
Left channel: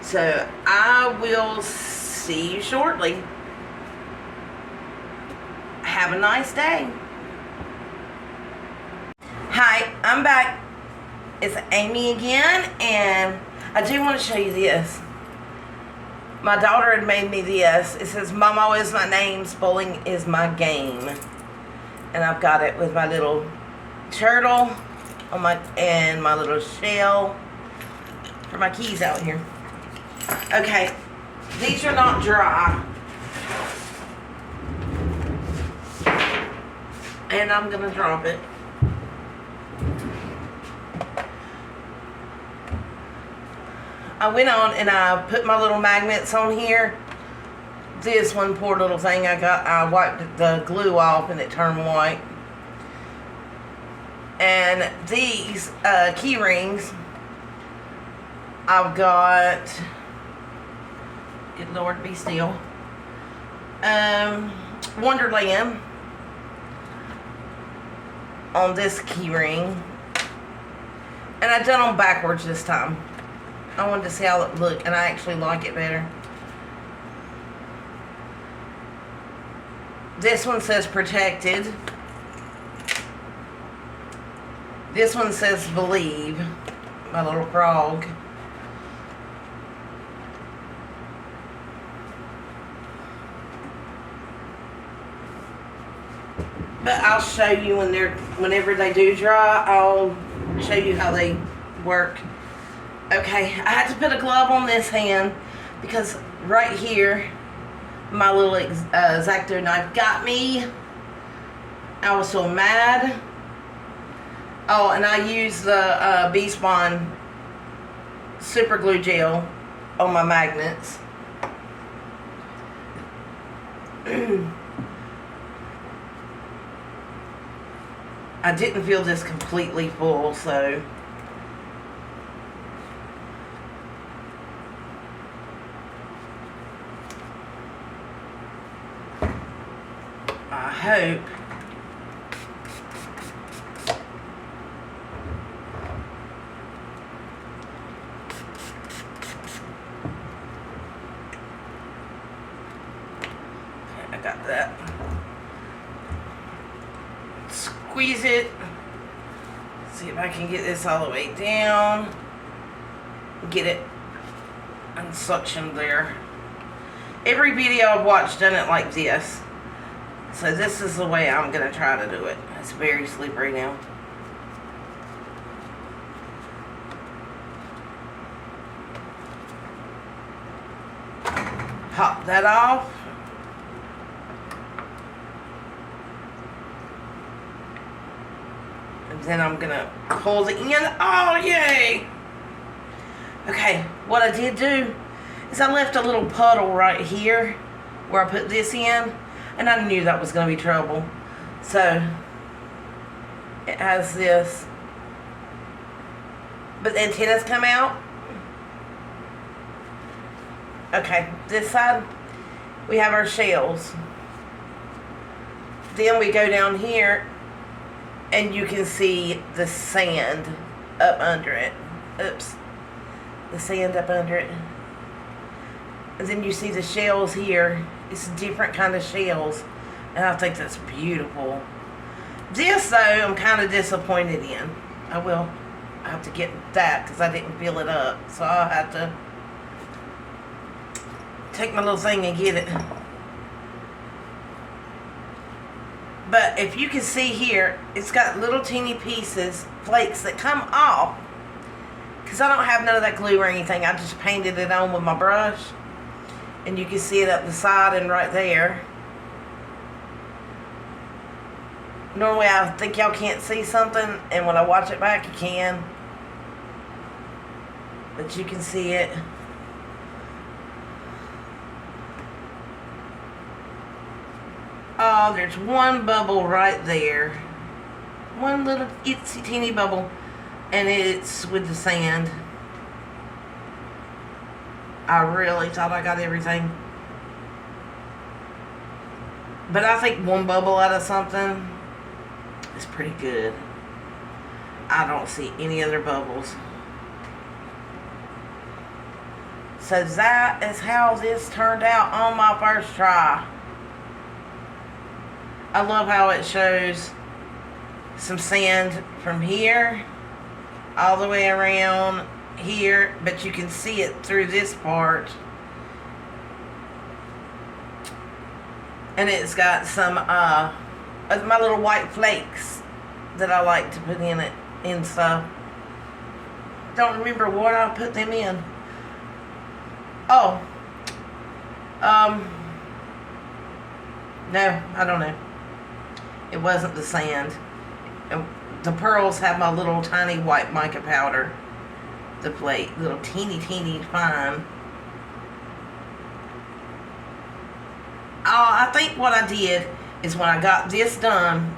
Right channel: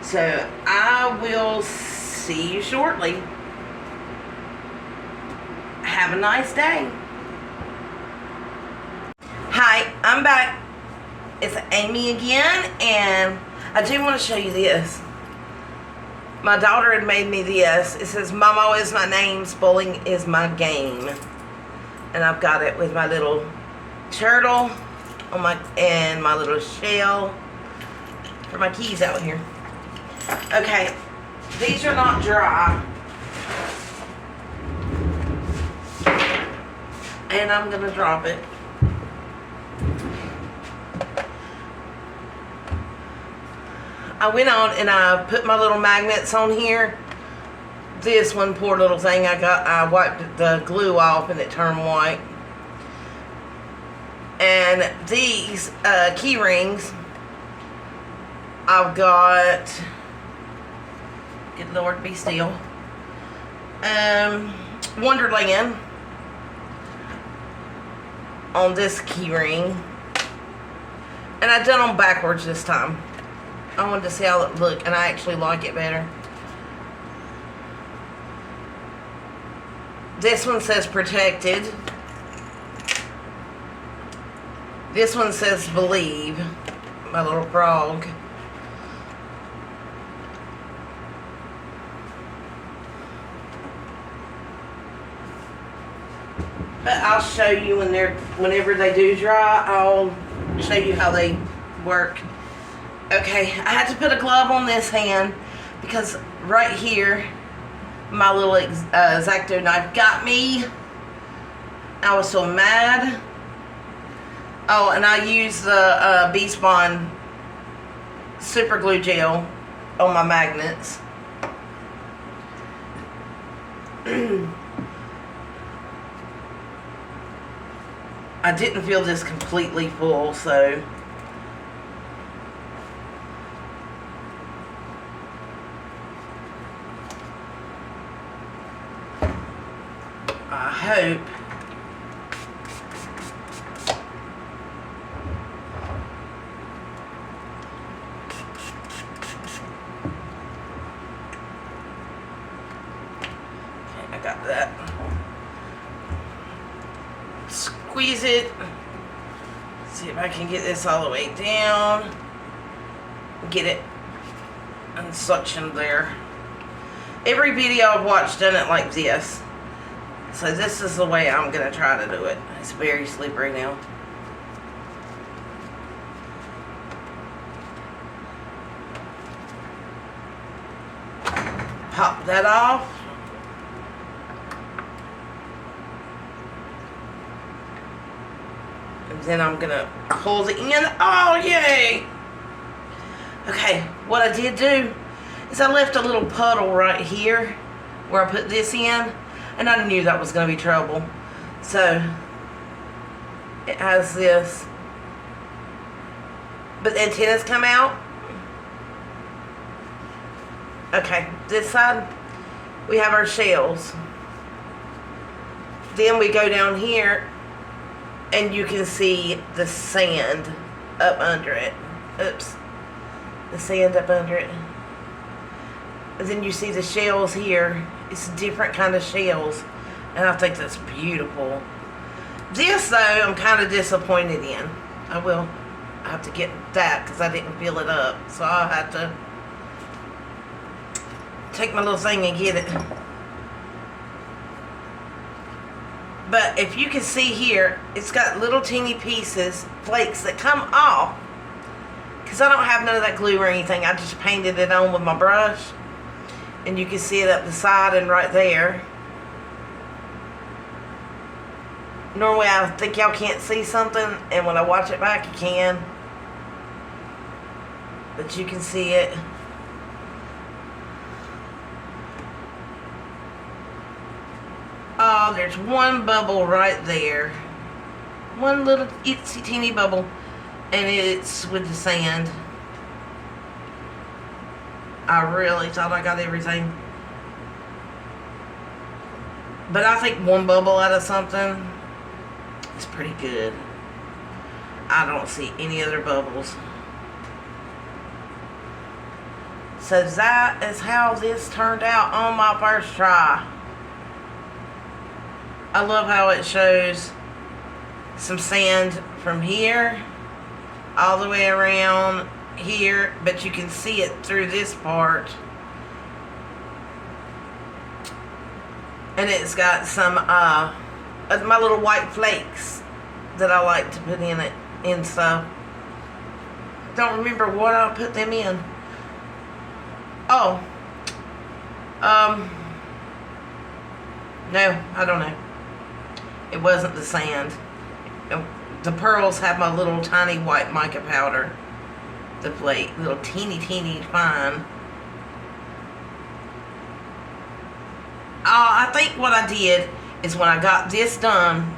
So I will see you shortly. Have a nice day. Hi, I'm back. It's Amy again, and I do want to show you this. My daughter had made me this. It says, "Momo is my name, spelling is my game." And I've got it with my little turtle on and my little shell for my keys out here. Okay, these are not dry. And I'm gonna drop it. I went on and I put my little magnets on here. This one poor little thing, I wiped the glue off and it turned white. And these key rings, I've got, good Lord, be still, Wonderland on this key ring. And I done them backwards this time. I wanted to see how it looked, and I actually like it better. This one says protected. This one says believe. My little frog. But I'll show you whenever they do dry. I'll show you how they work. Okay, I had to put a glove on this hand because right here, my little X-Acto knife got me. I was so mad. Oh, and I used the B-Spon super glue gel on my magnets. I didn't feel this completely full, so I hope I got that. Squeeze it. See if I can get this all the way down. Get it unsuctioned there. Every video I've watched done it like this. So this is the way I'm going to try to do it. It's very slippery now. Pop that off. Then I'm gonna pull the end. Oh, yay! Okay, what I did do is I left a little puddle right here where I put this in, and I knew that was gonna be trouble. So it has this, but the antennas come out. Okay, this side we have our shells. Then we go down here and you can see the sand up under it. Oops. The sand up under it. And then you see the shells here. It's different kind of shells. And I think that's beautiful. This, though, I'm kind of disappointed in. I have to get that because I didn't fill it up. So I'll have to take my little thing and get it. But if you can see here, it's got little teeny pieces, flakes that come off. Because I don't have none of that glue or anything. I just painted it on with my brush. And you can see it up the side and right there. Normally I think y'all can't see something, and when I watch it back you can. But you can see it. Oh, there's one bubble right there. One little itsy teeny bubble. And it's with the sand. I really thought I got everything. But I think one bubble out of something is pretty good. I don't see any other bubbles. So that is how this turned out on my first try. I love how it shows some sand from here all the way around here, but you can see it through this part. And it's got some of my little white flakes that I like to put in it and stuff. Don't remember what I put them in. Oh. No, I don't know. It wasn't the sand. The pearls have my little tiny white mica powder. The plate, little teeny fine. I think what I did is when I got this done,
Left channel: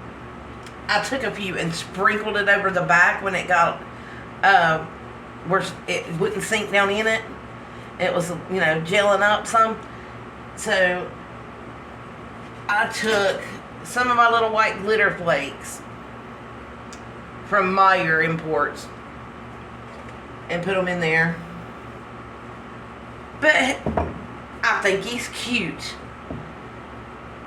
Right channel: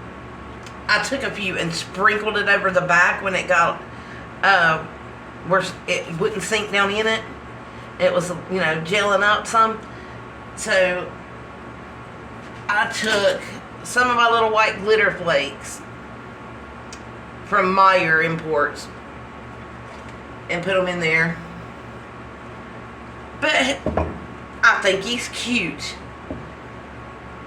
I took a few and sprinkled it over the back when it got where it wouldn't sink down in it. It was, you know, gelling up some. So I took some of my little white glitter flakes from Meyer Imports and put them in there. But I think he's cute.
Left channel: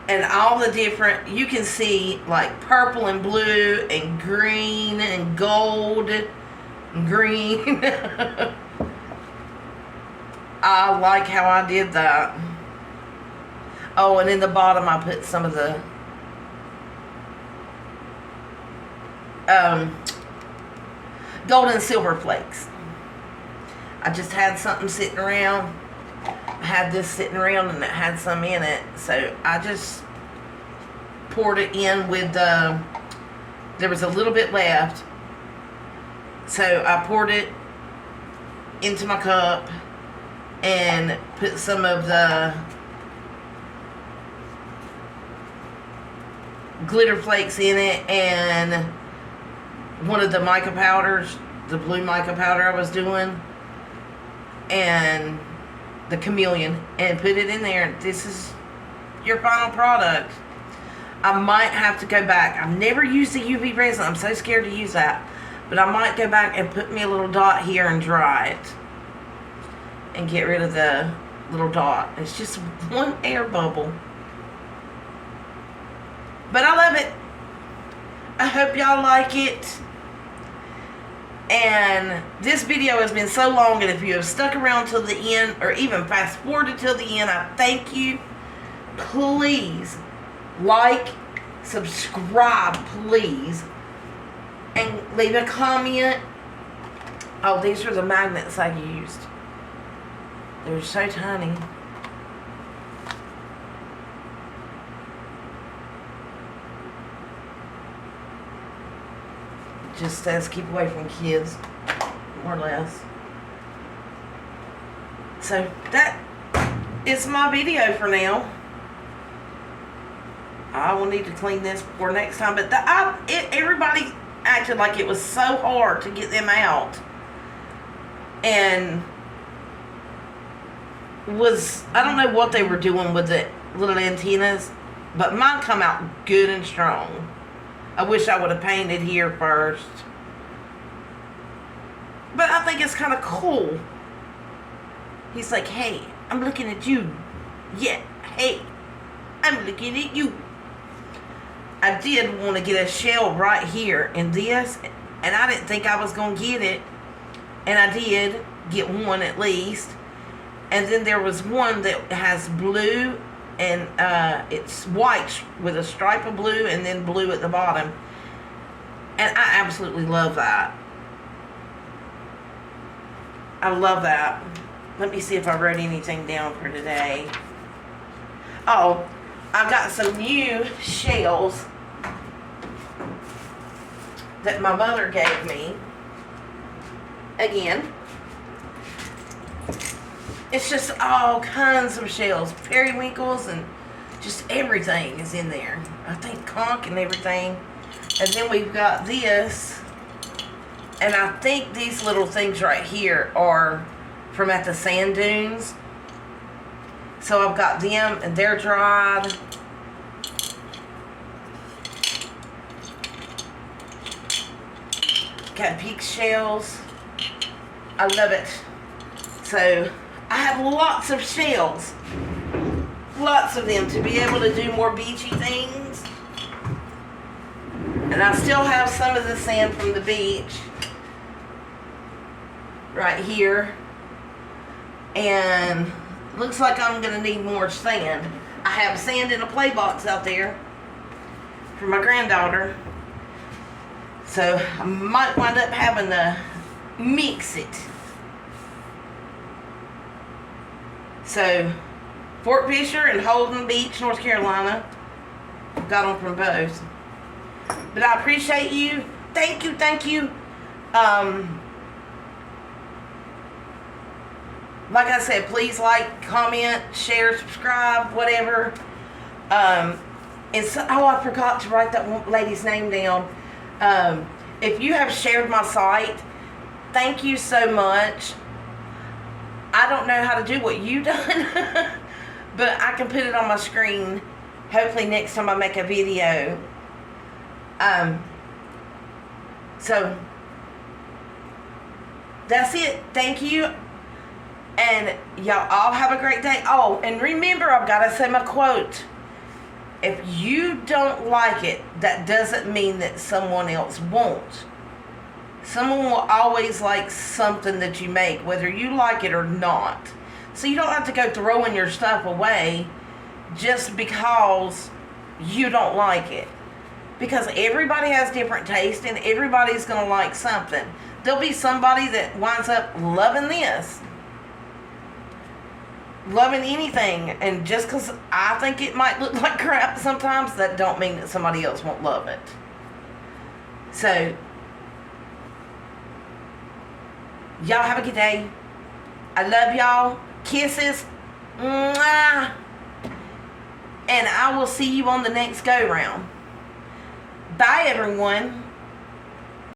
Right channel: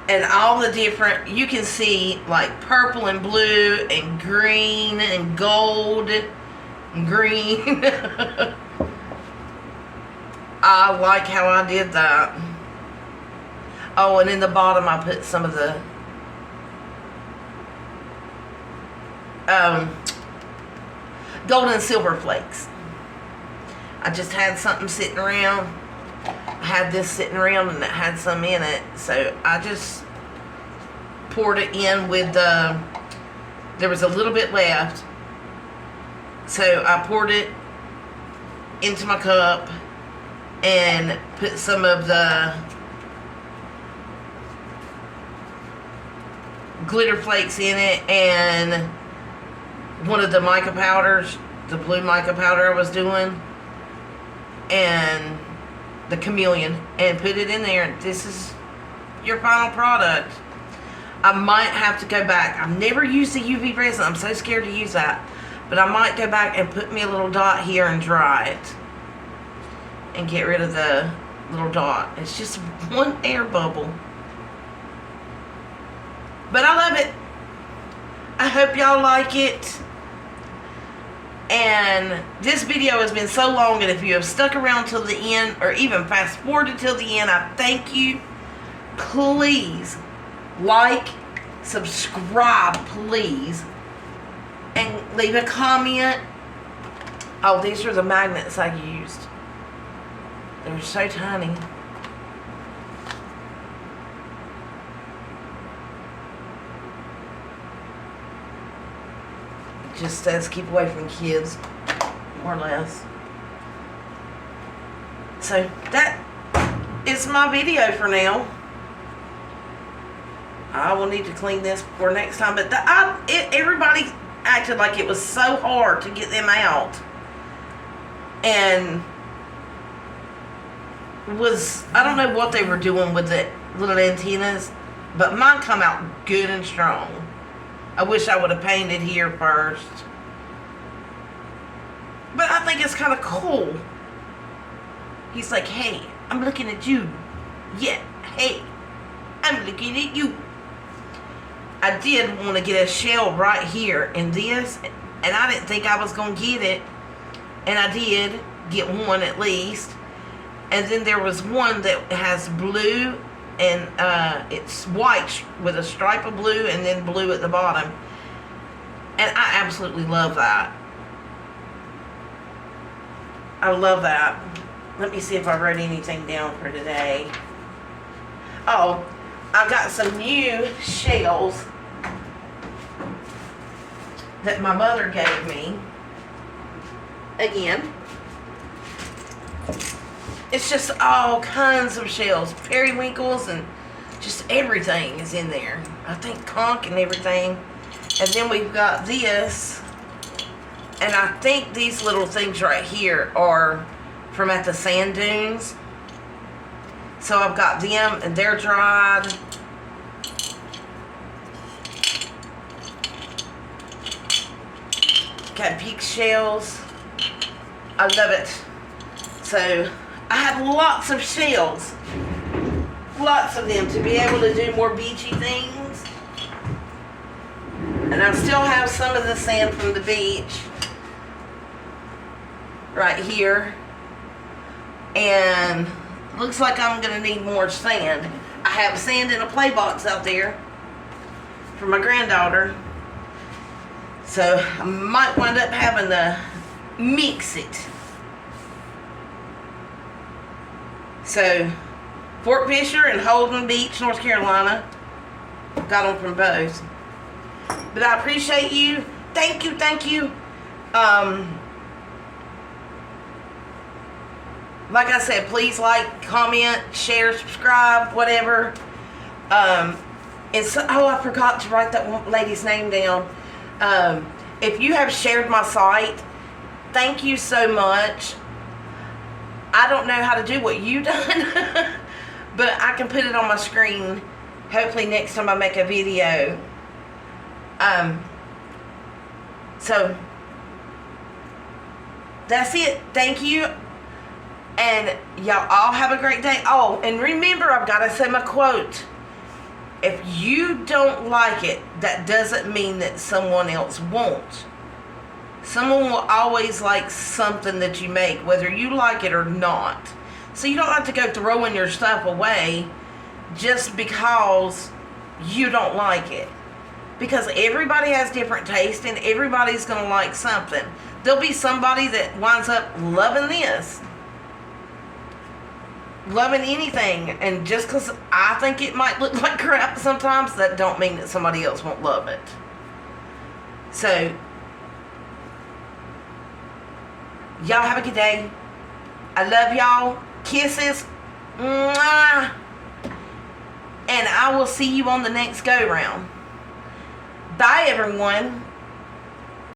And all the different, you can see like purple and blue and green and gold and green. I like how I did that. Oh, and in the bottom I put some of the gold and silver flakes. I just had something sitting around. I had this sitting around and it had some in it. So I just poured it in with the, there was a little bit left. So I poured it into my cup and put some of the glitter flakes in it and one of the mica powders, the blue mica powder I was doing, and the chameleon, and put it in there. This is your final product. I might have to go back. I've never used the UV resin. I'm so scared to use that. But I might go back and put me a little dot here and dry it. And get rid of the little dot. It's just one air bubble. But I love it. I hope y'all like it. And this video has been so long, and if you have stuck around till the end, or even fast forwarded till the end, I thank you. Please like, subscribe, please, and leave a comment. Oh, these are the magnets I used. They're so tiny. just says keep away from kids, more or less. So that is my video for now. I will need to clean this for next time. But everybody acted like it was so hard to get them out. And I don't know what they were doing with the little antennas, but mine come out good and strong. I wish I would have painted here first. But I think it's kind of cool. He's like, hey, I'm looking at you. Yeah, hey, I'm looking at you. I did want to get a shell right here in this, and I didn't think I was going to get it. And I did get one at least. And then there was one that has blue, and it's white with a stripe of blue and then blue at the bottom. And I absolutely love that. I love that. Let me see if I wrote anything down for today. Oh, I got some new shells that my mother gave me. Again, it's just all kinds of shells, periwinkles, and just everything is in there. I think conch and everything. And then we've got this, and I think these little things right here are from at the sand dunes. So I've got them, and they're dried. Got peak shells. I love it. So I have lots of shells. Lots of them to be able to do more beachy things. And I still have some of the sand from the beach right here. And looks like I'm going to need more sand. I have sand in a play box out there for my granddaughter. So I might wind up having to mix it. So Fort Fisher and Holden Beach, North Carolina. Got them from both. But I appreciate you. Thank you, thank you. Like I said, please like, comment, share, subscribe, whatever. And so, oh, I forgot to write that lady's name down. If you have shared my site, thank you so much. I don't know how to do what you done, but I can put it on my screen. Hopefully next time I make a video. So that's it. Thank you. And y'all all have a great day. Oh, and remember, I've got to say my quote. If you don't like it, that doesn't mean that someone else won't. Someone will always like something that you make, whether you like it or not. So you don't have to go throwing your stuff away just because you don't like it. Because everybody has different taste and everybody's going to like something. There'll be somebody that winds up loving this. Loving anything. And just because I think it might look like crap sometimes, that don't mean that somebody else won't love it. So, y'all have a good day. I love y'all. Kisses. Mwah. And I will see you on the next go round. Bye, everyone.